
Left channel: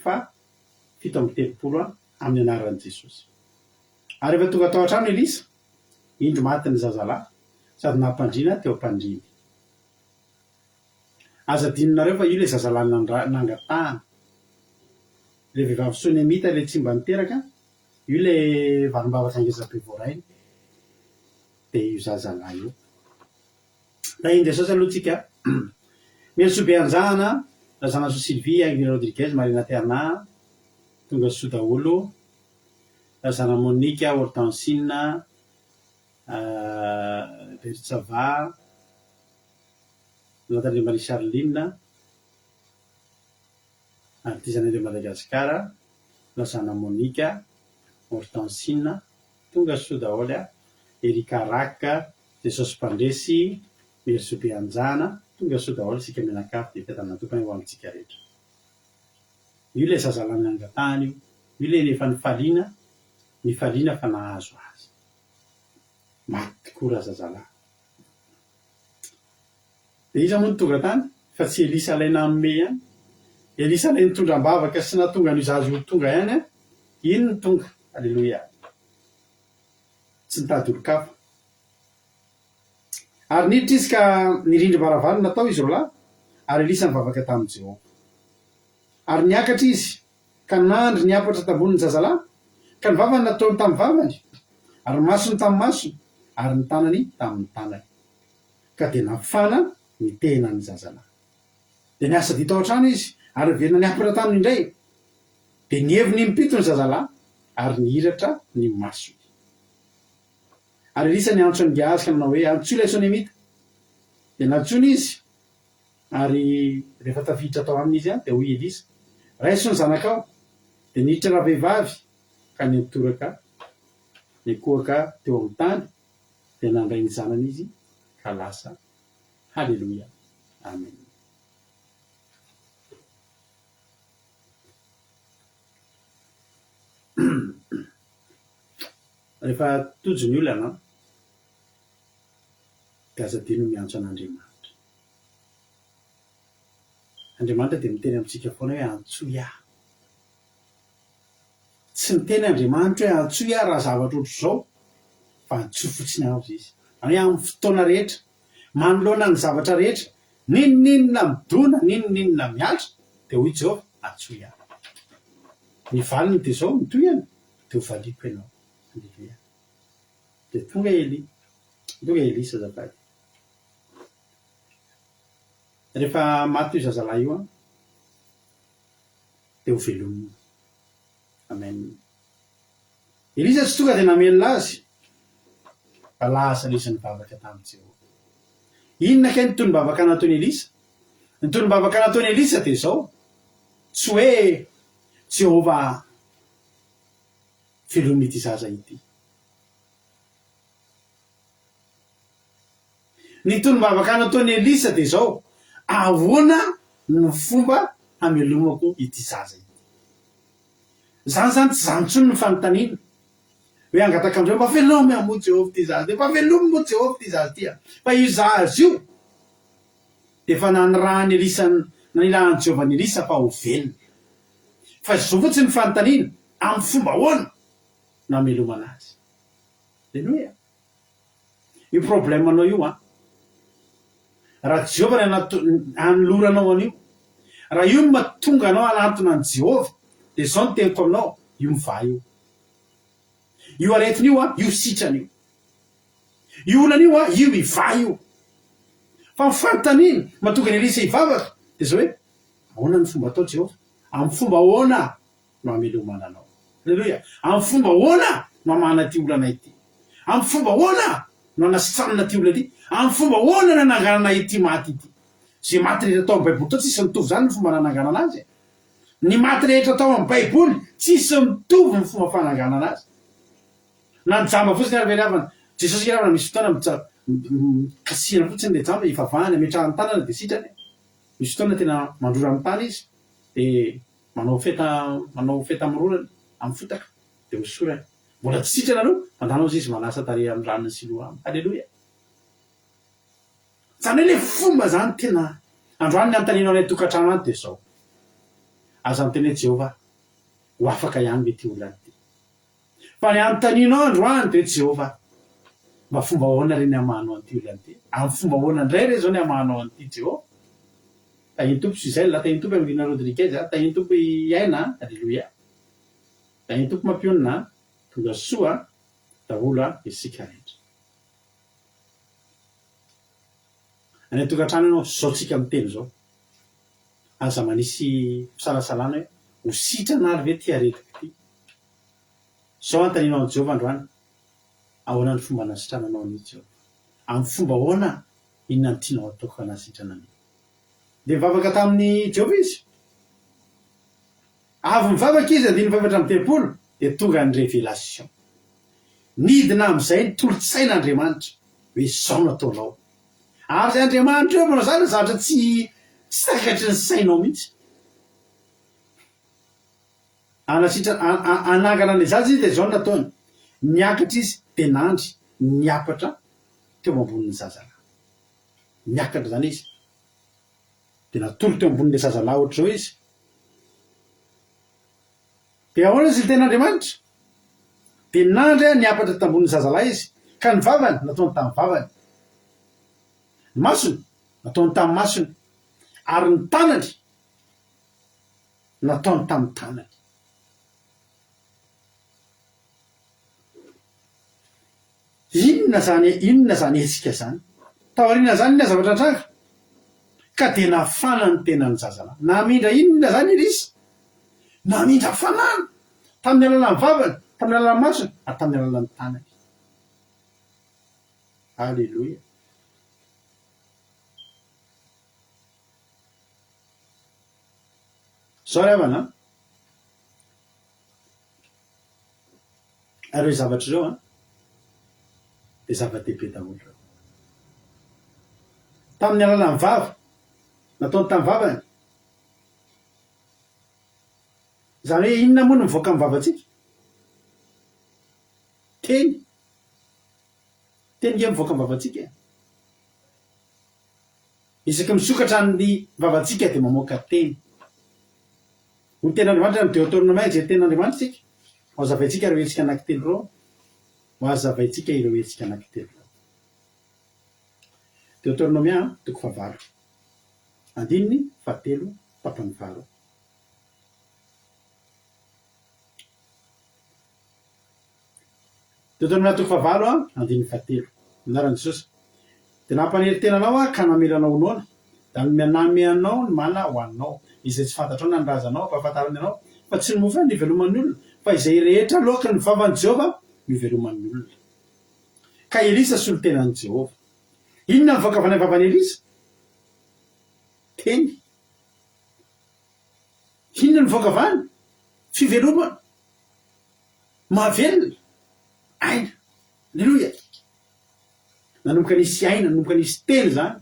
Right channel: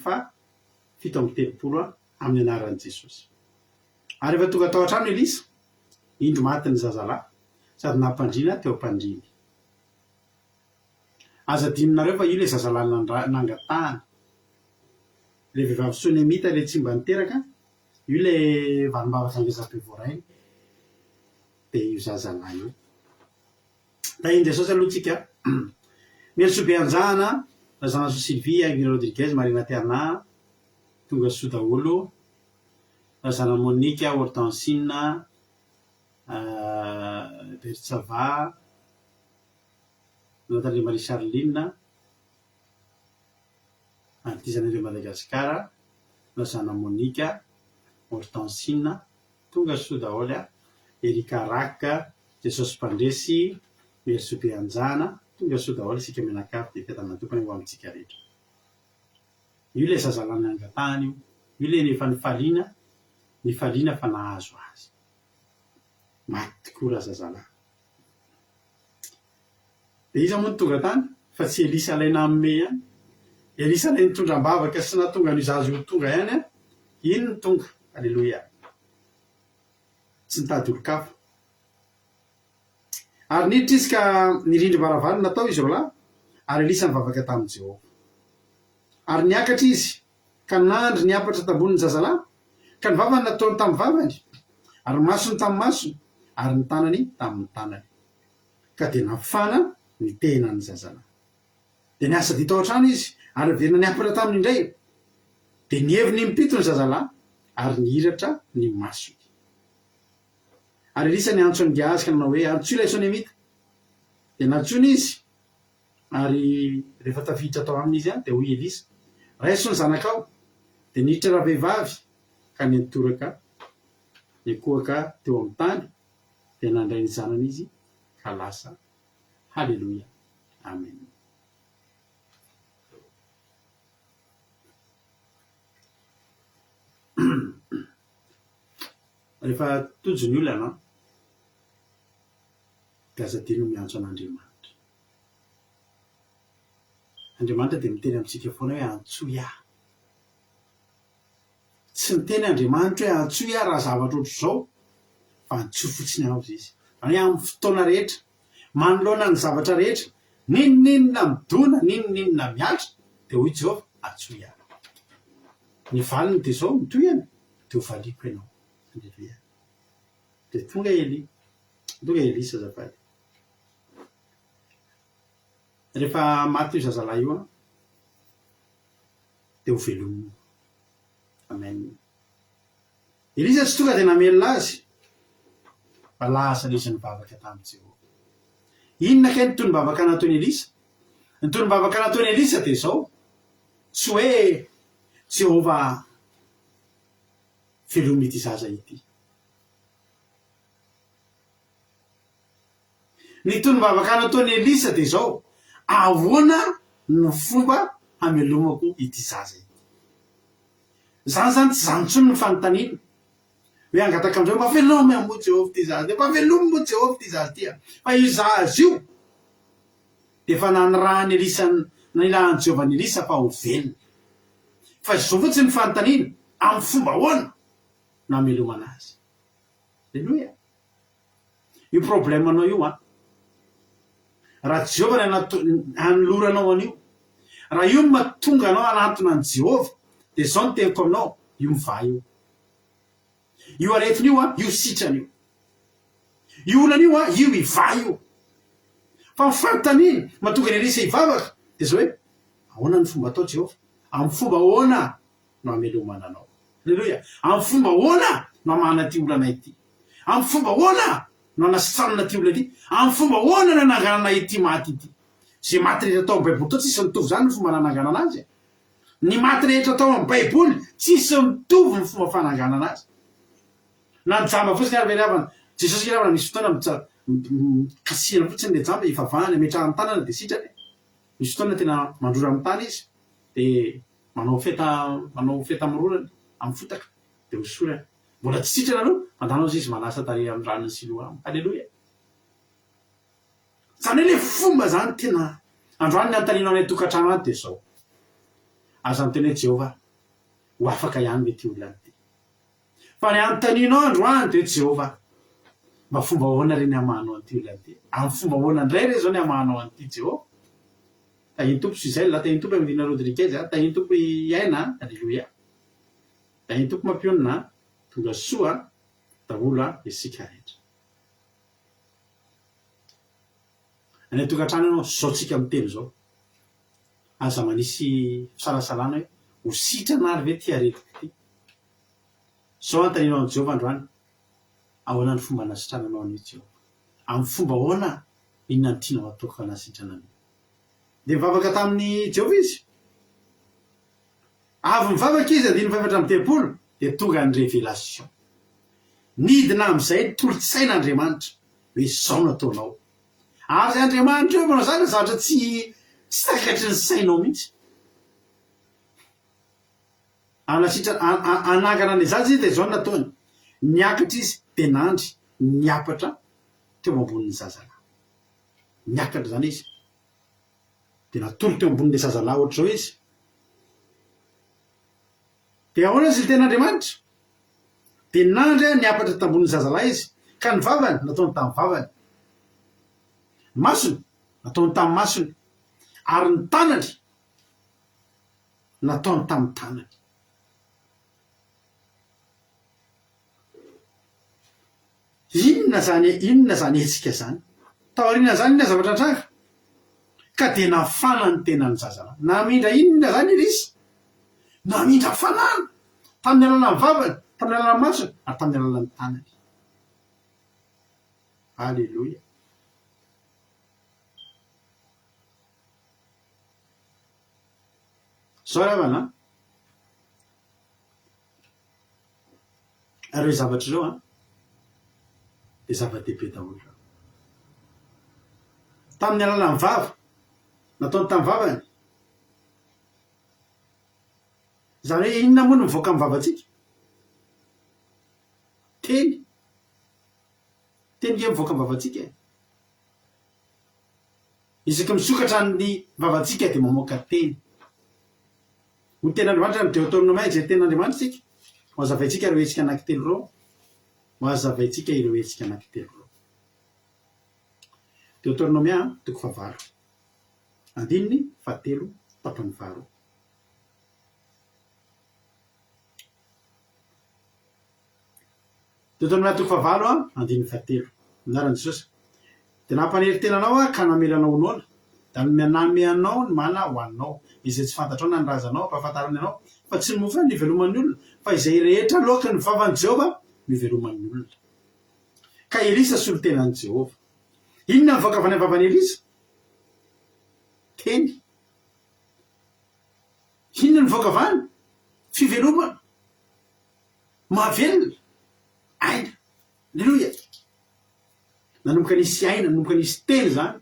fito amby telopolo amin'ny anaran'i Jesosy. Ary efa tonga tao an-trano Elisa, indro maty ny zazalahy sady nampandriana teo ampandriny. Aza dininareo fa io ilay zazalahy nangatahana. Ilay vehivavy Sonemita ilay tsy mba niteraka, io ilay vanim-bavaka angeza-be voarainy, dia io zazalahy io. Tahiny Jesosy aloha tsika, Mieriso be anjahana, Lazana So Sylvie, Agnes Rodriguez, Marina Terna, tonga soa daholo, Lazana Monique, Hortensine, Bertsava, Nathalie Marie Charline, artisanale de Madagascar, Lazana Monique, Hortensine, tonga soa daholo, Erika Raka, Jesosy Mpandresy, Mieriso be anjahana, tonga soa daholo sika menakafy dia fiadanana tompany ho amintsika rehetra. Io ilay zazalahy nangatahana io, io ilay nefa nifaliana fa nahazo azy. Maty tokoa raha zazalahy. Dia iza moa ny tonga tany fa tsy Elisa ilay nanome ihany. Elisa ilay nitondram-bavaka sy natonga ny zazy ho tonga ihany a, iny ny tonga. Alleluia. Tsy nitady olo-kafa. Ary niditra izy ka nirindry varavara natao izy roalahy, ary elisa nivavaka tamin'i Jehova ary niakatra izy ka nandry niapatra tamboniny zazalahy ka ny vavany nataony tamin'ny vavany ary masony tamin'ny masony ary ny tanany tamin'ny tanany ka dia nafana ny tenany zazalahy dia niasa dito ao an-trano izy ary verina niapatra taminy indray dia nihevi ny mipito ny zazalahy ary nihiratra ny masony ary elisa ny antso ny Gehazy ka nanao hoe antsoa ilay Sonemita dia nantsony izy ary rehefa tafiditra tao aminy izy dia hoy Elisa raiso ny zanakao dia niditra rahavehivavy ka nitoraka nikohaka teo amin'ny tany dia nandray ny zanany izy ka lasa. Halleluia, amen. Rehefa tojo ny olana dia aza dino miantso an'Andriamanitra. Andriamanitra dia miteny amintsika foana hoe antsoa aho. Tsy miteny Andriamanitra hoe antsoa aho raha zavatra ohatr' izao fa antsoa fotsiny aho izy. Any amin'ny fotoana rehetra manoloana ny zavatra rehetra ninona midona ninona miatra dia hoy Jehova antsoa aho. Ny valiny dia izao mitoyana dia ho valiko ianao. Halleluia. Dia tonga Elisa azafady. Rehefa maty io zazalahy io dia ho velomina. Amen. Elisa tsy tonga dia namelona azy fa lasa Elisa nivavaka tamin'i Jehova. Inona kay ny tonim-bavaka nataony Elisa? Ny tonim-bavaka nataony Elisa dia izao, tsy hoe Jehova velomina ity zaza ity. Ny tonim-bavaka nataony Elisa dia izao, ahoana ny fomba hamelomako ity zaza ity. Zany zany tsy zany intsony ny fanontaniana hoe angataka amin'izao mba velomy mo Jehova ity zaza, mba velomy mo Jehova ity zaza ity. Fa io zaza io dia efa nanirahany Elisa, nanilahan'i Jehova ny Elisa fa ho velona. Fa izao fotsiny ny fanontaniana amin'ny fomba ahoana no hamelomana azy. Halleluia. Io problemanao io raha Jehova anoloranao an'io, raha io mahatonga anao anatona an' Jehova dia izao no teniko aminao, io miva io. Io aretin'io io sitran'io. Io olana io iva io. Fa ny fanontaniana mahatonga ny Elisa hivavaka dia izao hoe ahoana ny fomba atao Jehova? Amin'ny fomba ahoana no hamelomana anao? Halleluia. Amin'ny fomba ahoana no hamana ty olana ity? Amin'ny fomba ahoana no hanasitranana ty olana ity? Amin'ny fomba ahoana no hananganana ity maty ity? Zay maty rehetra atao amin'ny Baiboly tao tsisy mitovy zany ny fomba nananganana azy. Ny maty rehetra atao amin'ny Baiboly tsisy mitovy ny fomba fananganana azy. Na ny jamba fotsiny ary veravana Jesosy ravana misy fotoana kasihana fotsiny le jamba ivavahany ametrahany tanana dia sitrany. Misy fotoana tena mandrora amin'ny tany izy dia manao feta mirorany amin'ny fotaka dia hosorany. Mbola tsy sitrana aloha mandanao izy manasa tarehy amin'ny ranony Siloa. Halleluia. Zany hoe le fomba zany tena androany ny antaninao any tokantrano any dia izao. Aza ny teny hoe Jehova ho afaka ihany mety olona ity. Fa ny antaninao androany dia Jehova mba fomba ahoana reny hamanao an'ity olona ity? Amin'ny fomba ahoana indray re zao ny hamanao an'ity Jehova? Tahiny tompo Suzel, tahiny tompo Emelina Rodriguez, tahiny tompo Iaina. Halleluia. Tahiny tompo mampionina tonga soa daholo isika rehetra. Any tokantrano ianao zao tsika miteny zao. Aza manisy fisalasalana hoe ho sitrana ary ve ty aretiko ity? Zao antaninao an' Jehova androany. Ahoana ny fomba nasitrananao an'io Jehova? Amin'ny fomba ahoana inona ny tianao ataoko fa nasitrana an'io? Dia mivavaka tamin'ny Jehova izy. Avy mivavaka izy andiny mivavatra amin'ny tempolo dia tonga ny révélation. Nidina amin'izay tolotsain'Andriamanitra hoe izao no ataonao. Ary zay Andriamanitra eo manao zany zavatra tsy takatry ny sainao mihitsy. Anangana ny zaza izy dia izao no nataony. Niakatra izy dia nandry niapatra teo ambonin'ny zazalahy. Niakatra zany izy dia natolo teo ambonin'ilay zazalahy ohatr'izao izy. Dia ahoana izy ten'Andriamanitra? Dia nandry niapatra tambonin'ny zazalahy izy ka ny vavany nataony tamin'ny vavany. Masony nataony tamin'ny masony. ary ny tanany nataony tamin'ny tanany. Inona zany hetsika zany taoriana zany inona zavatra tranga ka dia nafana ny tenany zazana namindra inona zany izy namindra fanana tamin'ny alalan'ny vavany, tamin'ny alalan'ny masony ary tamin'ny alalan'ny tanany. Alleloia. Zao ry havana ireo zavatra zao dia zava-dehibe daholo. Tamin'ny alalan'ny vava nataony tamin'ny vavany, zany hoe inona moa no mivoaka amin'ny vavantsika? Teny ge mivoaka amin'ny vavantsika. Isaky misokatra ny vavantsika dia mamoaka teny. Ny ten'Andriamanitra ny Deutéronome izay ten'Andriamanitra tsika ho azavaitsika ireo hetsika anankitelo reo, ho azavaitsika ireo hetsika anankitelo reo. Deutéronome 1:9, andininy 7:7. Deutéronome 7:7 andininy 7. Anaran'i Jesosy dia nampanery tenanao ka namelanao noana da nanome anao ny mana ho anao izay tsy fantatrao na ny razanao ampahafantarany anao fa tsy ny mofo ny iveloman'ny olona fa izay rehetra loaka ny vavan'i Jehova miveloman'ny olona. Ka Elisa solo tenan'i Jehova. Inona ny voaka avy any vavany Elisa? Teny. Inona ny voaka avy any? Fivelomana, mahavelona, aina. Alleluia. Nanomboka nisy aina, nanomboka nisy teny zany.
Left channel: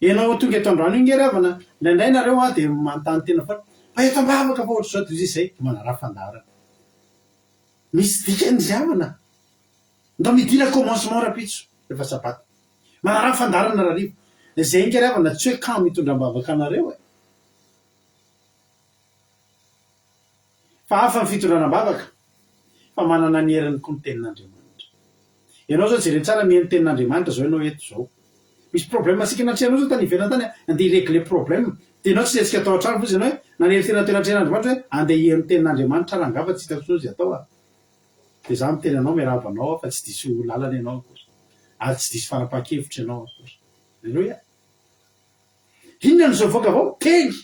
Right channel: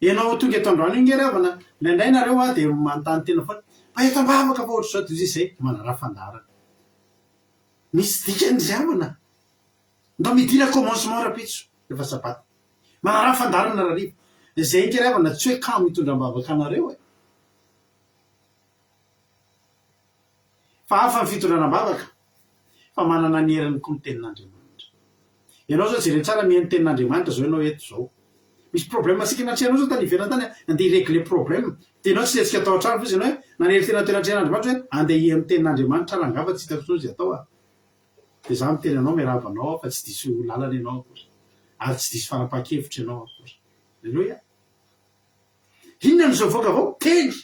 Ianao tonga eto androany iny ravana indraindray nareo dia manontany tena foana fa eto ambavaka fa ohatry zao toy izay manara fandarana. Misy dikany zavana. Ndao midina commencement rapitso rehefa sabata. Manara fandarana rarivo. Izay iny ravana tsy hoe kamo mitondra ambavaka anareo e. Fa hafa ny fitondrana ambavaka fa manana ny heriny koa ny tenin'Andriamanitra. Ianao zao jereny tsara mihaino tenin'Andriamanitra zao ianao eto zao. Misy problème asika natrehanao zao tany ivelany tany andeha régler problème. Dia ianao tsy hetsika atao an-trano fotsiny hoe nanery tena toeran-tren'Andriamanitra hoe andeha hihaino tenin'Andriamanitra raha angamba tsy hitako sozy atao a. Dia za miteny anao miaravanao fa tsy diso lalana ianao akory. Ary tsy diso fanapahan-kevitra ianao akory. Alleluia. Inona no voaka avao? Teny.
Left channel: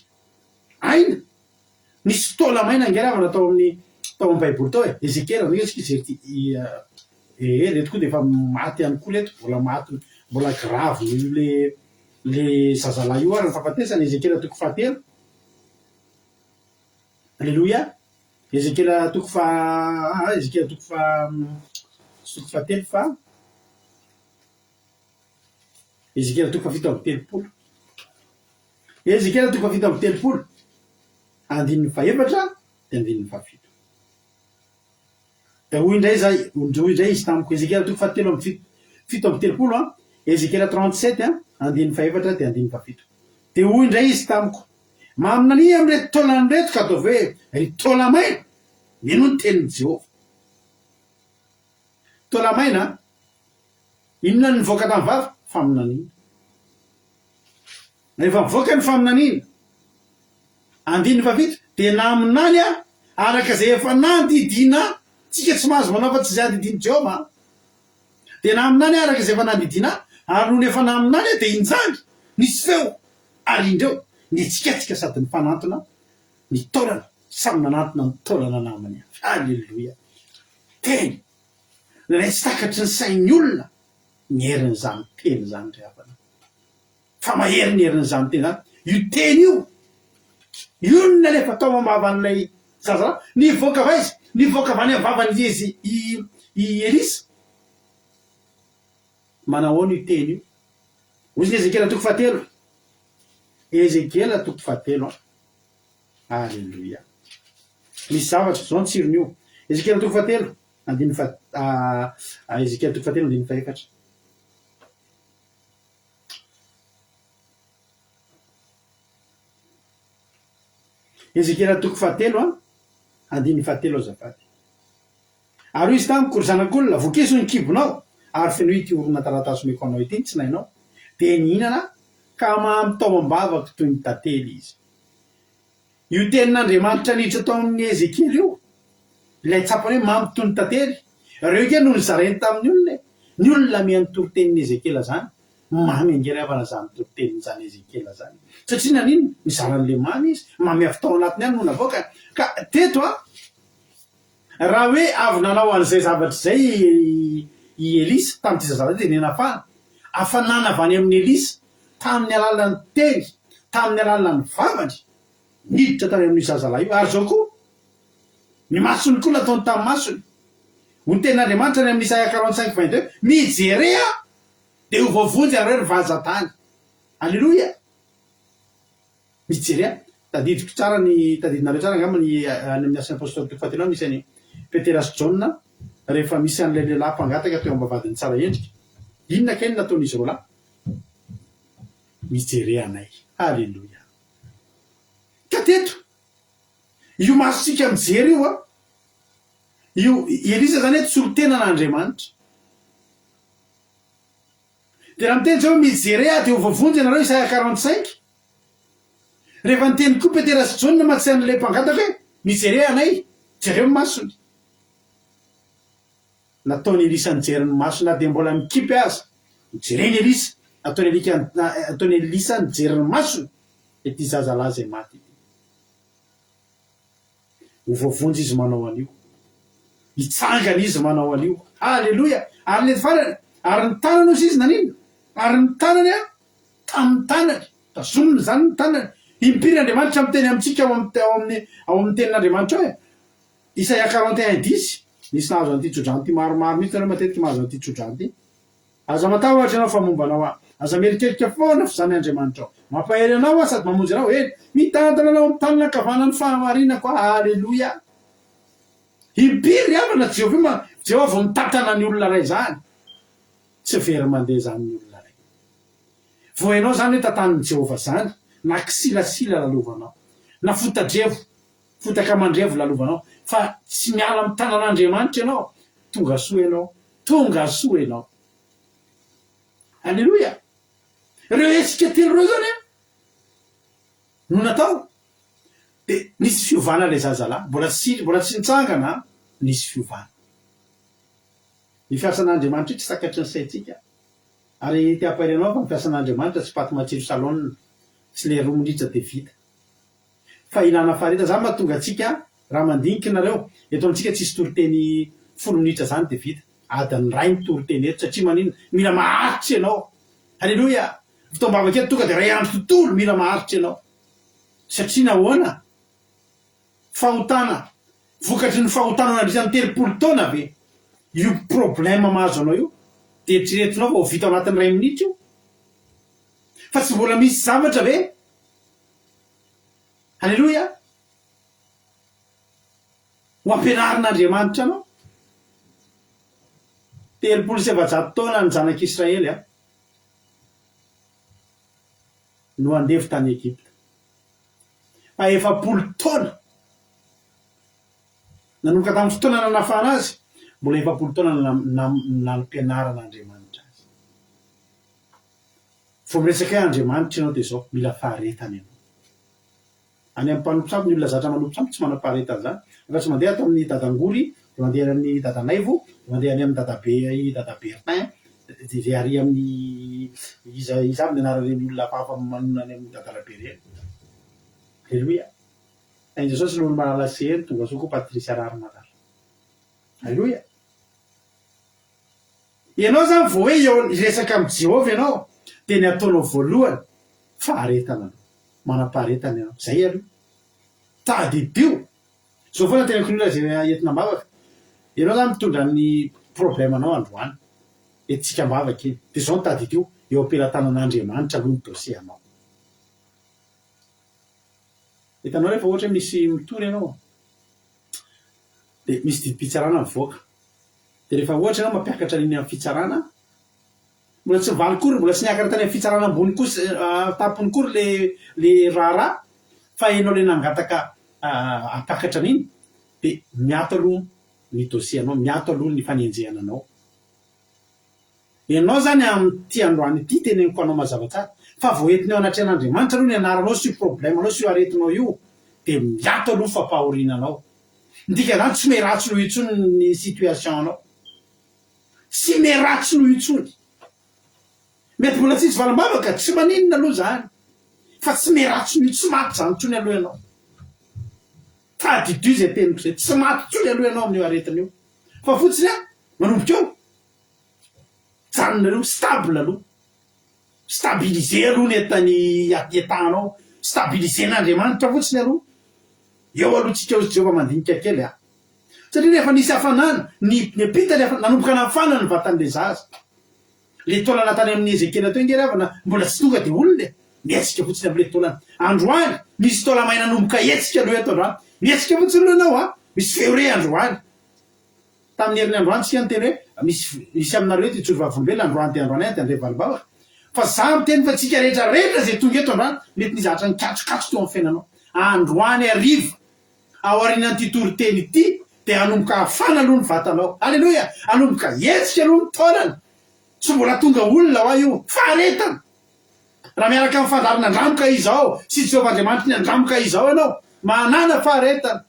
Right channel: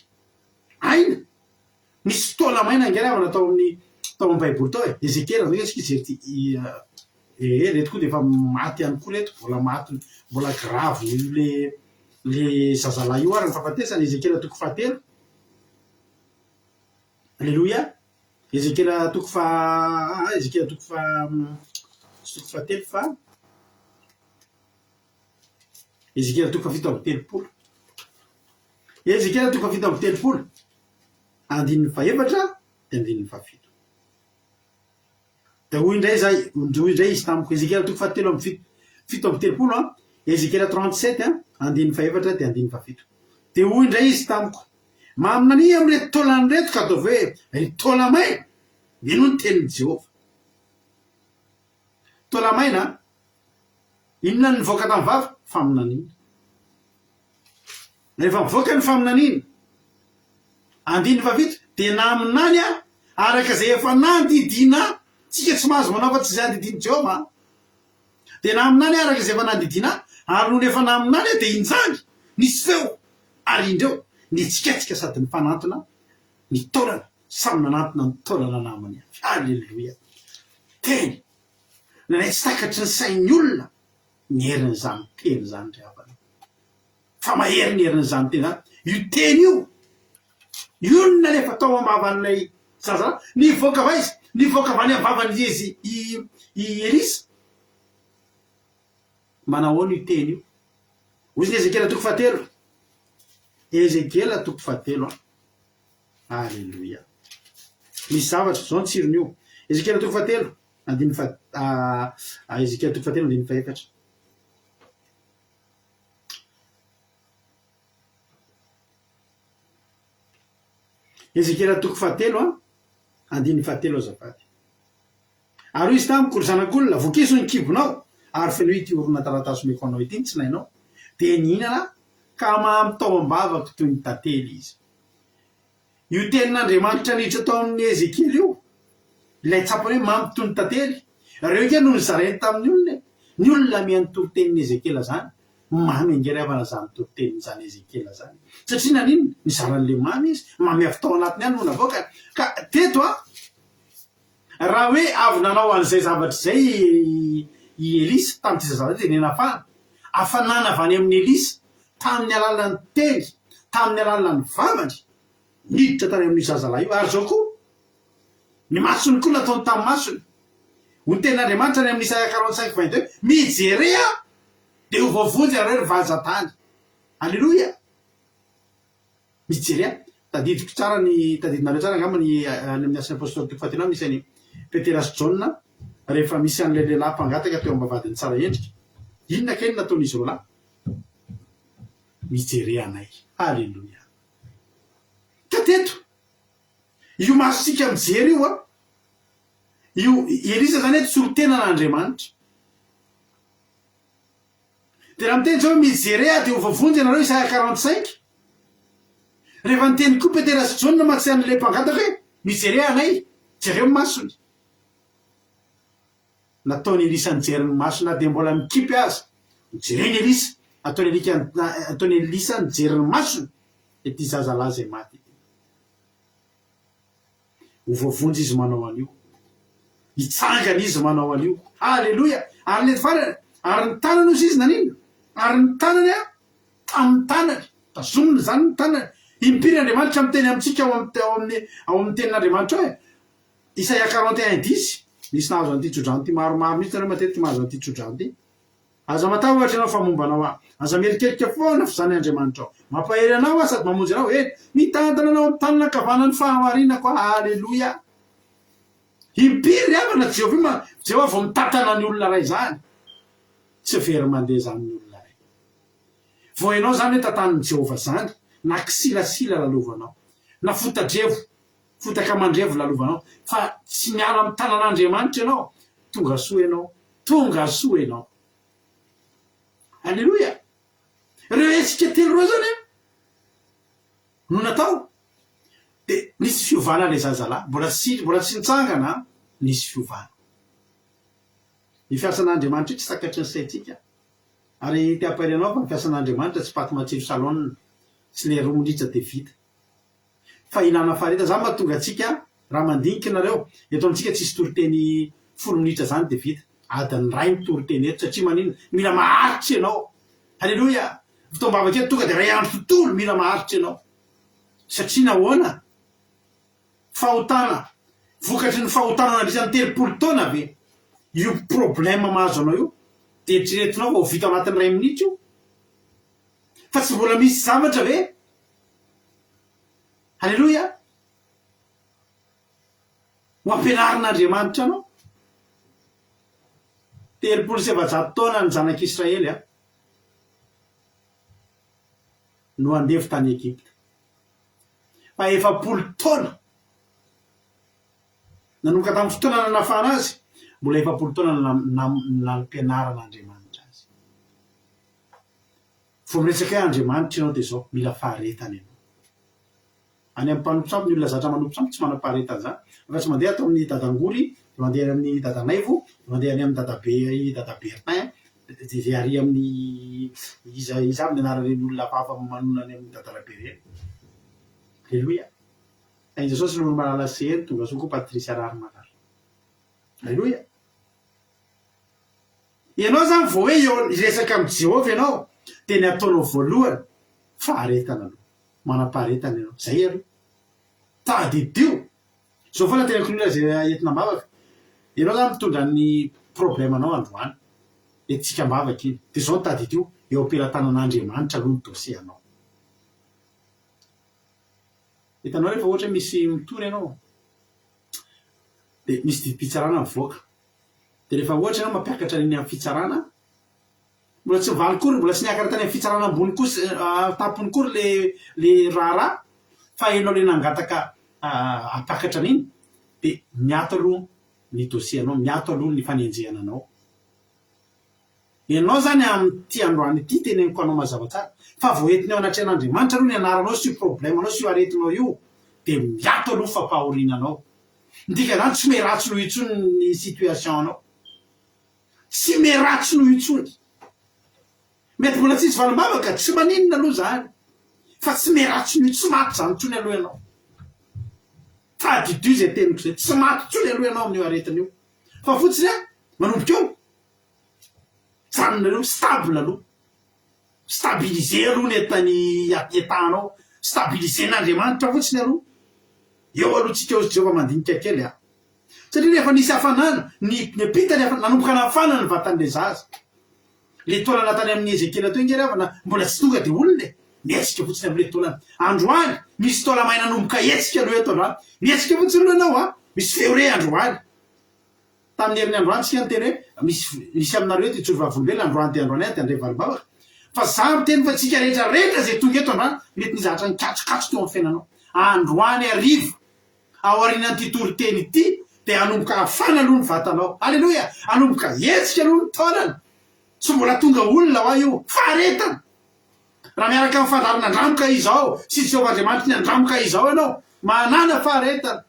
Aina. Nisy fotoana maina angeravana tao amin'ny Baiboly tao e. Ezekiel reto koa dia efa maty ihany koa reto, mbola maty, mbola grave le zazalahy io ary ny fahafatesany. Ezekiel 7. Alleluia. Ezekiel 7 fa Ezekiel 7 fa Ezekiel 7:30. Ezekiel 7:30 andininy 4 dia andininy 7. Da hoy indray izy tamiko Ezekiel 7:30 Ezekiel 37 andininy 4 dia andininy 7. Dia hoy indray izy tamiko maminany amin'irety taolany reto ka ataovy hoe ry taolamaina mino ny tenin'i Jehova. Taolamaina inona ny voaka tamin'ny vava? Faminaniana. Rehefa mivoaka ny faminaniana andininy 7 dia naminany araka izay efa nandidina tsika tsy mahazo manao fa tsy izay andidiny Jehova. Dia naminany araka izay efa nandidina ary noho ny efa naminany dia injangy nisy feo ary indreo nitsikatsika sady ny fanantona ny taolana samy nanantona ny taolana namany. Alleluia. Teny nanay tsy takatry ny sain'ny olona ny herin'izany teny zany ry havana. Fa mahery ny herin'izany teny zany. Io teny io no nalefa tao ambavan'ilay zaza nivoaka va izy, nivoaka avy any amin'ny vavany izy i Elisa. Manao io teny io. Hoy ny Ezekiel 7. Ezekiel 7. Alleluia. Misy zavatra zao ny tsiron'io. Ezekiel 7 andininy Ezekiel 7 andininy 4. Ezekiel 7 andininy 7 azafady. Ary izy tamiko ry zanak'olona vokeso ny kibonao ary feno ity orona taratasy meko anao ity tsy nainao dia nihinana ka mampitao ambavaka toy ny tantely izy. Io tenin'Andriamanitra niditra tao amin'ny Ezekely io, ilay tsapany hoe mampy toy ny tantely. Reo ke no nizarainy tamin'ny olona, ny olona miany toritenin'ny Ezekela zany, mamy angeravana zany toritenin' zany Ezekela zany. Satria nanino nizaran'le mamy izy, mamy avy tao anatiny any no navoaka. Ka teto raha hoe avy nanao an'izay zavatra zay i Elisa tamin'ity zazavavy dia nenafana, hafanana avy any amin'ny Elisa tamin'ny alalan'ny teny, tamin'ny alalan'ny vavany, niditra tany amin'ny zazalahy io. Ary zao koa ny masony koa nataony tamin'ny masony. Ho ny tenin'Andriamanitra ny amin'ny Isaia 45:22, mijery dia ho voavonjy areo vazatany. Alleloia. Mijery tadidiko tsara ny tadidinareo tsara angamba ny amin'ny asan'ny apôstôly toko fahatelo misy any Petera sy Jauna rehefa misy an'ilay lehilahy mpangataka teo ambavadiny tsara endrika. Inona keny nataon'izy roa lahy? Mijery anay. Alleloia. Ka teto io masontsika mijery io Elisa zany hoe tsorotena n'Andriamanitra. Dia raha miteny zao mijery dia ho voavonjy anareo Isaia 45. Rehefa niteny koa Petera sy Jauna matsy an'ilay mpangataka hoe mijery anay, jereo ny masony. Nataony Elisa nijery ny masona dia mbola mikipy aza. Jereny Elisa, ataony Elisa nijery ny masona ity zazalahy zay maty. Ho voavonjy izy manao an'io. Hitsangana izy manao an'io. Alleloia. Ary le farany, ary ny tanany izy nanino? Ary ny tanany tamin'ny tanany, tazomina zany ny tanany. Impiry Andriamanitra miteny amintsika ao amin'ny tenin'Andriamanitra hoe Isaia 41:10. Nisy nahazo an'ity tsodrano ty maromaro mihitsy nareo matetiky mahazo an'ity tsodrano ty. Aza matahotra anao fa mombanao aza merikerika foana fa zany Andriamanitra ao. Mampahery anao sady mamonjy anao mitantana anao amin'ny tanana ankavanany fahamarinako. Alleloia. Impiry avana Jehovah vao mitantana ny olona ray zany. Tsy very mandeha zany ny olona ray. Vao hainao zany hoe tantanin'i Jehovah zany, na kisilasila lalovanao, na fotaka mandrevo lalovanao, fa tsy miala amin'ny tanan'Andriamanitra ianao, tonga soa ianao. Alleloia. Reo etsika telo reo zany no natao. Dia nisy fiovana ilay zazalahy, mbola tsy nitsangana, nisy fiovana. Ny fiasan'Andriamanitra tsy takatry ny saintsika. Ary ty ampahirianao fa ny fiasan'Andriamanitra tsy paty matsiro salonina, tsy le 2 minitra dia vita. Fa ilana fareta zany mahatonga antsika raha mandinika nareo eto amintsika tsisy toriteny 10 minitra zany dia vita. Adiny ray mitoriteny eto satria manino mila maharitra ianao. Alleloia. Fitoambavaka eto tonga dia ray andro tontolo mila maharitra ianao. Satria nahoana? Fahotana. Vokatry ny fahotana nandritra ny 30 taona ve? Io problème mahazo anao io dia eritreretinao vao vita anatin'ny 2 minitra io. Fa tsy mbola misy zavatra ve? Alleloia. Ho ampianarin'Andriamanitra anao. 37 taona ny zanak'Israely no andevy tany Egypta. Fa 40 taona nanomboka tamin'ny fotoana nanafana azy, mbola 40 taona nampianaran'Andriamanitra azy. Vao miresaka hoe Andriamanitra ianao dia zao mila faharetana ianao. Any amin'ny mpanompo ny olona zatra manompo sampy tsy manam-paharetana zany. Fa tsy mandeha atao amin'ny dadangory, dia mandeha amin'ny dadanaivo, dia mandeha any amin'ny dadabertin, dia ary amin'ny iza aby ny anaran'ny olona hafahafa manonany amin'ny dadalabereny. Alleloia. Ainja sao sy lolo malala sery tonga soa koa Patricia Rary-Malala. Alleloia. Ianao zany vao hoe hiresaka amin'ny Jehovah ianao dia ny ataonao voalohany faharetana anao. Manam-paharetana ianao. Zay aloha. Tadidio. Zao foana tenako ny olona zay entina mavaka. Ianao zany mitondra ny problème anao androany. Etsika mavaka iny. Dia zao ny tadidio eo am-pelatanan'Andriamanitra aloha ny dosie anao. Hitanao rehefa ohatra misy mitory ianao dia misy didim-pitsarana mivoaka. Dia rehefa ohatra ianao mampiakatra iny amin'ny fitsarana, mbola tsy mivaly kory, mbola tsy niakatra tany amin'ny fitsarana ambony kosa tapony kory le raharaha, fa ianao le nangataka hampiakatra an'iny dia miato aloha ny dosie anao, miato aloha ny fanenjehana anao. Ianao zany amin'ity androany ity teneniko anao mazava tsara fa voentinao anatry an'Andriamanitra aloha ny anaranao sy problème anao sy aretinao io de miato aloha fampahorinanao ndika zany tsy meratsy noho itsony ny situation anao tsy meratsy noho itsony mety mbola tsisy valambavaka tsy maninona aloha zany fa tsy meratsy noho tsy maty zany tsony aloha ianao fa didio zay teniko zay tsy maty tsony aloha ianao amin'io aretin'io fa fotsiny a manomboka eo janonareo stable aloha stabiliser aloha ny etanao stabiliser n'Andriamanitra fotsiny aloha eo aloha tsika eo Jehova mandinika kely a satria rehefa nisy hafanana ny pitany nanomboka nafana ny vatan'le zaza le taolana tany amin'ny Ezekely atao ingery avana mbola tsy tonga de olona mietsika fotsiny am'le taolana androany misy taola may nanomboka etsika aloha eto androany mietsika fotsiny aloha ianao a misy feore androany tamin'ny herin'ny androany tsika nyteny hoe misy aminareo eto itsolo vavolombelona androany te androany any te andre valobavaka fa za miteny fa tsika rehetrarehetra zay tonga eto androany mety nizatra ny katsokatso teo amin'ny fiainanao androany ariva ao arinan'ity toriteny ity de anomboka hafana aloha ny vatanao alleloia anomboka etsika aloha ny taolana tsy mbola tonga olona ho a io faharetana raha miaraka amin'ny fandarina andramoka izao sy Jehova Andriamanitra ny andramoka izao ianao manana faharetana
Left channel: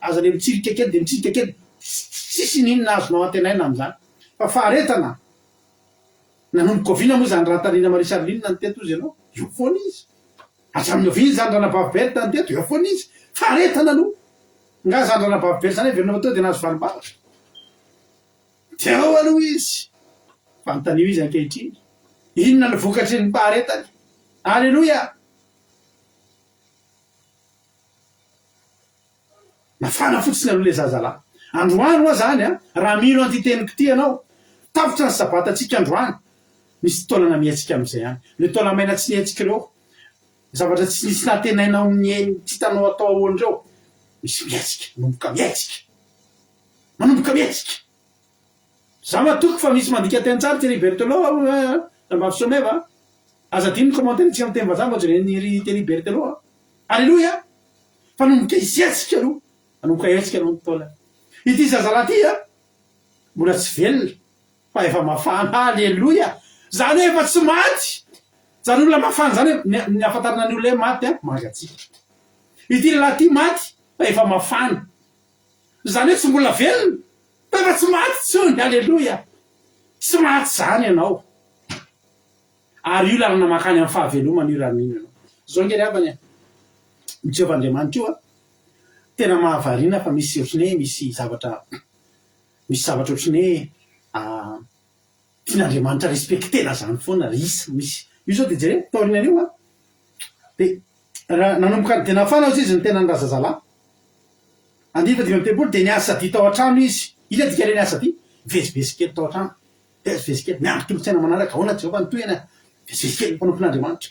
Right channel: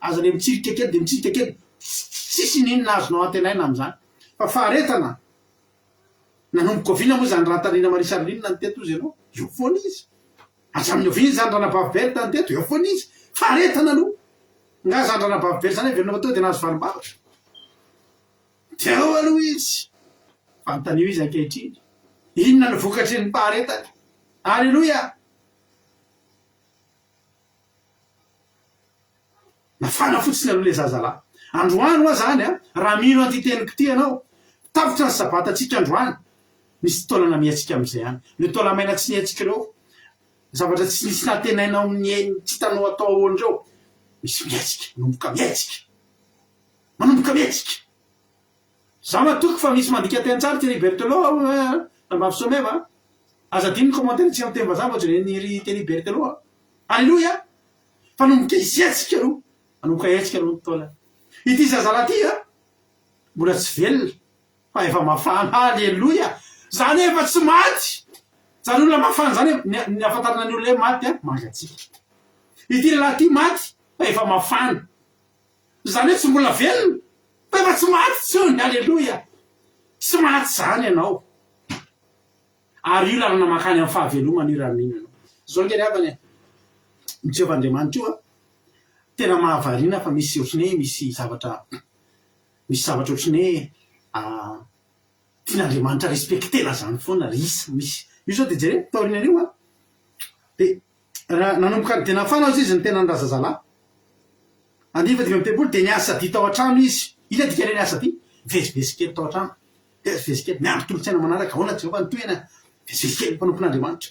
aza le mitsirika kely de mitsirika kely tsisy ninona azonao antenaina am'izany fa faharetana nanomboka oviana moa zany rantarina marisarinina ny teto izy ianao eo foana izy atramin'ny oviana zany ranabavibelta ny teto eo foana izy faharetana aloha nga zany ranabavibely zany velona atao de nahazo valibavatra de ao aloha izy fanotanio izy ankehitriny inona ny vokatry ny faharetany alleloia nafana fotsiny aloha le zazalahy androany oa zany a raha mino anty teniko ty ianao tafitra ny sabatatsika androany misy taolana mietsika am'izay any le taola maina tsy nietsika reo zavatra tsy nisy natenainao ny tsy hitanao atao ahoan'ireo misy mietsika manomboka mietsika za matoky fa misy mandika teny tsara teny bertelo nambavysomeva aza diny commentaire tsika miteny vazaha ohatrany teny bertelo alleloia fa nomboka izetsika aloha manomboka etsika aloha ny taolana ity zazalahy ty a mbola tsy velona fa efa mafana alleloia zany efa tsy maty zany olona mafana zany ny afantarana ny olona hoe maty a mangatsika ity lelahy ty maty fa efa mafana zany hoe tsy mbola velona fa efa tsy maty tsony alleloia tsy maty zany ianao ary io lalana makany amin'ny fahavelomana io raha mino ianao zao ngely avany Jehova Andriamanitra io a tena mahavarina fa misy ohatriny hoe misy zavatra ohatriny hoe tian'Andriamanitra respektena zany foana risa misy io zao de jere taorinan'io a de raha nanomboka de nafana ozy izy ny tena ny razazalahy andiny dimy am'tepolo de niasa sady tao an-trano izy ila dikale niasa ty vezivezikely tao an-trano vezivezikely miandro tolotsaina manaraka ahoana Jehova nytoena vezivezikely mpanompon'Andriamanitra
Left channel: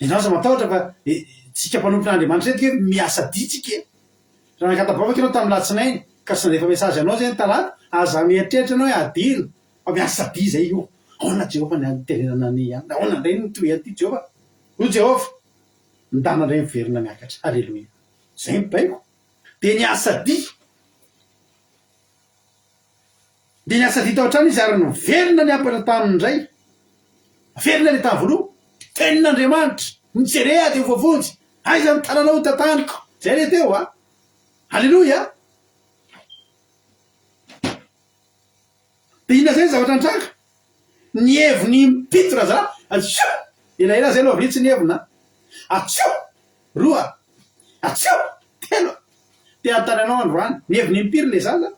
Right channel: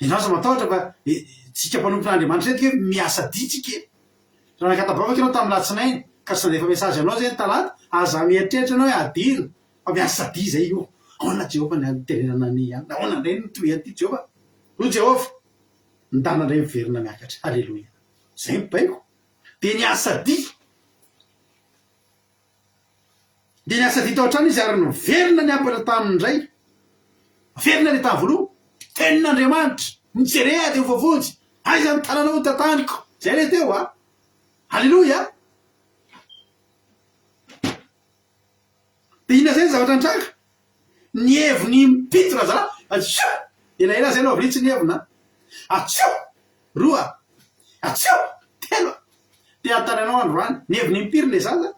ianao za matahotra fa tsika mpanompon'Andriamanitra retika hoe miasa ditsika raha nakatabavaka ianao tamin'ny latsinainy ka tsy nandefa mesazy anao zay ny talata aza mieritreritra anao hoe adino fa miasa sady zay io ahoana Jehova ny aterenana ny any ahoana ndray nytoy an'ity Jehova ho Jehova ndana ndray miverina miakatra alleloia zay mibaiko de niasa di tao an-trano izy ary niverina ny apatra tamin'indray verina le tany voaloha tenin'Andriamanitra mijerea de vovonjy aiza ny tananao tataniko zay le teo a alleloia de inona zay ny zavatra nitraka ny heviny mipito razalahy atsio elaela zay aloha avritsy ny hevina atsio roa atsio telo te antananao androany ny heviny mpiry le zaza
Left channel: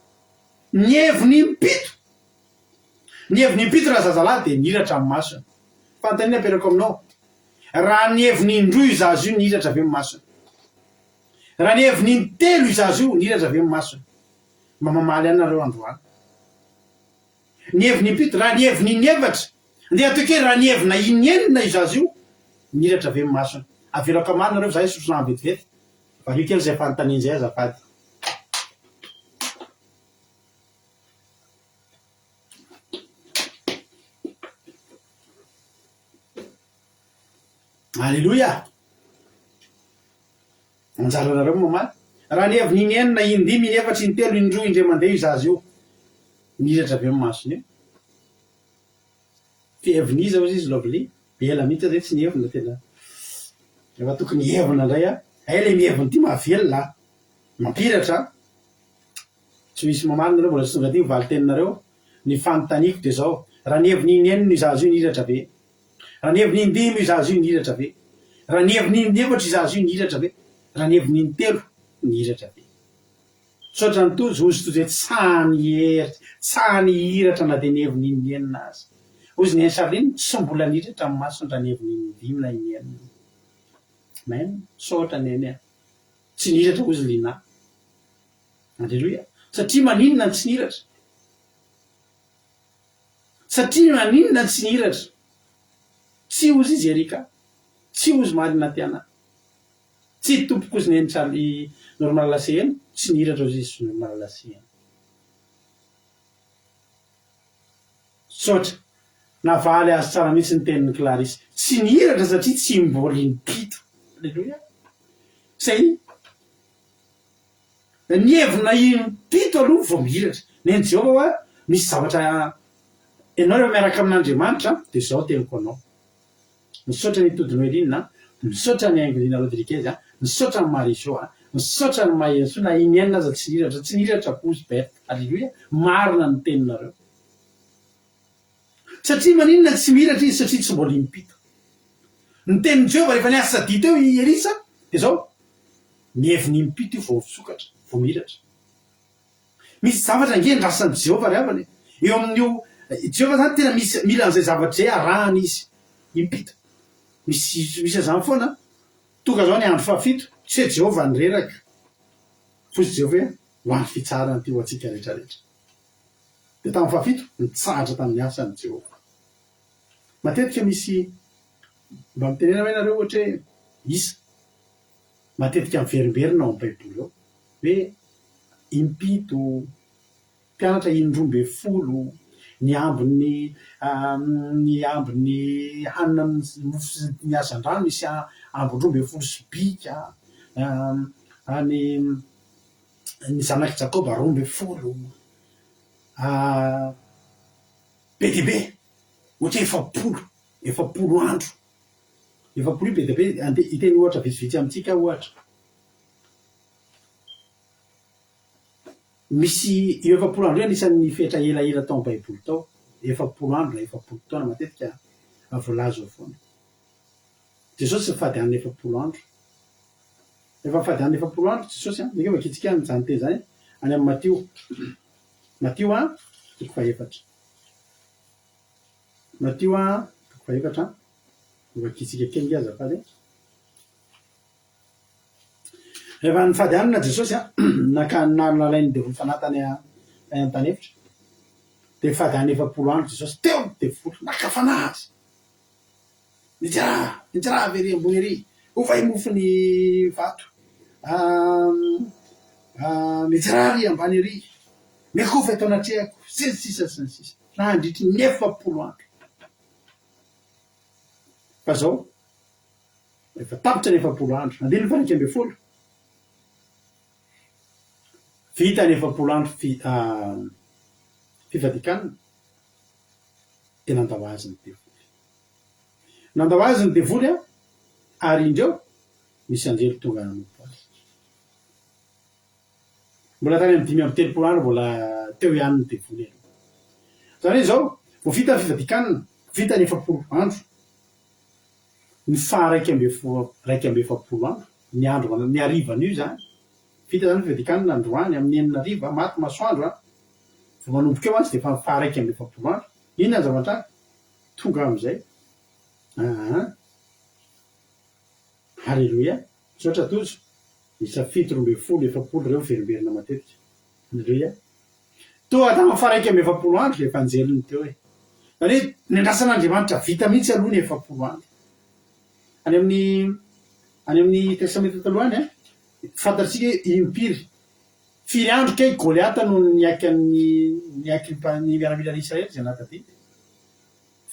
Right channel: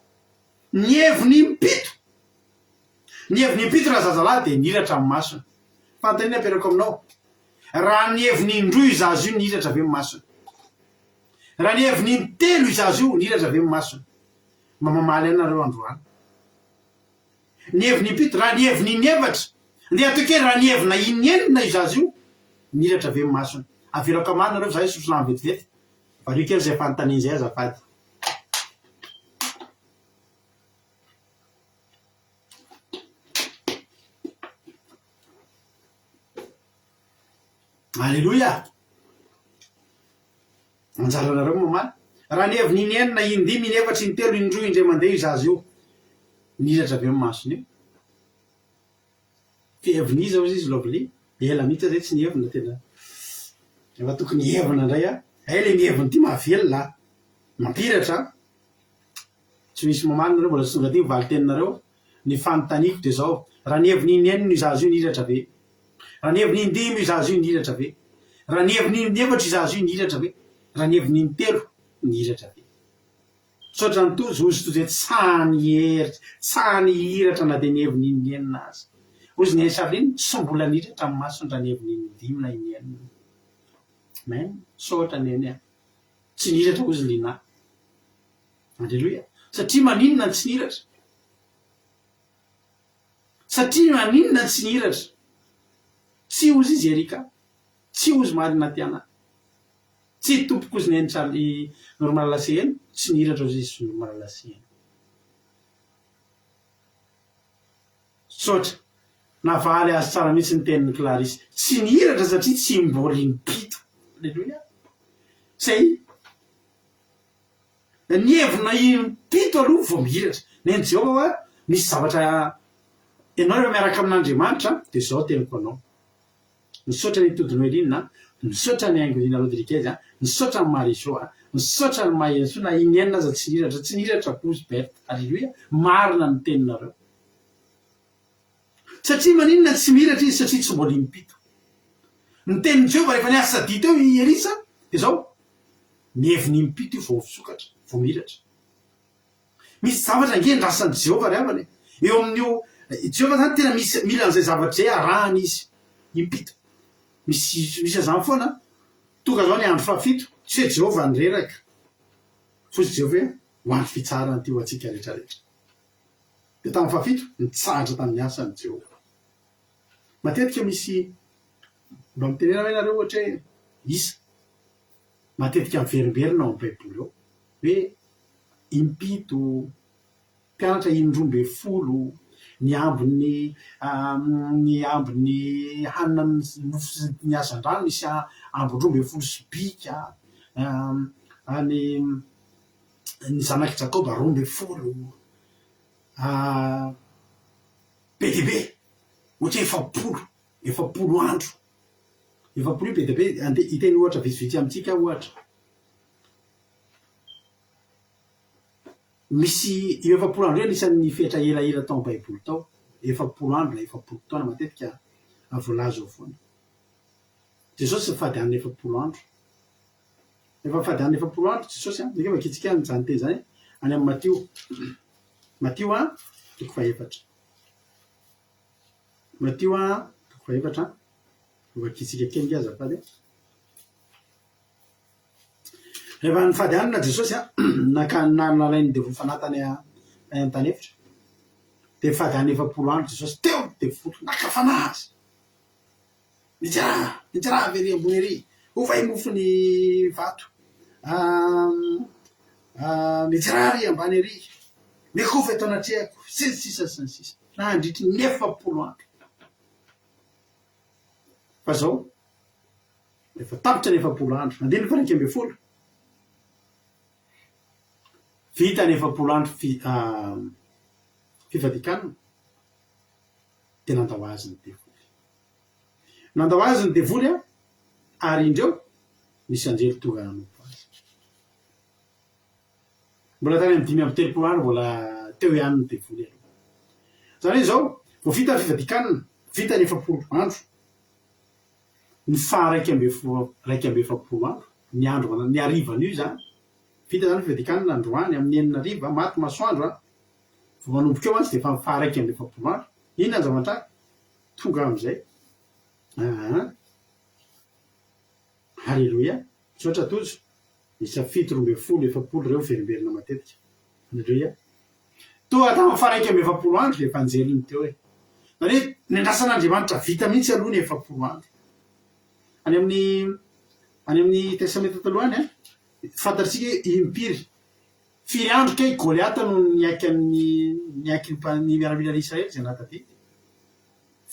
ny heviny mipito raha zazalahy de niratra amin'ny masony fantanina aperako aminao raha ny heviny indroa izazy io niratra avy amin'ny masony raha ny heviny telo izazy io niratra avy amin'ny masony mba mamaly anareo androany ny heviny mpito raha ny heviny inevatra nde atoke raha ny hevina inenina izazy io niratra avy amin'ny masony avelako amany nareo zahay sosona vetivety vario kely zay fanontaniany zay azafady alleloia anjaranareo mamaly raha ny heviny inenina indimy inefatra intelo indroa indray mandeha izazy io niratra avy amin'ny masony io fiheviny iza ozy izy lovely ela mihitsy zay tsy nievina tena efa tokony hevina indray le mievina ty mahavelona mampiratra tsy misy mamarina reo mbola tsy tonga ty mivaly teninareo ny fanontaniako de zao raha nieviny inenina izazo io nihiratra ve raha nieviny indimy izazo io nihiratra ve raha nieviny inefatra izazo io nihiratra ve raha nieviny intelo nihiratra ve sotra ny tozy ozy tozy tsany hery tsany hiratra na de nieviny inenina azy ozy ny Charline tsy mbola nihiratra amin'ny masony raha nieviny indimy na inenina men sotra neny tsy nihiratra ozy lina alleloia satria maninona tsy nihiratra satria maninona tsy nihiratra tsy ozy izy erika tsy ozy marina tiana tsy tompoko ozy neny Charlie normal lasena tsy nihiratra ozy izy normal lasena sotra navaly azy tsara mihitsy ny tenin'ny Clarisse tsy nihiratra satria tsy mbola impito alleloia zay nievina impito aloha vao mihiratra neny Jehova hoa misy zavatra ianao rehefa miaraka amin'Andriamanitra de zao teniko anao misaotra ny Todinoelinina misaotra ny Angelina Rodriguez misaotra ny Marijo misaotra ny Mayenso na inenina aza tsy nihiratra pozy bert alleloia marina ny teninareo satria maninona tsy mihiratra izy satria tsy mbola impito ny tenin'i Jehova rehefa niasa dito eo Elisa de zao mieviny impito io vao fisokatra vao mihiratra misy zavatra ngendrasan'i Jehova ry havany eo amin'io Jehova zany tena mila an'izay zavatra zay arahany izy impito misy azany foana tonga zao ny andro fahafito tsy Jehova nyreraka fosy Jehova ho an'ny fitsarany ty ho atsika rehetrarehetra de tamin'ny fahafito nitsahatra tamin'ny asany Jehova matetika misy mba mitenena hoe nareo ohatra hoe isa matetika miverimberina ao amin'ny baiboly ao hoe impito mpianatra indroambe folo ny ambony hanina ny azan-drano misy ambondroambe folo sy bika ny zanaky Jakoba roambe folo be de be ohatra efapolo andro efapolo be de be iteny ohatra vitsivitsy amintsika ohatra misy efapolo andro io anisan'ny fetra elaela tao amin'ny baiboly tao efapolo andro na efapolo taona matetika voalazo ao foana Jesosy fady an'ny efapolo andro efa fady an'ny efapolo andro Jesosy mika makitsika nyzany teny zany any amin'ny Matio toko faefatra Matio toko faefatra vakitsika kely azafady rehefa nifady anina Jesosy nalainy devoly fanatany an-tany efitra de fady an'ny efapolo andro Jesosy teo devoly nakafana azy mijara very ambony ery ovay mofony vato mijara ry ambany ery mekova eto anatrehako sy ny sisa na andritry ny efapolo andro fa zao efa tapitra ny efapolo andro andiny faraika ambe folo vita ny efapolo andro fifadikanana de nandao azy ny devoly ary indreo misy anjely tonga nanompo azy mbola tany amin'ny 5 amby 3 andro mbola teo ihany ny devoly aloha zany hoe zao vo vita ny fifadikanana vita ny efapolo andro ny raika ambe efapolo andro ny andro ny arivan'io zany vita zany fifadikanana androany amin'ny 9 ariva maty masoandro vo manomboka eo azy de fa raika ambe efapolo andro inona ny zavatra tonga am'izay halleloia sotra tojo isa 7 efapolo reo verimberina matetika halleloia toa tamin'ny raika ambe efapolo andro le efanjeliny teo zany hoe ny andrasan'Andriamanitra vita mihitsy aloha ny efapolo andro any amin'ny testamenta taloany fantatsika impiry firy andro kay Goliata no niaky ny miaramila n'Israely zay natadidy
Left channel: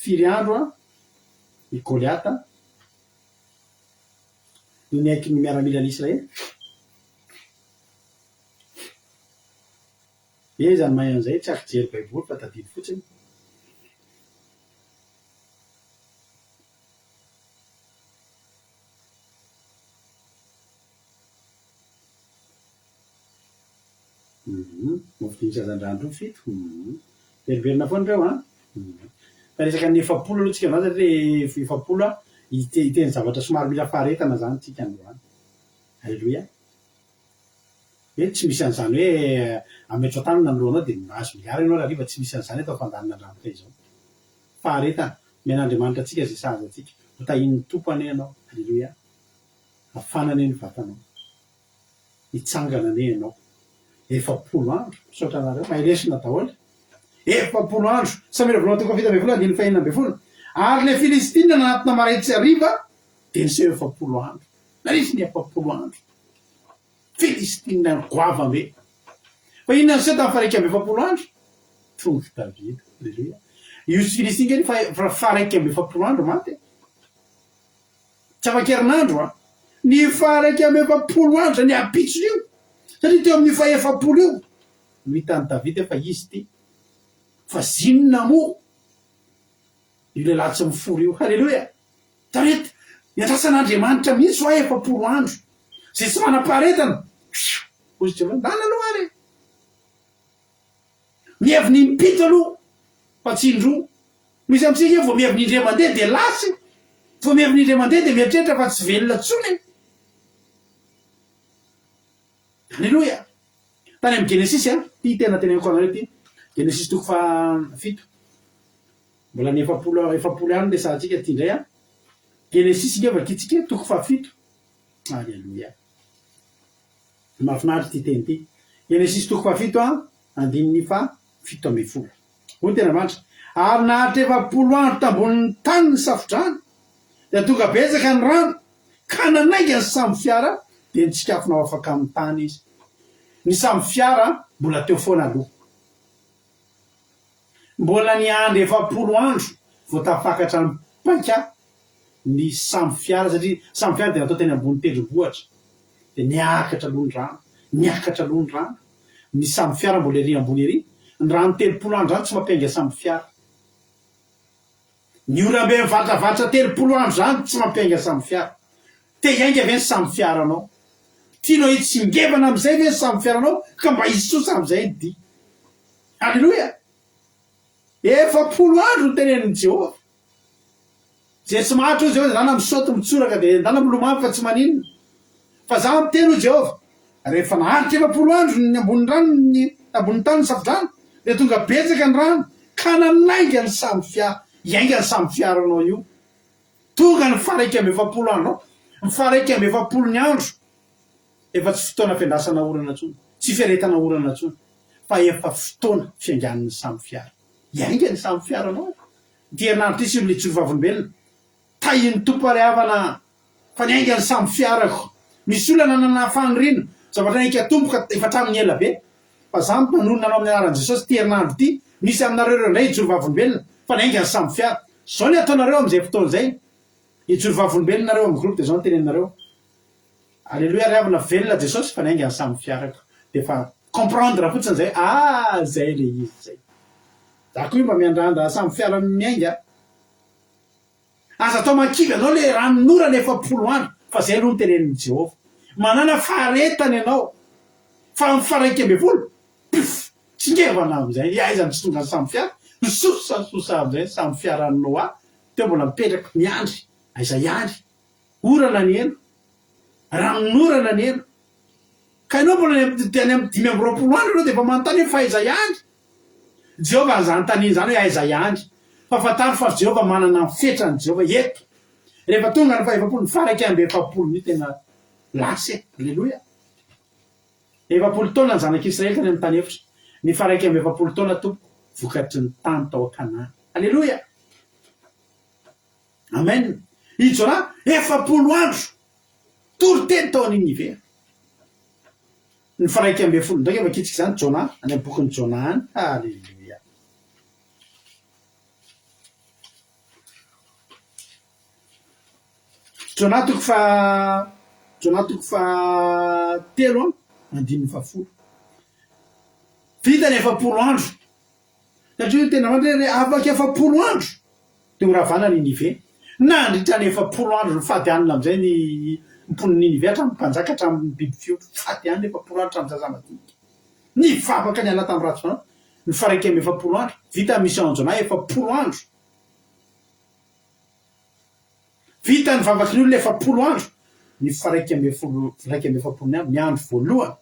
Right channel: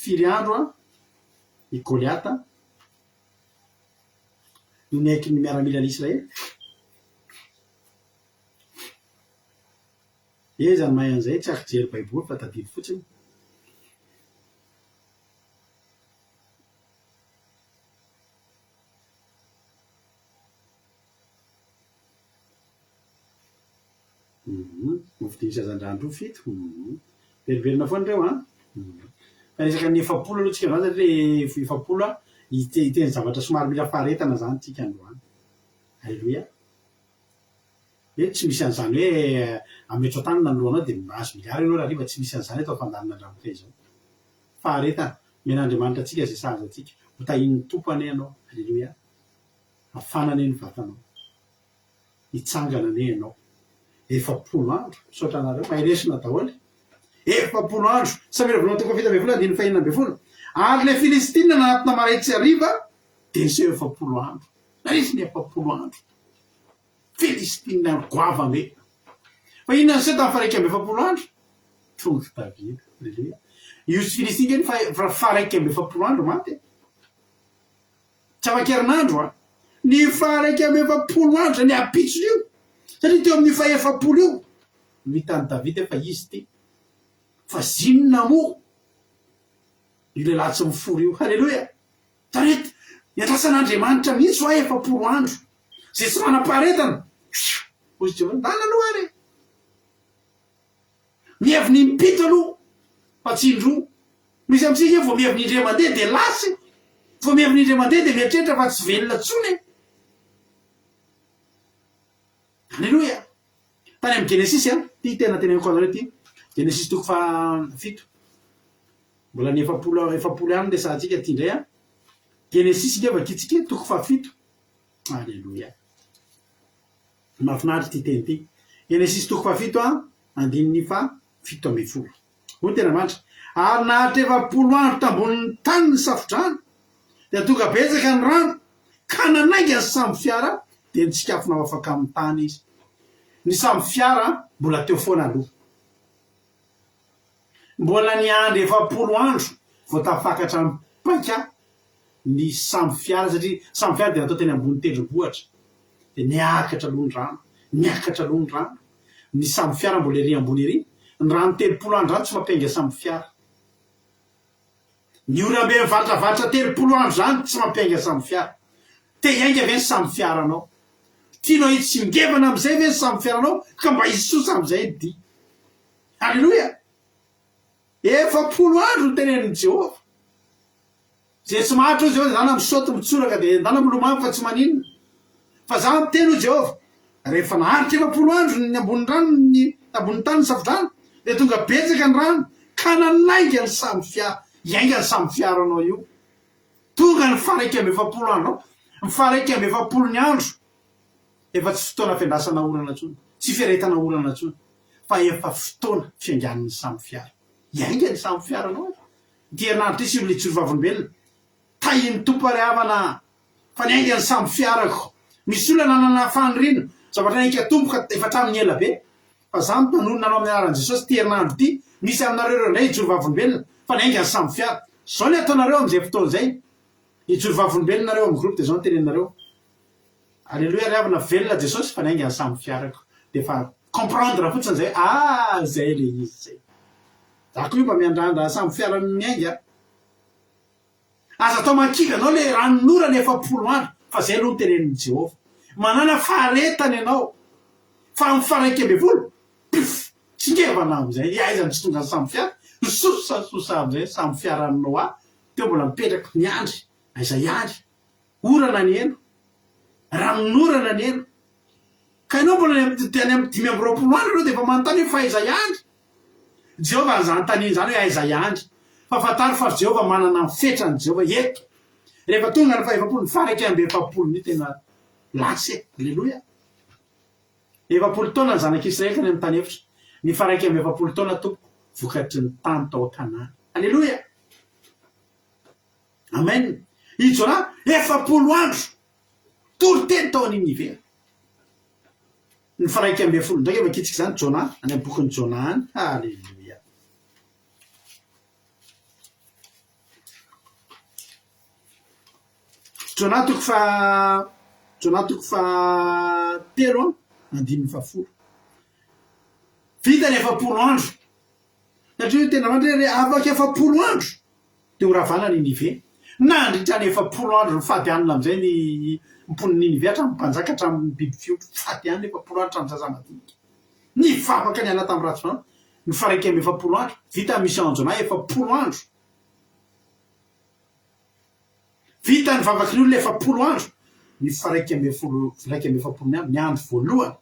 firy andro ny Goliata no niaky ny miaramila n'Israely zany mahay an'izay tsy afaka jery baiboly fa tadidy fotsiny zany hoe Goliata no niaky ny miaramila n'Israely zay natadidy firy andro ny Goliata no niaky ny miaramila n'Israely firy andro ny Goliata no niaky ny miaramila n'Israely firy andro ny Goliata no niaky ny miaramila n'Israely zay natadidy fotsiny mofidiny sazandrandro fito veriverina foana reo a fa resaka ny efapolo aloha tsika amin'azy satria efapolo a iteny zavatra somary mila faharetana zany tsika androany. Alleloia. Tsy misy an'izany hoe ametro an-tanana nylohanao dia azo miliary ianao raha riva tsy misy an'izany atao fandanina andramoka izao. Faharetana men'Andriamanitra atsika zay sahaza atsika ho tahin'ny tompony ianao. Alleloia. Afanana ny vatanao, hitsangana ane ianao. Efapolo andro misaotra anareo mahiresina daholo. Efapolo andro samira volanao toko fito ambin'ny folo andiny fahinana ambin'ny folo ary le Filistina nanatina maraitsy ariva dia niseho efapolo andro. Narisy ny efapolo andro Filistina goavame. Fa inona no seho tamin'ny faraiky amby efapolo andro? Tonga Davida. Alleluia. Io sy Filistina ny faraiky amby efapolo andro maty. Tsy afa-kerinandro a. Ny faraiky amby efapolo andro ny apitsony io. Satria teo amin'ny faefapolo io no hitan'ny Davida fa izy ty fa zinona mo io lehilahy tsy mifory io. Halleloia. Tarety iantrasan'Andriamanitra mihitsy ho efapolo andro zay tsy manam-paharetana ozy Jehova ndana aloha ary mieviny mipito aloha fa tsy indroa. Misy amintsika vao mieviny indray mandeha dia lasy, vao mieviny indray mandeha dia mieritreritra fa tsy velona tsony. Alleluia. Tany amin'ny Genesis ty tena teneniko anareo ty Genesis toko fito mbola ny efapolo andro resahantsika ty indray Genesis ngefa kitsika toko fafito. Alleluia. Mahafinaritra ty teny ty Genesis toko fafito andininy fito ambin'ny folo. Hoy tena mantra ary nahatra efapolo andro tambonin'ny tany ny safodrano dia tonga betsaka ny rano ka nanainga ny samby fiara dia nitsikafonao afaka amin'ny tany izy. Ny samby fiara mbola teo foana aloha. Mbola ny andro efapolo andro vao tafakatra ny paika ny samby fiara satria samby fiara dia natao teny ambony tendrombohitra dia niakatra aloha ny rano, niakatra aloha ny rano. Ny samby fiara mbola ery ambony ery. Ny rano telopolo andro zany tsy mampiainga samby fiara. Ny orambe mivatravatra telopolo andro zany tsy mampiainga samby fiara. Te iainga ve ny samby fiaranao? Tianao hitsingevana amin'izay ve ny samby fiaranao ka mba hisosa amin'izay ny dia. Alleluia. Efapolo andro no tenenin'i Jehova. Zay tsy mahatro io Jehova zany misaoty mitsoraka dia ndana milomano fa tsy maninona. Fa za miteny Jehova rehefa naharitra efapolo andro ny ambony rano ny ambony tany ny safodrano dia tonga betsaka ny rano ka nanainga ny samby fiara. Iainga ny samby fiaranao io. Tonga ny faraiky amby efapolo andro. Ny faraiky amby efapolo ny andro efa tsy fotoana fiandrasana orana intsony, tsy fiaretana orana intsony, fa efa fotoana fiangan'ny samby fiara. Iainga ny samby fiaranao. Ty herinandro ty sy le tsorovavolombelona tahin'ny tompo ary havana fa niainga ny samby fiarako. Misy olona nanana fanirina zavatra naika tompoka efa hatramin'ny ela be. Fa za manonona anao amin'ny anaran'i Jesosy ty herinandro ty misy aminareo ireo indray tsorovavolombelona fa niainga ny samby fiara. Zao ny ataonareo amin'izay fotoana izay. Itsorovavolombelona nareo amin'ny groupe dia zao ny teneninareo. Alleluia. Ry havana velona Jesosy fa niainga ny samby fiarako. Dia fa comprendre fotsiny zay. Zay le izy zay. Zako io mba miandrandra samby fiara miainga. Aza atao mankivy anao le ranon'orana efapolo andro fa zay aloha ny tenenin'i Jehova. Manana faharetana ianao fa ny faraiky amby folo tsingevana amin'izay aiza ny tsy tonga ny samby fiara misosa amin'izay samby fiaranao teo mbola mipetraka miandry aiza iandry orana ny eno ranon'orana ny eno ka ianao mbola teny amin'ny 5 amby roapolo andro anao dia efa manontany hoe fa aiza iandry. Jehova an'izany tany zany hoe aiza iandry fa fantaro fa Jehova manana mifetrany Jehova eto. Rehefa tonga ny faefapolo ny faraiky amby efapolo ny tena lasy. Alleluia. Efapolo taona ny zanak'Israely tany amin'ny tany efitra. Ny faraiky amby efapolo taona tompo vokatry ny tany tao Kanana. Alleluia. Amen. Ijona efapolo andro tory teny tao an'Ninive. Ny faraiky amby folo ndraiky efa kitsika zany Jona any amin'ny bokin'ny Jona any. Alleluia. Jona toko fa telo andininy fafolo. Vita ny efapolo andro. Satria tena mandray afaka efapolo andro dia ho ravana Ninive. Nandritra ny efapolo andro ny fady anina amin'izay ny mpon'ny Ninive hatramin'ny mpanjaka hatramin'ny biby fiotra. Fady anina efapolo andro hatramin'ny zaza madinika. ny vavaka ny ana tamin'ny ratsy fanao ny faraiky amy 4 andro vita misy anjonay 4 andro vita ny vavaky ny olona 4 andro ny faraiky amy 4 ny andro ny andro voalohany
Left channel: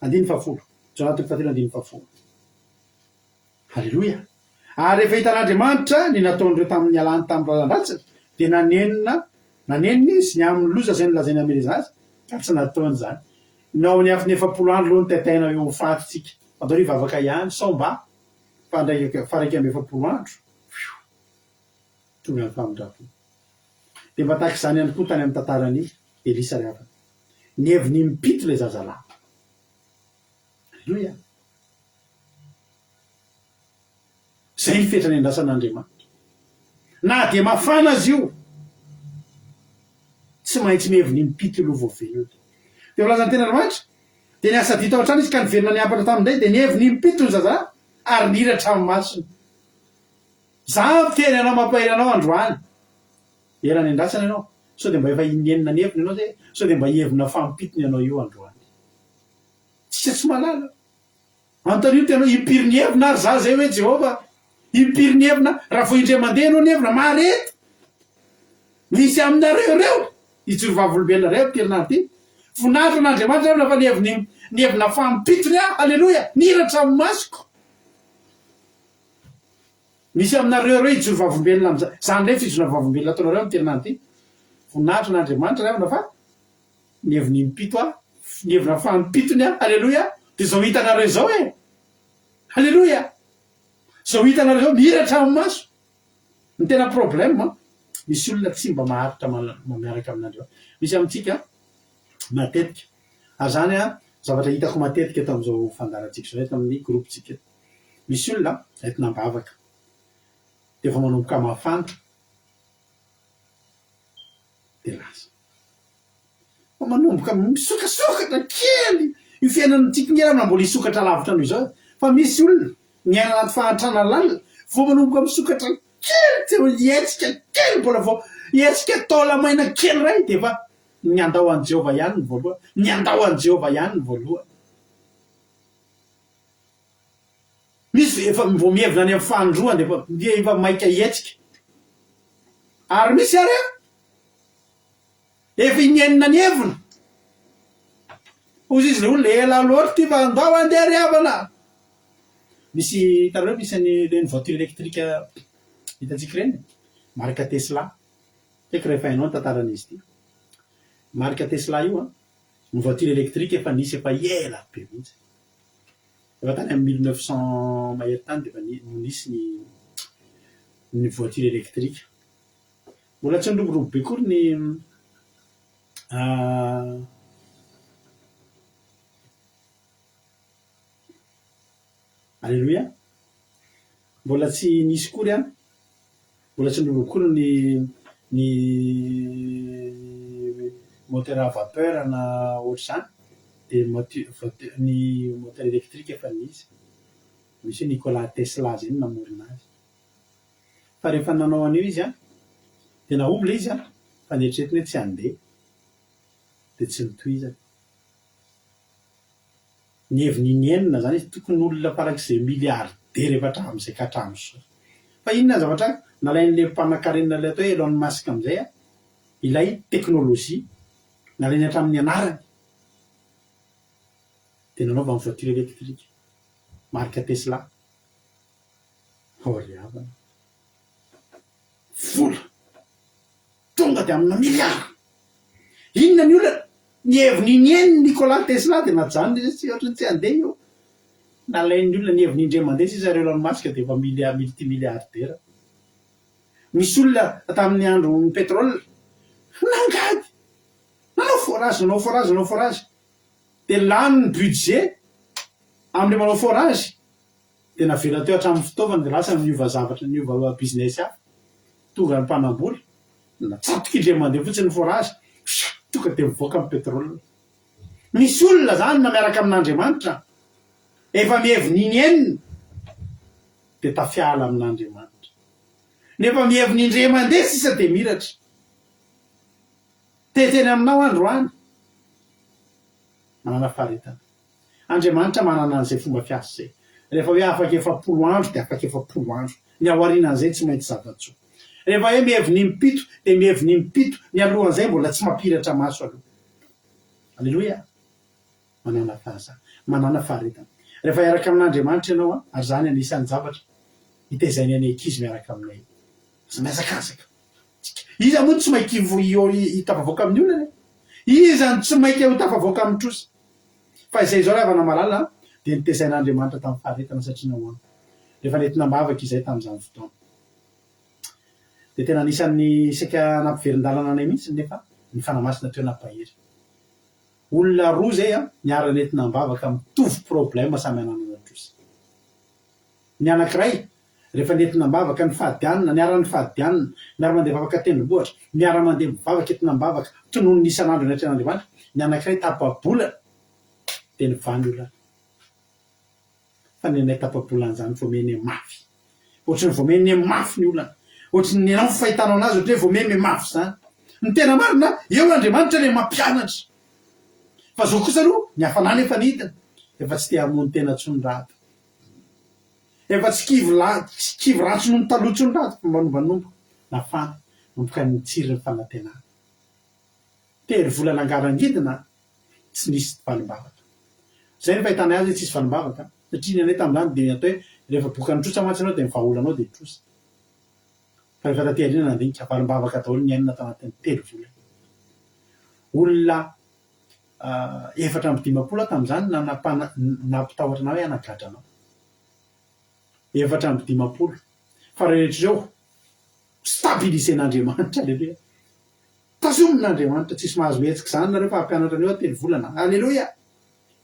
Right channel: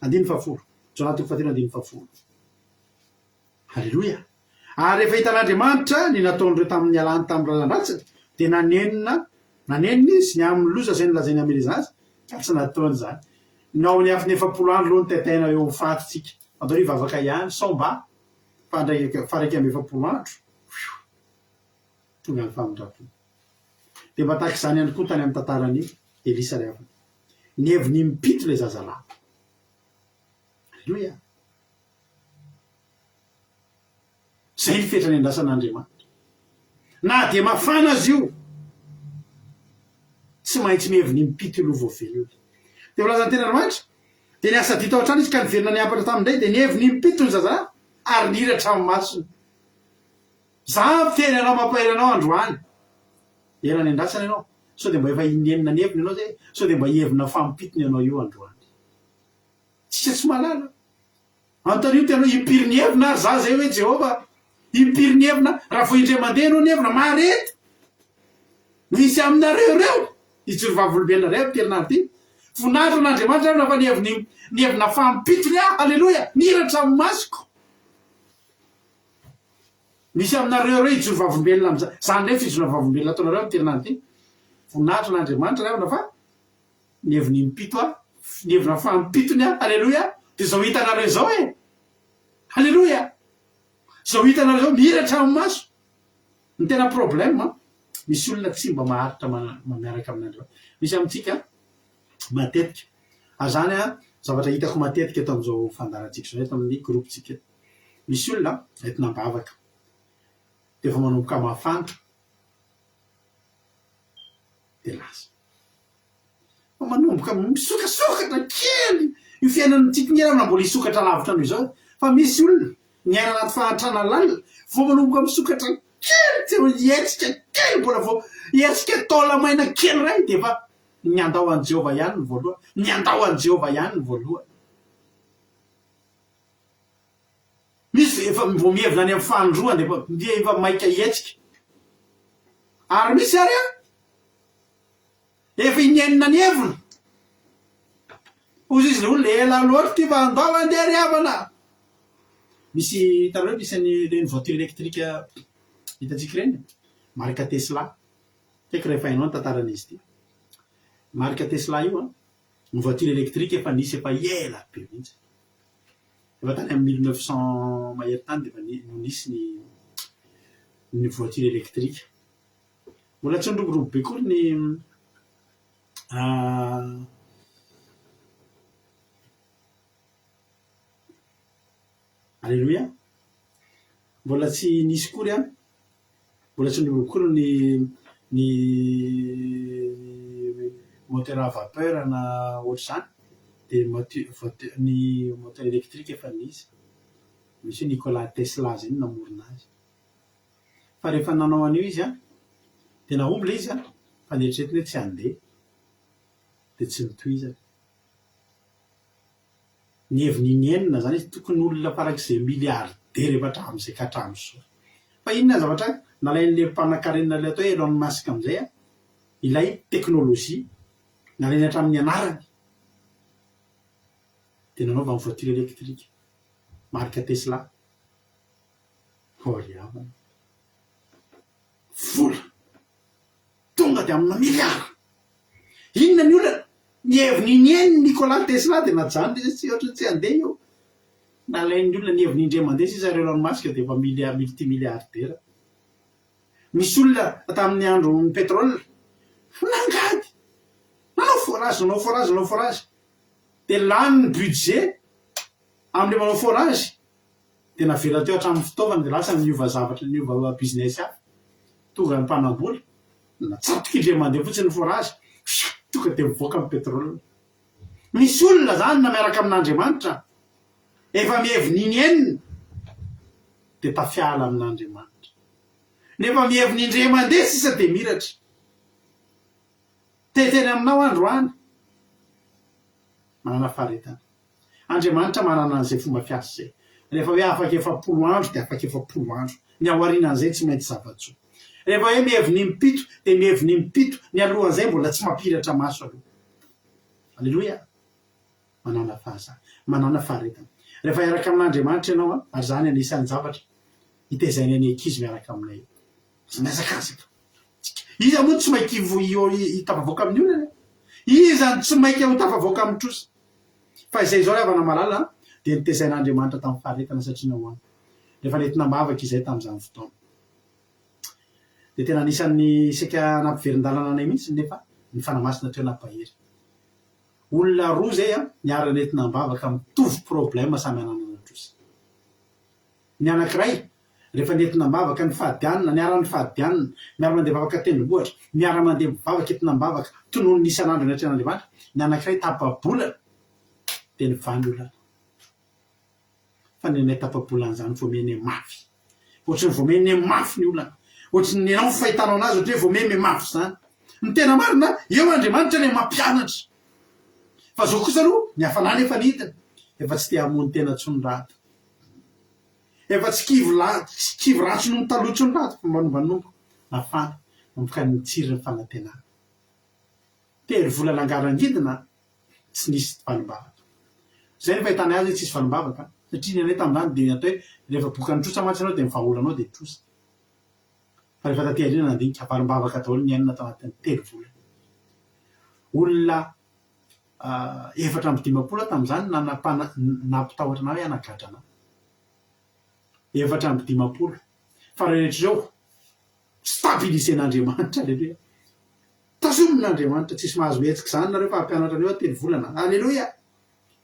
140 Jonatoko 140 halleloia ary rehefa hitan'Andriamanitra ny nataon'ireo tamin'ny alany tamin'ny razandratsiny dia nanenina izy ny amin'ny loza zay nylazainy ameleza azy ka tsy nataony zany nao ny afiny 4 andro loha ny taitaina eo ho fatitsika atao ny vavaka ihany somba fa ndraiky faraiky amy 4 andro tonga ny famindrapo dia mba tahaka izany ihany koa tany amin'ny tantarany Elisa rehefa ny heviny mipito le zazalahy halleloia zay ny fetrany andrasan'Andriamanitra na dia mafana azy io tsy maintsy miheviny mipito lo voavelona dia volazany tena Andriamanitra dia niasa dita ao an-trano izy ka niverina niapaka tamin'izay dia niheviny mipito ny zazalahy ary niratra amin'ny masony za miteny anao mampaela anao androany era ny andrasana ianao sao dia mba efa inenina ny heviny ianao zay sao dia mba hevina fampitony ianao io androany tsika tsy malala antonio tenao impiry ny hevina ary za zay hoe Jehova impiry ny hevina raha vo indray mandeha anao ny hevina marety misy aminareo reo ijoro vavolombelona reo terinandro ty voninahitra n'Andriamanitra nafa ny hevina fampitony halleloia niratra amin'ny masoko misy aminareo reo ijoro vavolombelona am'zany zany ndray fijorona vavolombelona ataonareo amin'ny terinandro ty voninahitra n'Andriamanitra reo nafa ny heviny mipito ny hevina fampitony halleloia dia zao hitanareo zao halleloia zao hitanareo zao miratra amin'ny maso ny tena problème misy olona tsy mba maharitra miaraka amin'Andriamanitra misy amintsika matetika ary zany zavatra hitako matetika eto amin'izao fandarantsika zao eto amin'ny groupetsika misy olona entina bavaka dia efa manomboka mafana dia lasa fa manomboka misokasokatra kely io fiainantsika ny era mbola hisokatra lavitra noho izao fa misy olona ny aina anaty fahantrana lalina vo manomboka misokatra kely tsy hietsika kely mbola vo hietsika taola maina kely ray dia efa ny andao an' Jehova ihany ny voalohany ny andao an' Jehova ihany ny voalohany misy efa vo mihevina any amin'ny fandroany dia efa maika hietsika ary misy ary efa inenina ny hevina ozy izy le olona ela loatra ty fa andao andeha ryhavana misy tareo misy ny voiture électrique hitatsika reny marika Tesla kaiky rehefa hainao ny tantaran'izy ty marika Tesla io ny voiture électrique efa nisy efa ela be mihitsy efa tany amin'ny 1900 mahery tany dia efa nisy ny voiture électrique mbola tsy niroborobo be kory ny halleloia mbola tsy nisy kory mbola tsy niroborobo kory ny moteur à vapeur na ohatr'izany dia ny moteur électrique efa nisy misy Nicolas Tesla zay namorona azy fa rehefa nanao an'io izy dia naomby le izy fa nieritreretiny hoe tsy handeha dia tsy nitohizany ny heviny inenina zany izy tokony olona farak'izay miliardera efa hatramin'izay ka hatramin'izao fa inona ny zavatra nalain'le mpanankarenina le atao hoe Elon Musk amin'izay ilay teknôlôjia nalainy hatramin'ny anarany dia nanaova amin'ny voiture électrique marika Tesla ryhavana vola tonga dia amina miliara inona ny olona ny heviny ineniny Nicolas Tesla dia najany tsy ohatrany tsy handeha io nalain'ny olona ny heviny indray mandeha sisa Elon Musk dia efa multimilliardaire misy olona tamin'ny andro ny pétrole nangady nanao forage dia lany ny budget amin'le manao forage dia navela teo hatramin'ny fitaovana dia lasa niova zavatra niova business hafa tonga ny mpanambola natsatoka indray mandeha fotsiny ny forage tonga dia mivoaka amin'ny pétrole misy olona zany na miaraka amin'Andriamanitra efa miheviny inenina dia tafiala amin'Andriamanitra nefa miheviny indray mandeha sisa dia miratra teteny aminao androany manana faharetana Andriamanitra manana an'izay fomba fiasa zay. Rehefa hoe afaka 4 andro dia afaka 4 andro. Ny aorianan'izay tsy maintsy zava-tsoa. Rehefa hoe miheviny mipito dia miheviny mipito, ny alohan'izay mbola tsy mampiratra maso aloha. Alleloia. Manana manana faharetana. Rehefa iaraka amin'Andriamanitra ianao ary zany anisan'ny zavatra hitaizany any ankizy miaraka aminay. Tsy miazakazaka. Iza moa tsy mainky hitafavoaka amin'ny olona. Iza tsy mainky hitafavoaka amin'ny trosa. Fa izay zao avana malala dia nitaizain'Andriamanitra tamin'ny faharetana satria nahoana. Rehefa nentina mavaka izay tamin'izany fotoana. Dia tena anisan'ny isaka nampiverin-dalana anay mihitsy nefa ny fanamasina teo nampahery. Olona roa zay niara nentina mavaka mitovy problème samy ananana trosa. Ny anankiray rehefa nentina mavaka ny fahadianina, niara-ny fahadianina, miara mandeha mivavaka tendrombohitra, miara mandeha mivavaka entina mivavaka tonono ny isan'andro ny atrean'Andriamanitra, ny anankiray tapa-bolana dia nivany olona. Fa ny anay tapa-bolana zany voameny mafy. Ohatrany voameny mafy ny olona. Ohatrany ny anao fahitanao anazy ohatry hoe voameny mafy zany. Ny tena marina eo Andriamanitra ilay mampianatra. Fa zao kosa aloha ny hafanany efa nitany efa tsy te hamono tena tsony raty. Efa tsy kivy ratsy noho ny talotsony raty fa manombanomboka nafana nomboka ny tsiriny fanantenana. Tery volana angarangidina tsy nisy vanim-bavaka. Zay ny fahitana azy tsisy vanim-bavaka satria ny anay tamin'izany dia atao hoe rehefa bokan'ny trosa mantsy ianao dia mivaholanao dia trosa. Fa rehefa taty aoriana nandinika vanim-bavaka daholo ny ainina tao anatin'ny 3 volana. Olona 450 tamin'izany nampitahotra na hoe anagadrana. 450. Fa rehetra izao stabilisen'Andriamanitra. Alleluia. Tazomin'Andriamanitra tsisy mahazo hetsika zany nareo fa hampianatra anio 3 volana. Alleluia.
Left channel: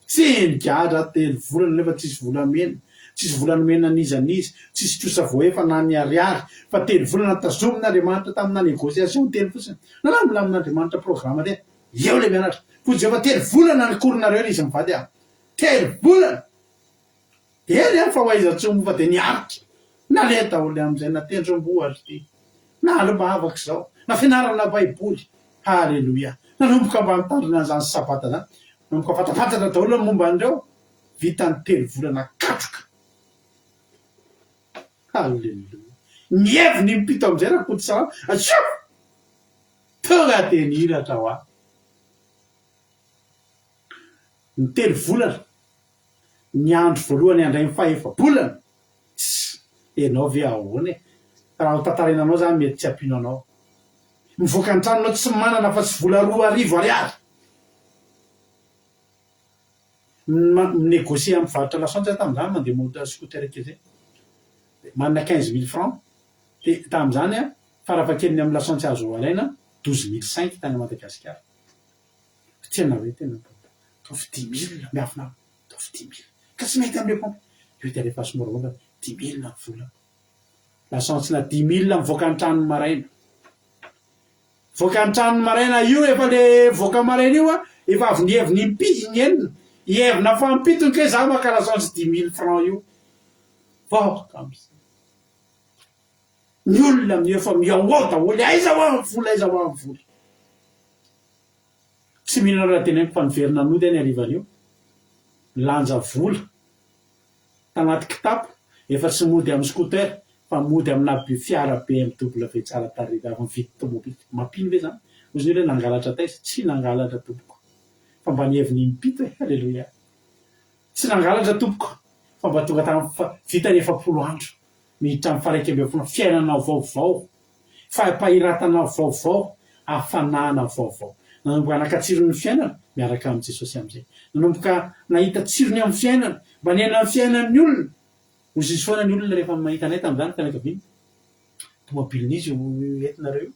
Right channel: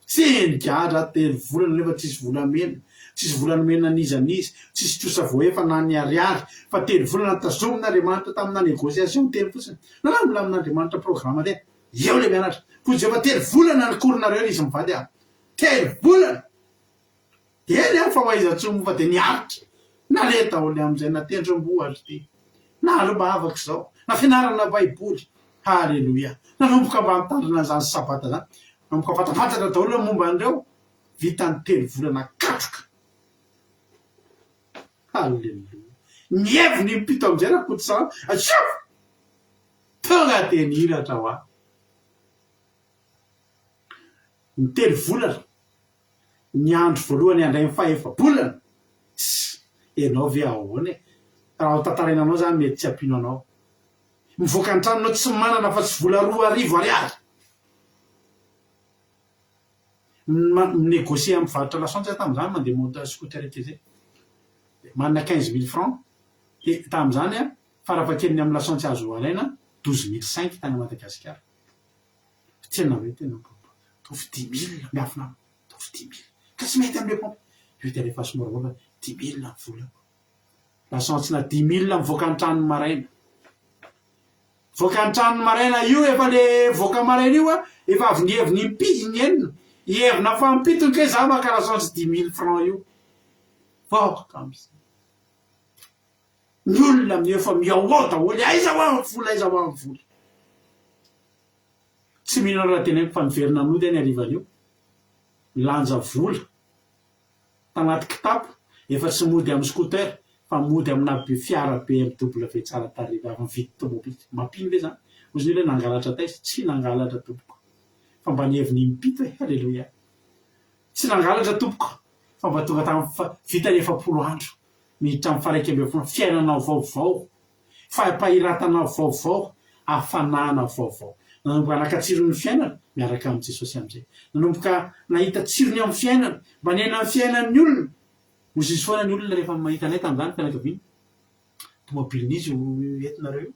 Tsy nigadra 3 volana nefa tsisy volamena. Tsisy volamena nizanizy, tsisy trosa voaefa na ny ariary, fa 3 volana tazomin'Andriamanitra tamina négociation teny fotsiny. Nalaminamin'Andriamanitra programme teny. Eo le mianatra. Fotsy efa 3 volana ny koronareo izy mivady aho. 3 volana. Dia fa hoaiza-tsomo fa dia niaritra. Naleta daholo amin'izay natendrombohatra ty. Nalomavaka zao. Na fianarana baiboly. Halleluia. Nanomboka mba mitandrina an'izany sabata zany. Nanomboka fatafantatra daholo momba an'ireo. Vita ny 3 volana katroka. Halleluia. Nieviny mipito amin'izay raha koty salama. Atsoa! Tonga dia nihiratra ho aho. Ny 3 volana. Ny andro voalohany andray ny faha-efa-bolana. Ianao ve ahoana e? Raha ho tantarainanao zany mety tsy ampiano anao. Mivoaka ny tranonao tsy manana fa tsy vola 2 arivo ariary. Minégocie amin'ny varotra lasantsy tamin'izany mandeha moto scooter kely zay. Manana 15 000 francs. Dia tamin'izany farafahakeliny amin'ny lasantsy azo alaina 12 500 tany Madagasikara. Tena hoe tena tovy 10 000 miafina. Tovy 10 000. Ka tsy mety amin'ilay pompe. Io dia rehefa somora 10 000 vola. Lasantsina 10 000 mivoaka ny tranony maraina. Voaka ny tranony maraina io efa le voaka maraina io efa avy nieviny impiny enina. Ievina fa mpitony ke za maka lasantsy 10 000 francs io. Voaka amin'izay. Ny olona amin'io efa miaoao daholo. Aiza ho amin'ny vola, aiza ho amin'ny vola. Tsy mihinana raha teneniko fa niverina nody any arivan'io. Lanja vola tanaty kitapo efa tsy mody amin'ny scooter fa mody amina fiara BMW tsara tarehy avy mividy tomobily. Mampino ve zany? Ozy ny hoe nangalatra taiza? Tsy nangalatra tompoko. Fa mba nieviny mipito e. Halleluia. Tsy nangalatra tompoko. Fa mba tonga tamin'ny vita ny 4 andro. Miditra amin'ny 1/2 fiainana vaovao. Fampahiratana vaovao. Hafanana vaovao. Nanomboka nakatsiro ny fiainana miaraka amin'ny Jesosy amin'izay. Nanomboka nahita tsirony amin'ny fiainana, mba niaina amin'ny fiainan'ny olona. Ozy izy foana ny olona rehefa mahita anay tamin'izany fianakaviana. Tomobilin'izy entinareo.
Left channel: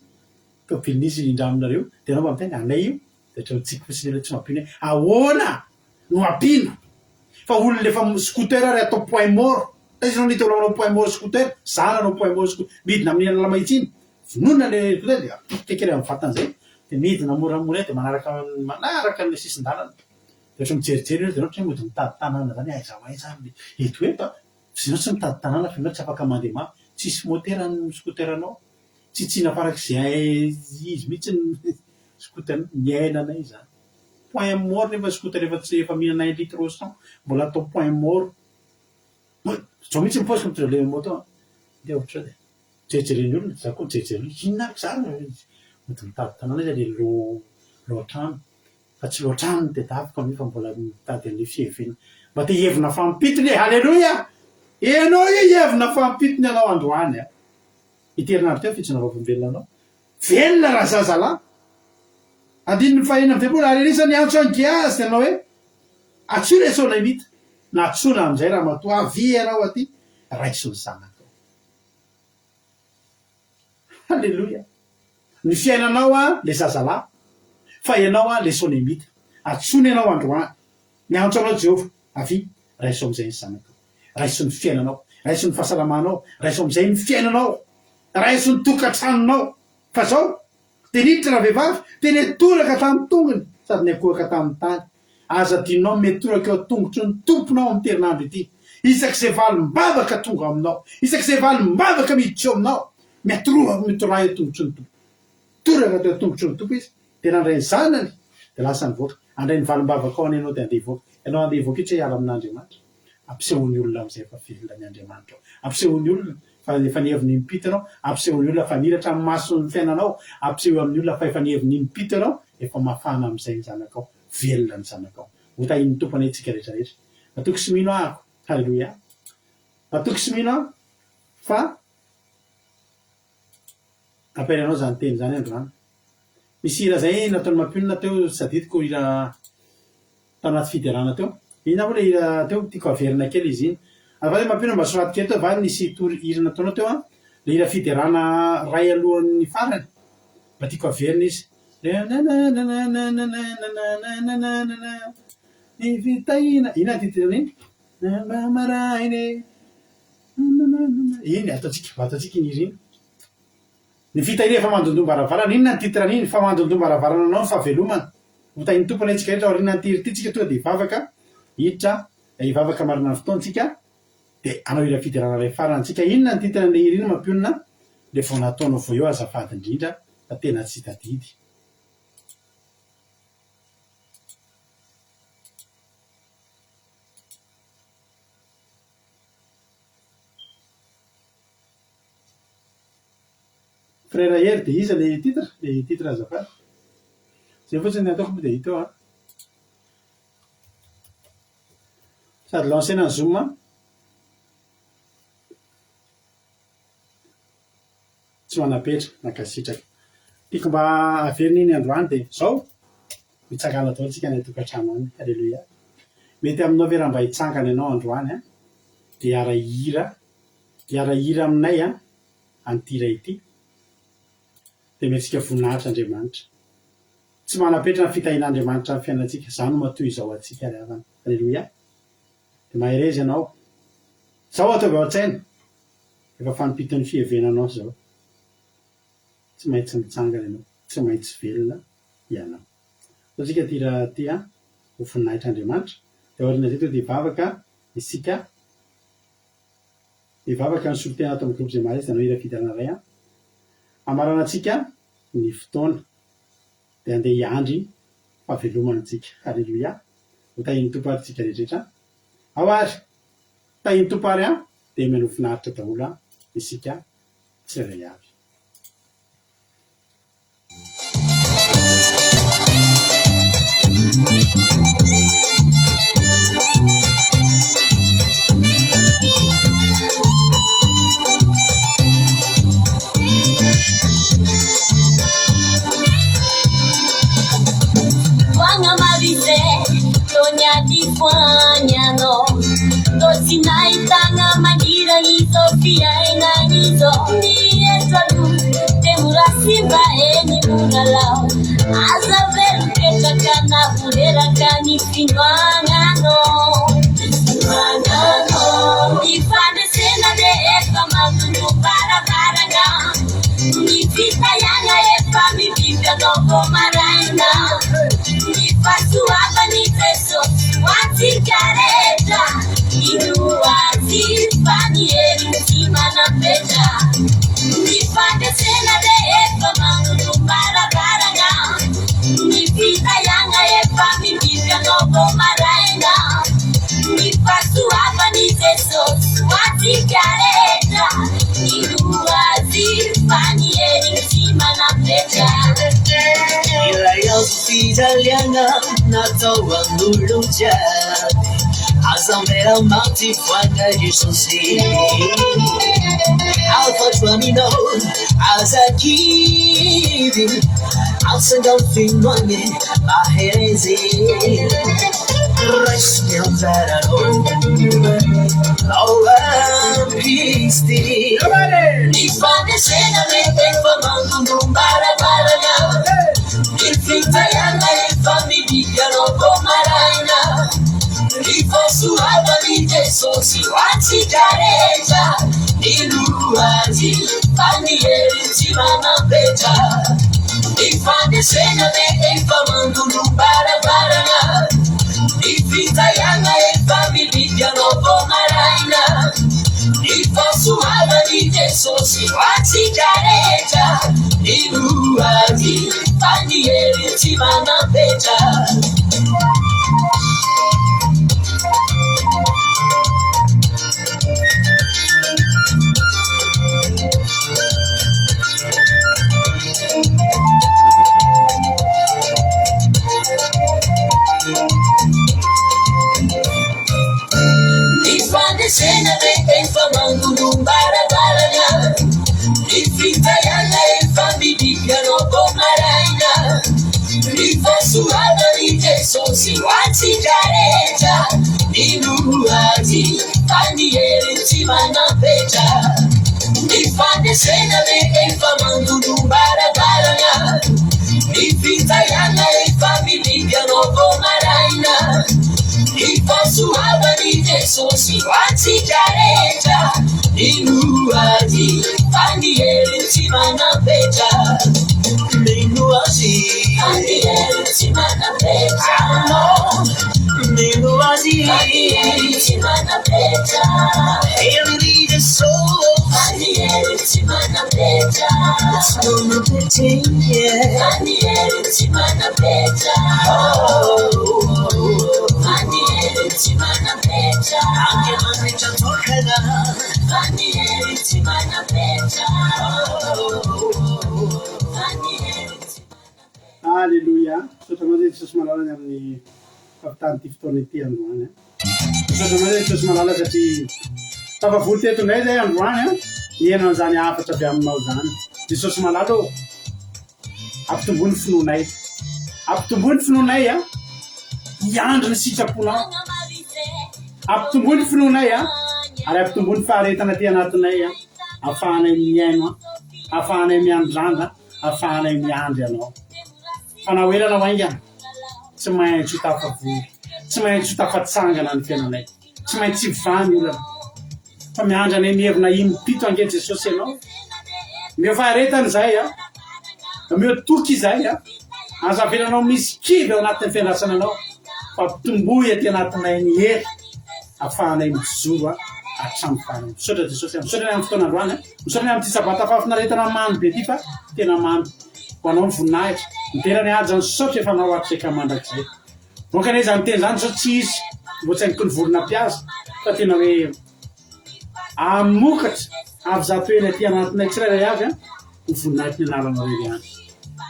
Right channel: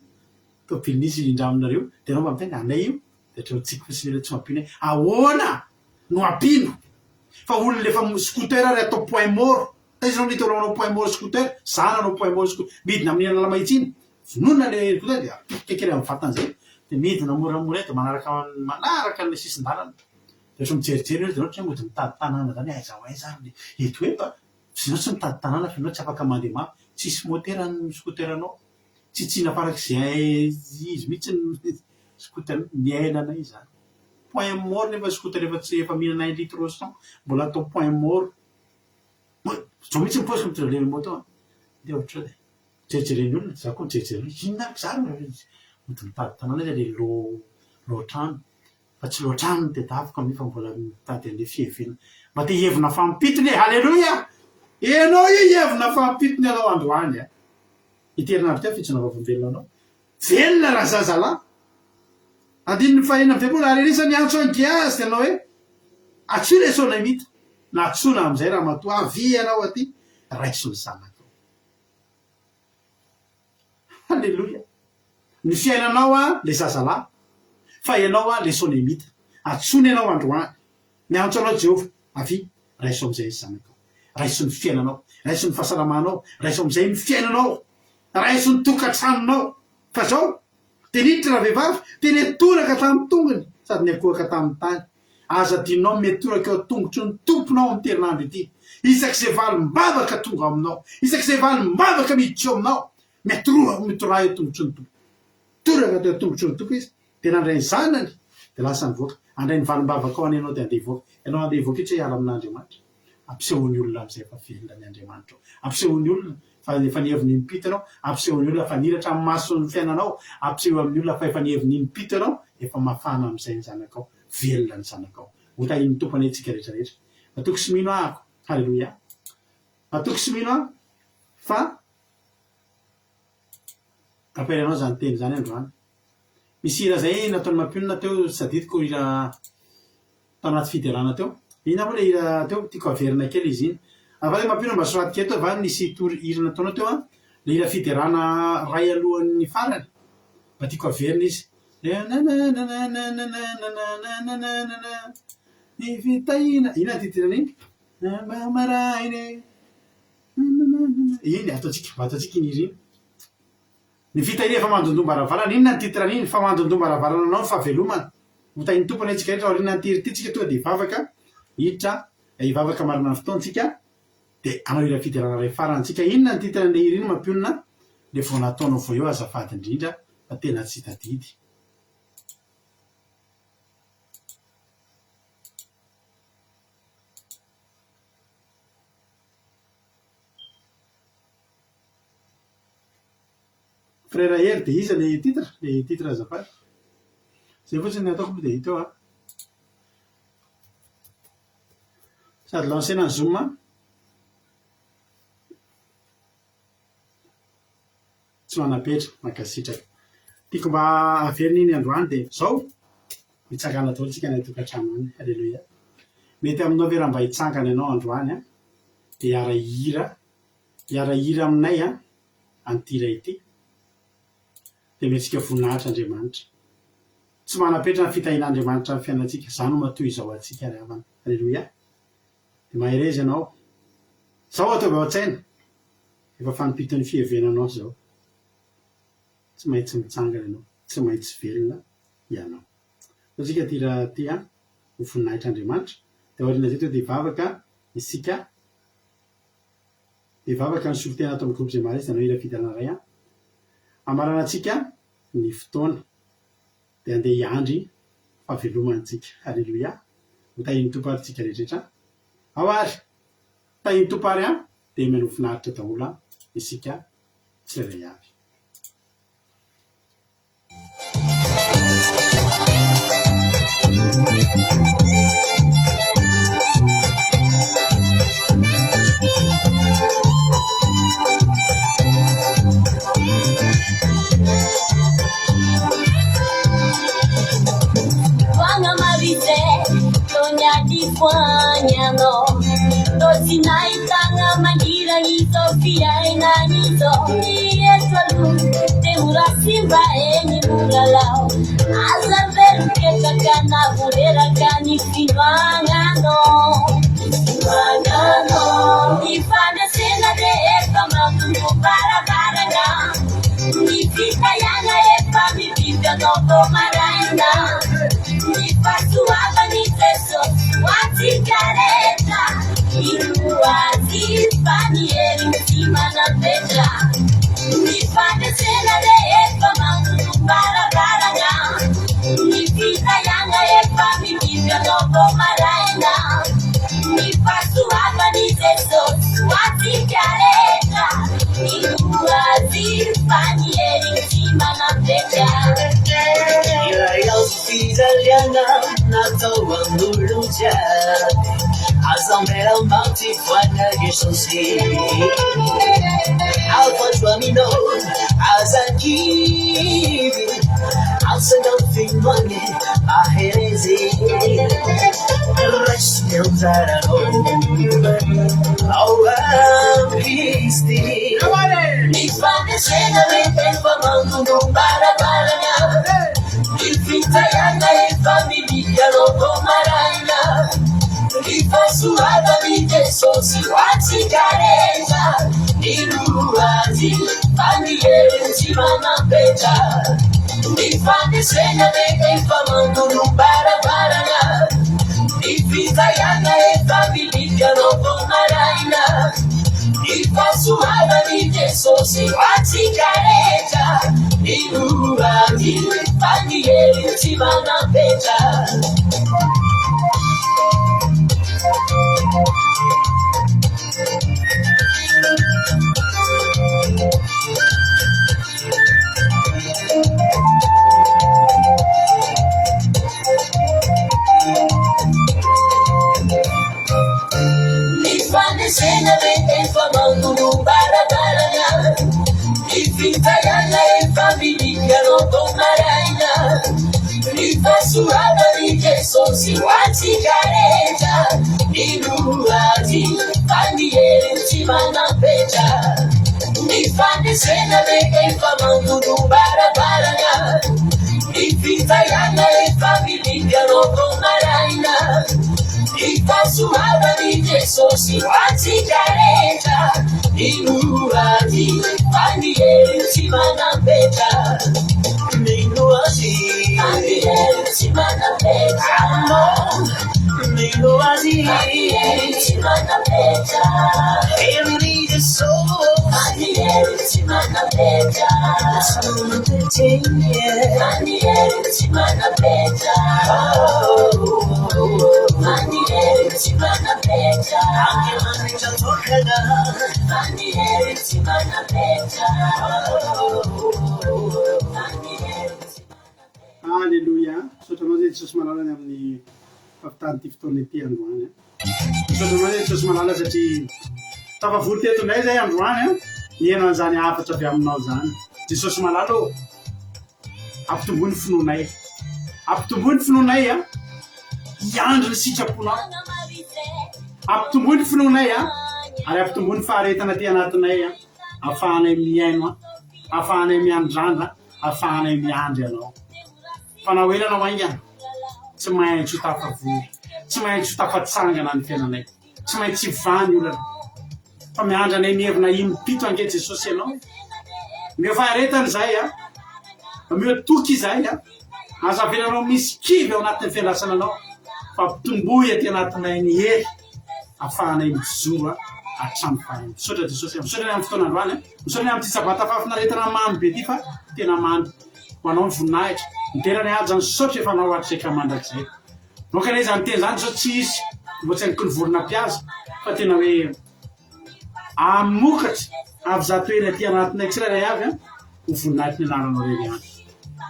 Tomobilin'izy indraminareo. Dia anao mba miteny anay io. Dia hatreho tsika fotsiny ilay tsy mampino hoe ahoana no ampino. Fa olona efa scooter ary atao point mort. Taiza nao nitao manao point mort scooter? Zana anao point mort scooter. Midina amin'ny alala mahitsiny. Vonona le scooter dia apika kely amin'ny vatan'izay. Dia midina moramora dia manaraka ny sisin-dalana. Dia ohatry mijerijery dia ohatry mody mitady tanàna zany aiza ho aiza eto eto. Ianao tsy mitady tanàna fa ianao tsy afaka mandeha mafy. Tsisy motera ny scooteranao. Tsy tsina farak'izay izy mihitsy ny scooter ny ainana izany. point mort nefa skota rehefa tsy efa mihina 9 litre sang mbola atao point mort zao mihitsy miposika mitrele moto de ohatra de jejereny olona za koa jejereny inona zany mety mitady tanàna izy le loatrano fa tsy loatrano de afaka mifa mbola mitady an'le fievina mba te hevina fampitony halleluja enao hevina fampitony anao androany a iterinandro teo fitsina vaovolombelona anao velona raha zazalahy andininy fahina am'tepolo arerisany antso any giazy de anao hoe atsy resona mita na atsona am'izay raha matoa avy anao aty raisony zanakao halleluja ny fiainanao a le zazalahy fa ianao a le sonemita atsony ianao androany miantso anao Jehova avy raiso am'izay ny zanakao raiso ny fiainanao raiso ny fahasalamanao raiso am'izay ny fiainanao raiso ny tokantranonao fa zao teniditra raha vehivavy teny toraka tamin'ny tongony sady ny akohaka tamin'ny tany aza dinao metoraka eo tongotry ny tomponao amin'ny terinandro ity isak'izay valim-bavaka tonga aminao isak'izay valim-bavaka miditra eo aminao mitorah eo tongotry ny tompo toraka teo tongotry ny tompo izy de nandray ny zanany de lasa nivoaka andray ny valim-bavaka ao any ianao de andeha voaka ianao andeha voaka itsy hiara amin'Andriamanitra ampisehony olona am'izay fa velona ny Andriamanitra ao ampisehony olona fa efa niheviny impito anao ampisehony olona fa niratra amin'ny masony fiainanao ampiseho amin'ny olona fa efa niheviny impito anao efa mafana am'izay ny zanakao velona ny zanakao hotahiny tompony antsika rehetrarehetra matoky sy mino ahako halleluja matoky sy mino aho fa apairanao zany teny zany androany misy hira zay nataony mampionina teo saditiko hira tao anaty fiderana teo ina moa le hira teo tiako averina kely izy iny afa mampionina mba soraty kely teo va nisy hira nataonao teo a le hira fiderana ray alohan'ny farany mba tiako averina izy ny vitaina ina titirana iny maraine iny ataotsika iny izy iny ny fitaina efa mandondomba-ravarana inona ny titrana iny fa mandondomba-ravarana anao fa velomana hotahiny tompony antsika rehetra aorina nytiryty tsika tonga de hivavaka hiditra hivavaka marina ny fotoantsika de anao hira fiderana ray farantsika inona ny titrana le hira iny mampionina le vao nataonao vo eo azafady indrindra fa tena tsy tadidy frère hery de iza le titre azafady zay fotsiny ny ataoko de hita eo a sady lancena ny zoom tsy manapetra makasitraka tiako mba averina iny androany de zao mitsangana daholo tsika ny tokantrano any halleluja mety aminao ve raha mba hitsangana ianao androany a de hiara hira aminay a antira ity de metsika voninahitra Andriamanitra tsy manapetra ny fitahin'Andriamanitra ny fiainantsika zany matoy izao atsika ry havana halleluja de maherezy ianao zao ataovy ao an-tsaina efa fanipiton'ny fievenanao zao tsy maintsy mitsangana ianao tsy maintsy velona ianao satsika ty raha ty a ho voninahitra Andriamanitra de aorina zay teo de hivavaka isika hivavaka ny solotena ato amin'ny groupe zay maharesy de anao hira fidarana ray a amarana atsika ny fotoana de andeha hiandry fahavelomantsika halleluja ho tahiny tompo ary tsika rehetrarehetra ao ary tahiny tompo ary a de menofinaritra daholo a isika tsirairay avy Fanyano dosinaitanga mandira izo fiainanizo nietwalu temurasimba eni muralao azaverukekakana vurerakani finwangano ifane sena de epa magundu barabarana nifita yanga epa mifika noko maraina nifasuaba nifeso watikareta inuwazifanieri simana peja nifane sena de epa magundu barabarana nifita yanga epa maraina nipasuhapani Jesus watikareta iluwazifanyeni mtima na peta Ila yausijaliana na toa nuluja Azamera mati fwana jisosili I'll put one note as I keep it I'll send out the money my hands in Rest me on that Oh, I'm peace nifanye sena lepepa mangundu mbarabarana nifita yanga lefamilia rogo maraina nifasuhaba ni Jesus watikareta iluwazi familieri nzima na peta nifanye sena lepepa mangundu mbarabarana nifita yanga lefamilia rogo maraina nifasuhaba ni Jesus watikareta iluwazi familieri nzima na peta nifanye sena lepepa mangundu mbarabarana nifita yanga lefamilia rogo maraina nifasuhaba ni Jesus watikareta iluwazi familieri nzima na peta nifanye sena lepepa mangundu mbarabarana nifita yanga lefamilia rogo maraina nifasuhaba ni Jesus watikareta iluwazi familieri nzima na peta Minuazi familieri nzima na peta Minuazi familieri nzima na peta Every soul familieri nzima na peta Summa Petinha familieri nzima na peta familieri nzima na peta Anche mangia tocala familieri nzima na peta Alléluia. Sotramoza Jesosy malalany amin'ny fampitany ty fotoana ity androany. Sotramoza Jesosy malala satria tafavory tetonay zay androany nihaino an'izany hafatra avy aminao zany. Jesosy malala ô ampitomboy ny finoanay. Ampitomboy ny finoanay hiandry ny sitraponao. Ampitomboy ny finoanay ary ampitomboy ny faharetana ty anatinay ahafahanay miaino ahafahanay miandrandra ahafahanay miandry anao. Fanao elana waingana tsy maintsy ho tafavory tsy maintsy ho tafatsangana ny fiainanay tsy maintsy vany olana fa miandry anay mihevina impito ange Jesosy ianao mio faharetana zay mio toky izay azavelanao misy kivy ao anatin'ny fiandrasana anao fa pitomboy aty anatinay ny hery ahafahanay mijoro hatramin'ny farany. Misaotra Jesosy misaotra ny amin'ny fotoana androany misaotra ny amin'ity sabata fahafinaretana mamy be ty fa tena mamy ho anao ny voninahitra niterany aja ny saotra efa anao atrisaka mandrakizay nokany izany teny zany sao tsy isy voatsainiky ny vorona-piaza fa tena hoe amokatra avy zato ely aty anatinay tsirairay avy ho voninahitry ny anaranao rery any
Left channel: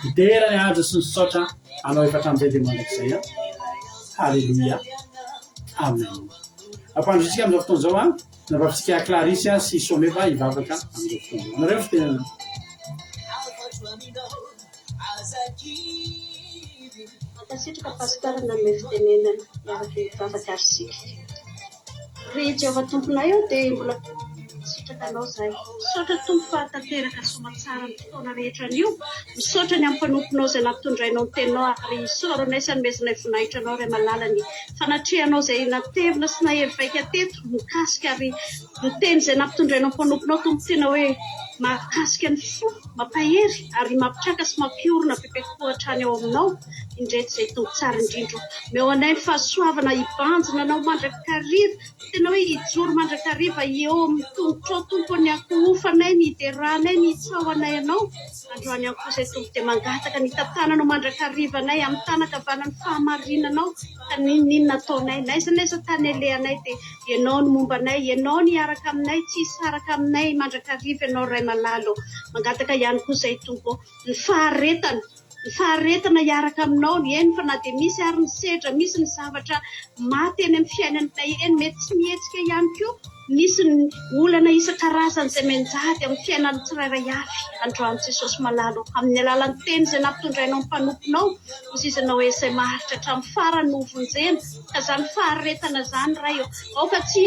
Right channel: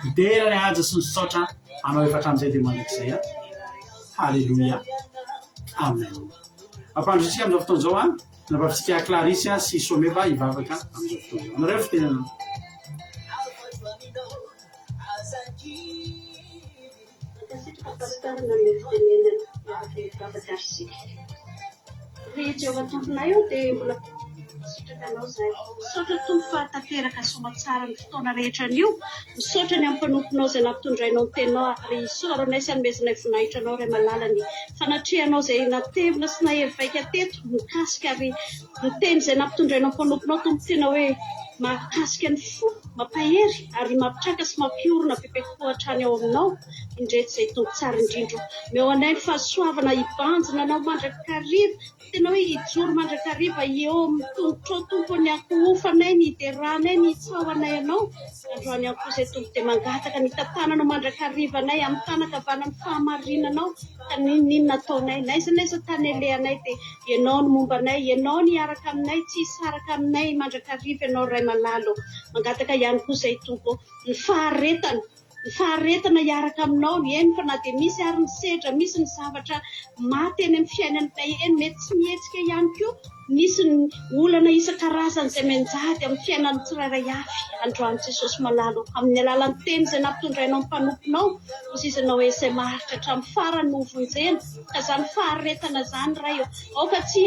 niterany aja sy ny saotra anao efa hatramin'izay dia mandrakizay halleluia amen. Ampandrotsika amin'izao fotoana zao navavitsika Clarisse sy Someva hivavaka amin'izao fotoana zao. Nareo fitenana. Sitraka pastorina amin'ny fitenenana miaraka hivavaka arsika. Rehetra ao tomponay eo dia mbola sitraka anao zay. Misaotra tompo fahatanteraka somatsara ny fotoana rehetra an'io. Misaotra ny amin'ny mpanomponao izay nampitondrainao ny teninao ary soronay sy anomezanay voninahitra anao ray malala ny fanatrehanao izay natevina sy nahery vaika teto mikasika ary ny teny izay nampitondrainao ny mpanomponao tompo tena hoe mahakasika ny fo mampahery ary mampitraka sy mampiorona bebe-koatra any ao aminao indreto izay tombo tsara indrindro meo anay ny fahasoavana hibanjina anao mandrakariva tena hoe hijoro mandrakariva eo amin'ny tongotra ao tompo ny ankohofanay ny hideranay ny hitsaoanay anao androany ihany koa izay tompo dia mangataka ny tantananao mandrakarivanay amin'ny tanakavanany fahamarinanao ka ninona ataonay naiza tany alehanay dia ianao ny mombanay ianao ny araka aminay tsisy araka aminay mandrakariva ianao ray malalo mangataka ihany koa izay tompo ny faharetana hiaraka aminao ny eny fa na dia misy ary ny sedra misy ny zavatra maty eny amin'ny fiainanay eny mety tsy mihetsika ihany koa misy ny olana isan-karazany izay menjady amin'ny fiainan'ny tsirairay avy androany Jesosy malalo amin'ny alalan'ny teny izay nampitondrainao ny mpanomponao hozisanao hoe izay maharitra hatramin'ny farany novonjena ka izany faharetana izany ray ao ka tsy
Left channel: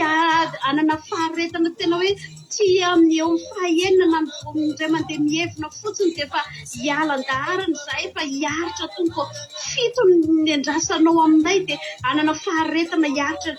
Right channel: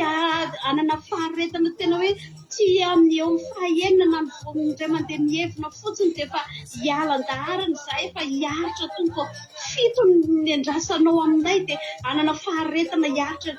anana faharetana tena hoe tsy amin'ny eo amin'ny fahaenina ny izay mandeha mihevina fotsiny dia efa hialan-daharana izay efa hiaritra tompo fito ny andrasanao aminay dia anana faharetana hiaritra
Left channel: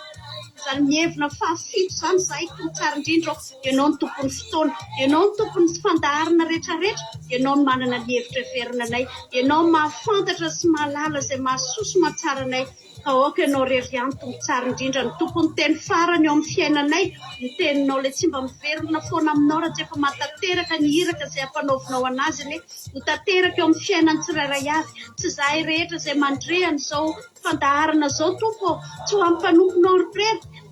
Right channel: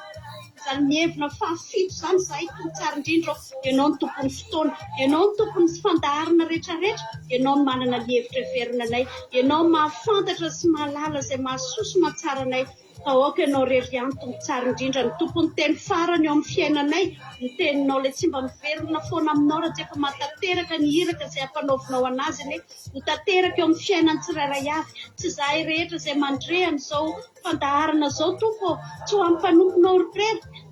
izany mihevina fahafito izany izay tompo tsara indrindra ianao ny tompon'ny fotoana ianao ny tompon'ny fandaharana rehetrarehetra ianao ny manana ny hevitra heverinanay ianao mahafantatra sy mahalala izay mahasoso mahatsara anay ka oka ianao rery ihany tompo tsara indrindra ny tompony teny farany eo amin'ny fiainanay ny teninao ilay tsy mba miverina foana aminao raha tsy efa mahatateraka ny hiraka izay ampanaovinao anazy ane ho tateraka eo amin'ny fiainany tsirairay avy tsy izahay rehetra izay mandrehana izao fandaharana izao tompo tsy ho amin'ny mpanomponao rery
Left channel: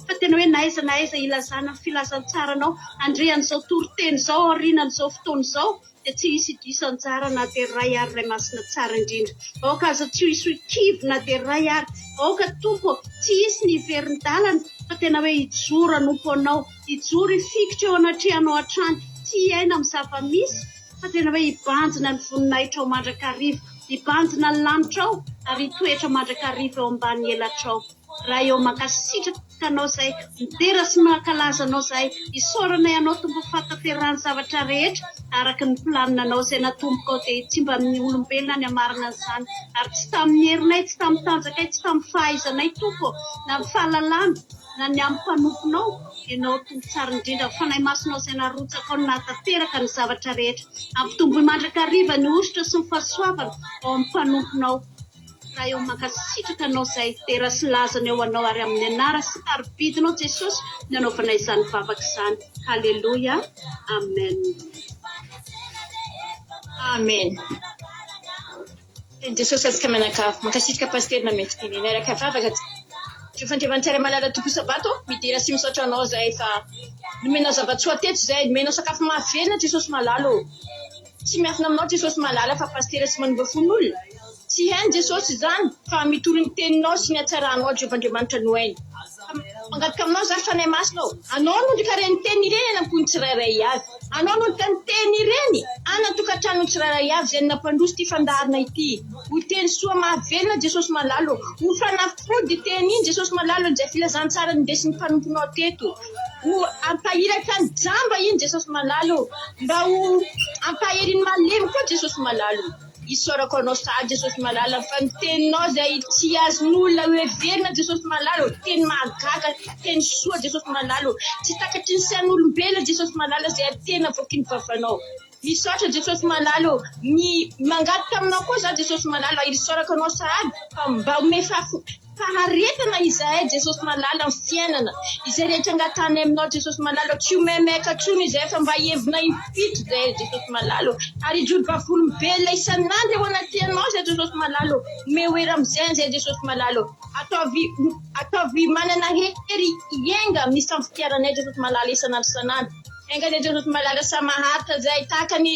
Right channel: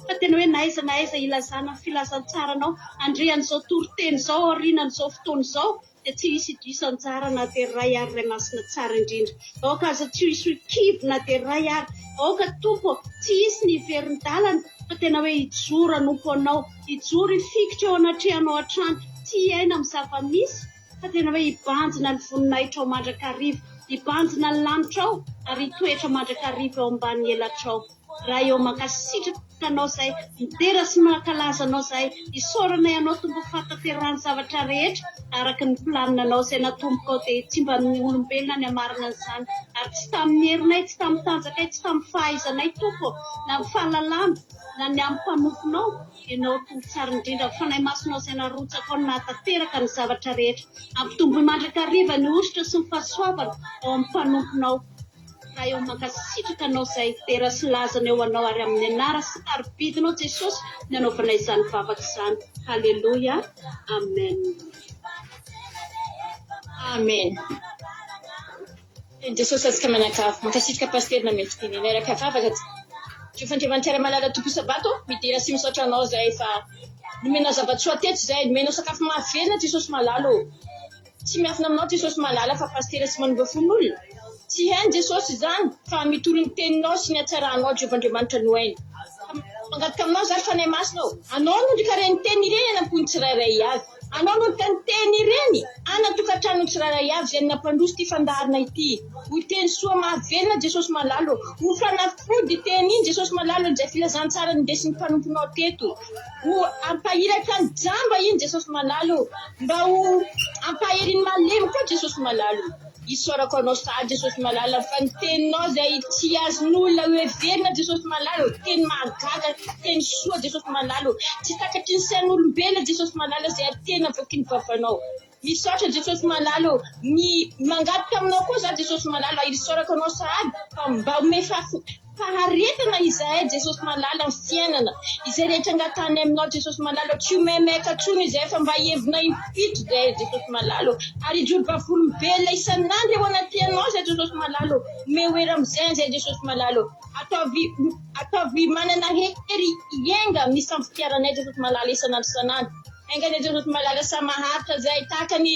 fa tena hoe naiza ilazana ny filazantsaranao andrehan'izao toriteny izao aorinan'izao fotoana izao dia tsy hisy diso anjara na dia ray ary ray masina tsara indrindra aoka aza tsy hisy kivo na dia ray ary aoka tompo tsy hisy ny hiverin'ny-dalana fa tena hoe hijoro anompo anao hijoro hifikitra eo anatrehanao hatrany tsy hiaina amin'ny zava-misy fa tena hoe hibanjina ny voninahitra ao mandrakariva hibanjina ny lanitra ao ary hitoetra mandrakariva eo ambany elatra ao raha eo mankasitraka anao izay midera sy mankalaza anao izay hisaoranay anao tompo fataterahany zavatra rehetra araka ny planinanao izay natomboka ao dia tsy mba amin'ny olombelona ny hamarina an'izany ary tsy tamin'ny herinay tsy tamin'ny tanjakay tsy tamin'ny fahaizanay tompo na amin'ny fahalalana na ny amin'ny mpanomponao ianao tompo tsara indrindra fanahy masonao izay narotsaka ao nahatateraka ny zavatra rehetra ampitombo mandrakariva ny ositra sy ny fahasoavana ao amin'ny mpanomponao raha eo mankasitraka anao izay tera sy lazana eo anao ary amin'ny anara sy tarobidinao Jesosy ny anaovanay izany vavaka izany halleloia amen amen Jesosy azaka manakafo mankasitraka pasterina mety teneny araka vavaka tsy fandrevantsara malala tompo sabato midira sy misaotra anao izay fa nomenao zava-tsoa teto izay nomenao sakafo mahavelona Jesosy malalo tsy miafina aminao Jesosy malala fa pastera sy manova fon'olona tsy hainy Jesosy izany fa mitoro ny teninao sy ny hatsaranao Jehovah-Andriamanitra no hainy mangataka aminao zany fanahy masinao anao no ndrikareny teny ireny anampony tsirairay avy anao no tany teny ireny anatokantrano tsirairay avy izay nampandroso ity fandaharana ity ho teny soa mahavelona Jesosy malalo ho fanafody teny iny Jesosy malalo izay filazantsara nindesin'ny mpanomponao teto ho ampahiratra ny jamba iny Jesosy malalo mba ho ampaheriny malemy koa Jesosy malalo isorako anao sady Jesosy malala fa ny teninao izay tsy azon'olona hoe verina Jesosy malalo teny mahagaga teny soa Jesosy malalo tsy takatry ny sain'olombelona Jesosy malala izay atena voakiny vavanao misaotra Jesosy malalo ny mangataka aminao koa za Jesosy malalo isorako anao sady fa mba ome faharetana izahay Jesosy malala amin'ny fiainana izay rehetra angatany aminao Jesosy malalo tsy homemeka trony izay fa mba hevina impito izay Jesosy malalo ary hijoro-bavolombelona isan'andro eo anaty anao izay Jesosy malalo mehoera amin'izay izay Jesosy malalo ataovy manana hery hienga misy amin'ny fitiaranay Jesosy malalo isan'andro engany Jesosy malala sa maharitra izay tahaka ny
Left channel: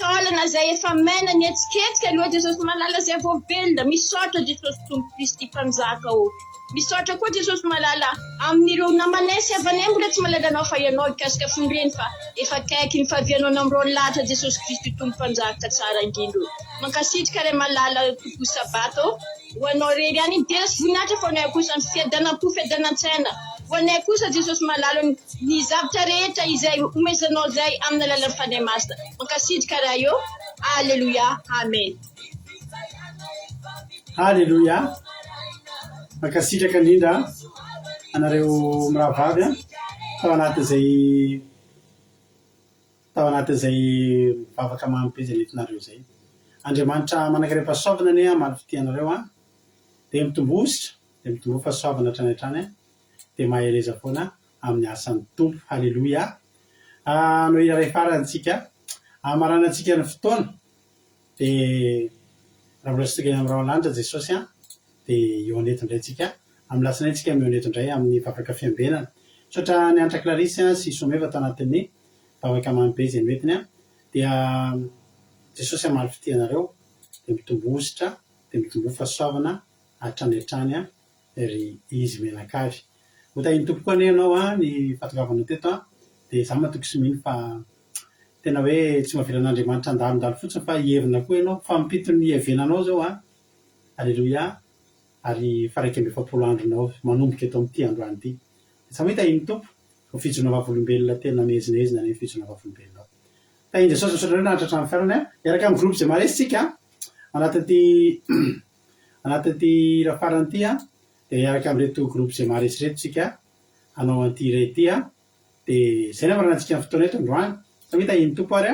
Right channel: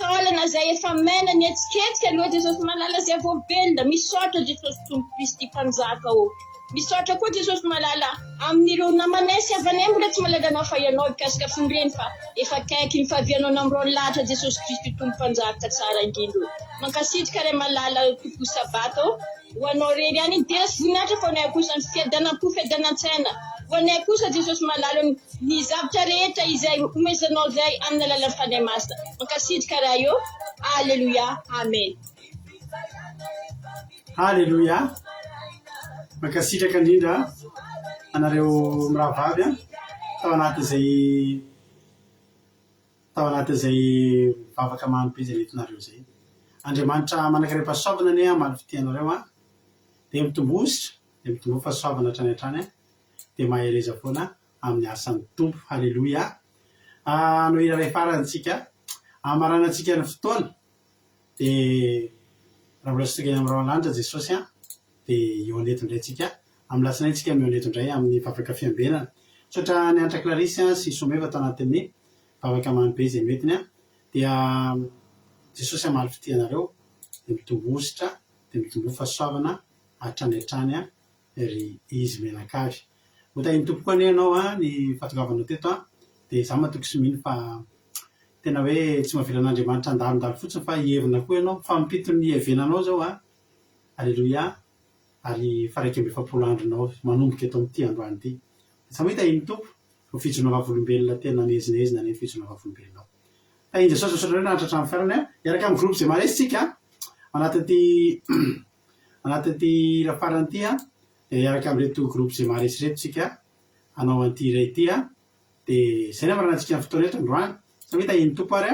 taolana izay efa mena ny etsiketsika aloha Jesosy malala izay voavelona misaotra Jesosy Tompo Kristy mpanjaka o misaotra koa Jesosy malala amin'ireo namanay sy havanay mbola tsy malalanao fa ianao ikasika fonreny fa efa kaiky ny fahavianao amin'ireo lahatra Jesosy Kristy Tompo mpanjaka tsara indrindro mankasitrika ray malala tompo sabato ho anao rery any idera sy voninahitra fa anay kosa ny fiadanam-po fiadanantsaina ho anay kosa Jesosy malalo ny zavatra rehetra izay omezanao izay amin'ny alalan'ny fanahy masina mankasitrika raha eo alleluia amen halleluia mankasitraka indrindra anareo mirahavavy tao anatin'izay tao anatin'izay mivavaka mampy izy nentinareo zay Andriamanitra manankarem-pahasoavana ane maro fitianareo dia mitombositra dia mitombo fahasoavana hatrany hatrany dia mahereza foana amin'ny asan'ny tompo halleloia no iraray farantsika amaranantsika ny fotoana dia raha mbola sitsika amin'ny rahalandra Jesosy dia eo anetindray tsika amin'ny lasinaintsika eo anetindray amin'ny vavaka fiambenana sotra ny Antra Clarisy sy Someva tao anatin'ny vavaka mampy izay metiny dia Jesosy amaly fitianareo dia mitombositra dia mitombo fahasoavana hatrany hatrany ry izy menakavy hotahiny tompoko ane ianao ny fatogavanao teto dia za matoky sy mino fa tena hoe tsy mahavelan'Andriamanitra andalondalo fotsiny fa hievina koa ianao fa mipito ny hevenanao zao halleloia ary faraiky amby 7 andronao manomboka eto amin'ity androany ity sa mahita iny tompo ho fijona vavolombelona tena nezinezina ny fijona vavolombelona tahiny Jesosy misaotra nareo nahatratra amin'ny fiarana iaraka amin'ny groupe zay maresitsika anatin'ity rafarany ity dia iaraka amin'reto groupe zay maresy tsika hanao an'ity iray ity dia zay namaranantsika amin'ny fotoana eto androany sa mahita iny tompo ary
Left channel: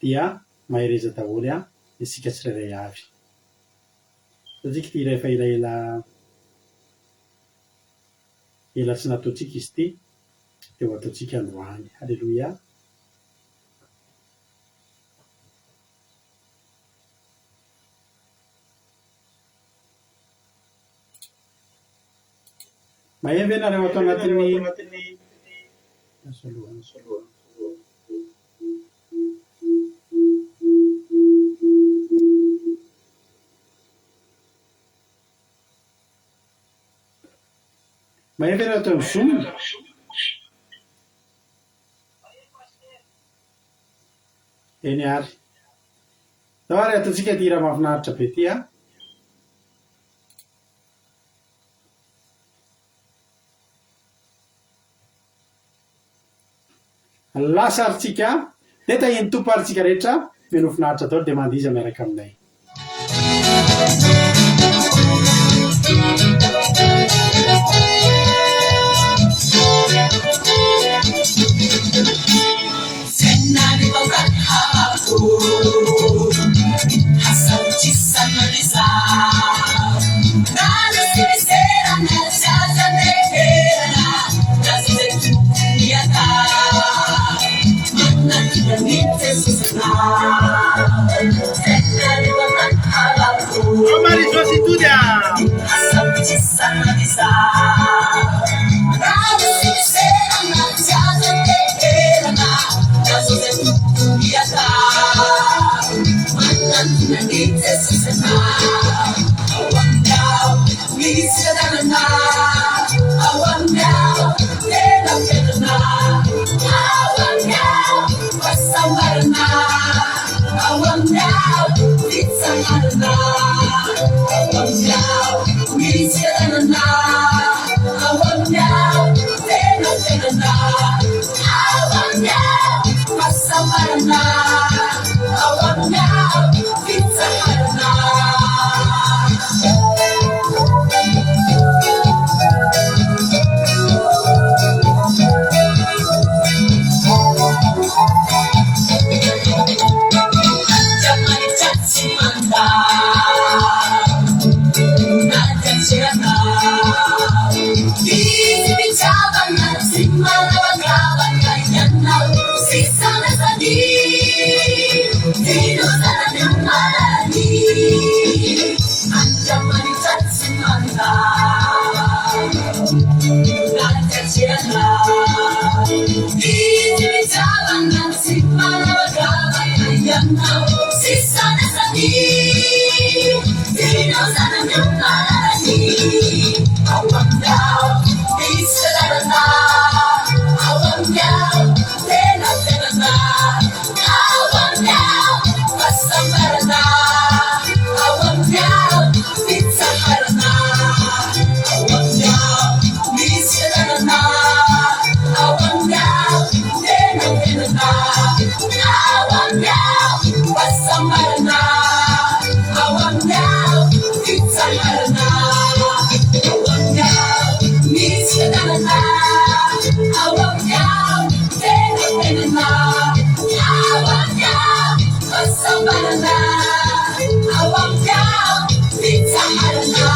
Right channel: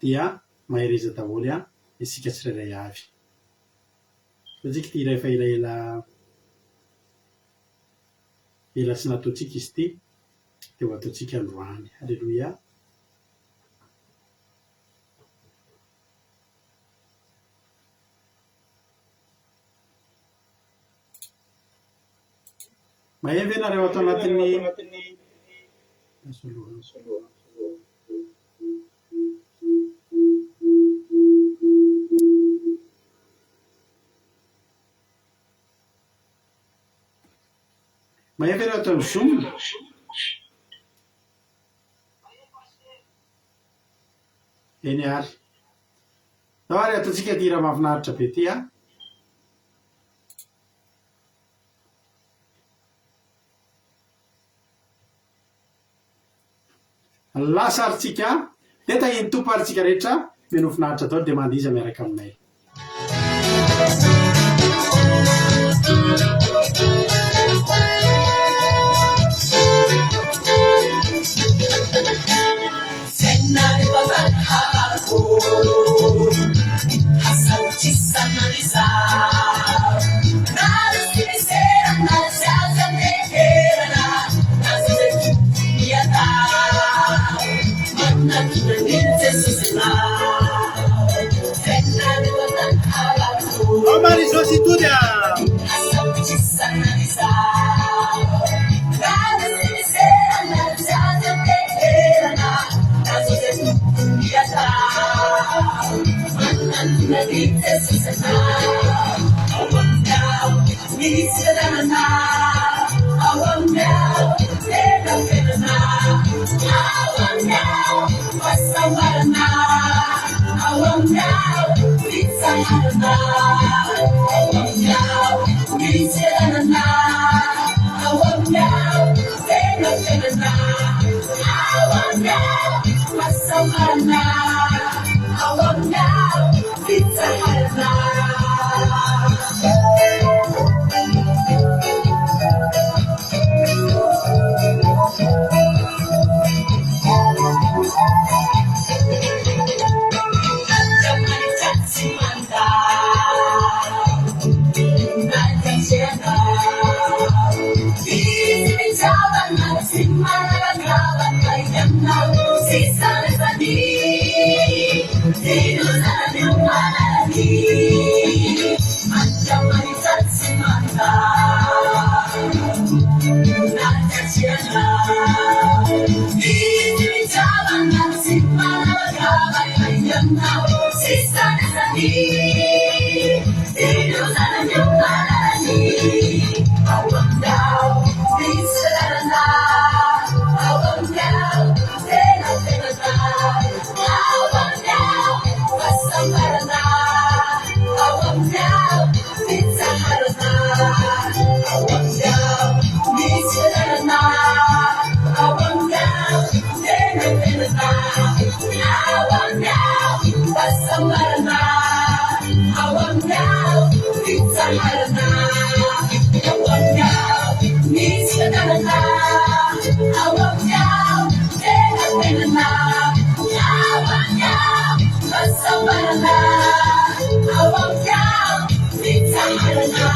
dia mahereza daholo isika tsirairay avy satsika ty iray fa ela tsy nataontsika izy ty dia ho ataontsika androany halleloia mahemby ianareo atao anatin'ny mahemby ianareo atao amin'ny Zoom eny ary zao ary ataontsika ty raha mahafinaritra be ty lasa aritsika dia tahiny tompo aritsika rehetra menofinaritra daholo dia mandiza miaraka aminay I banana, I want down, it's a banana.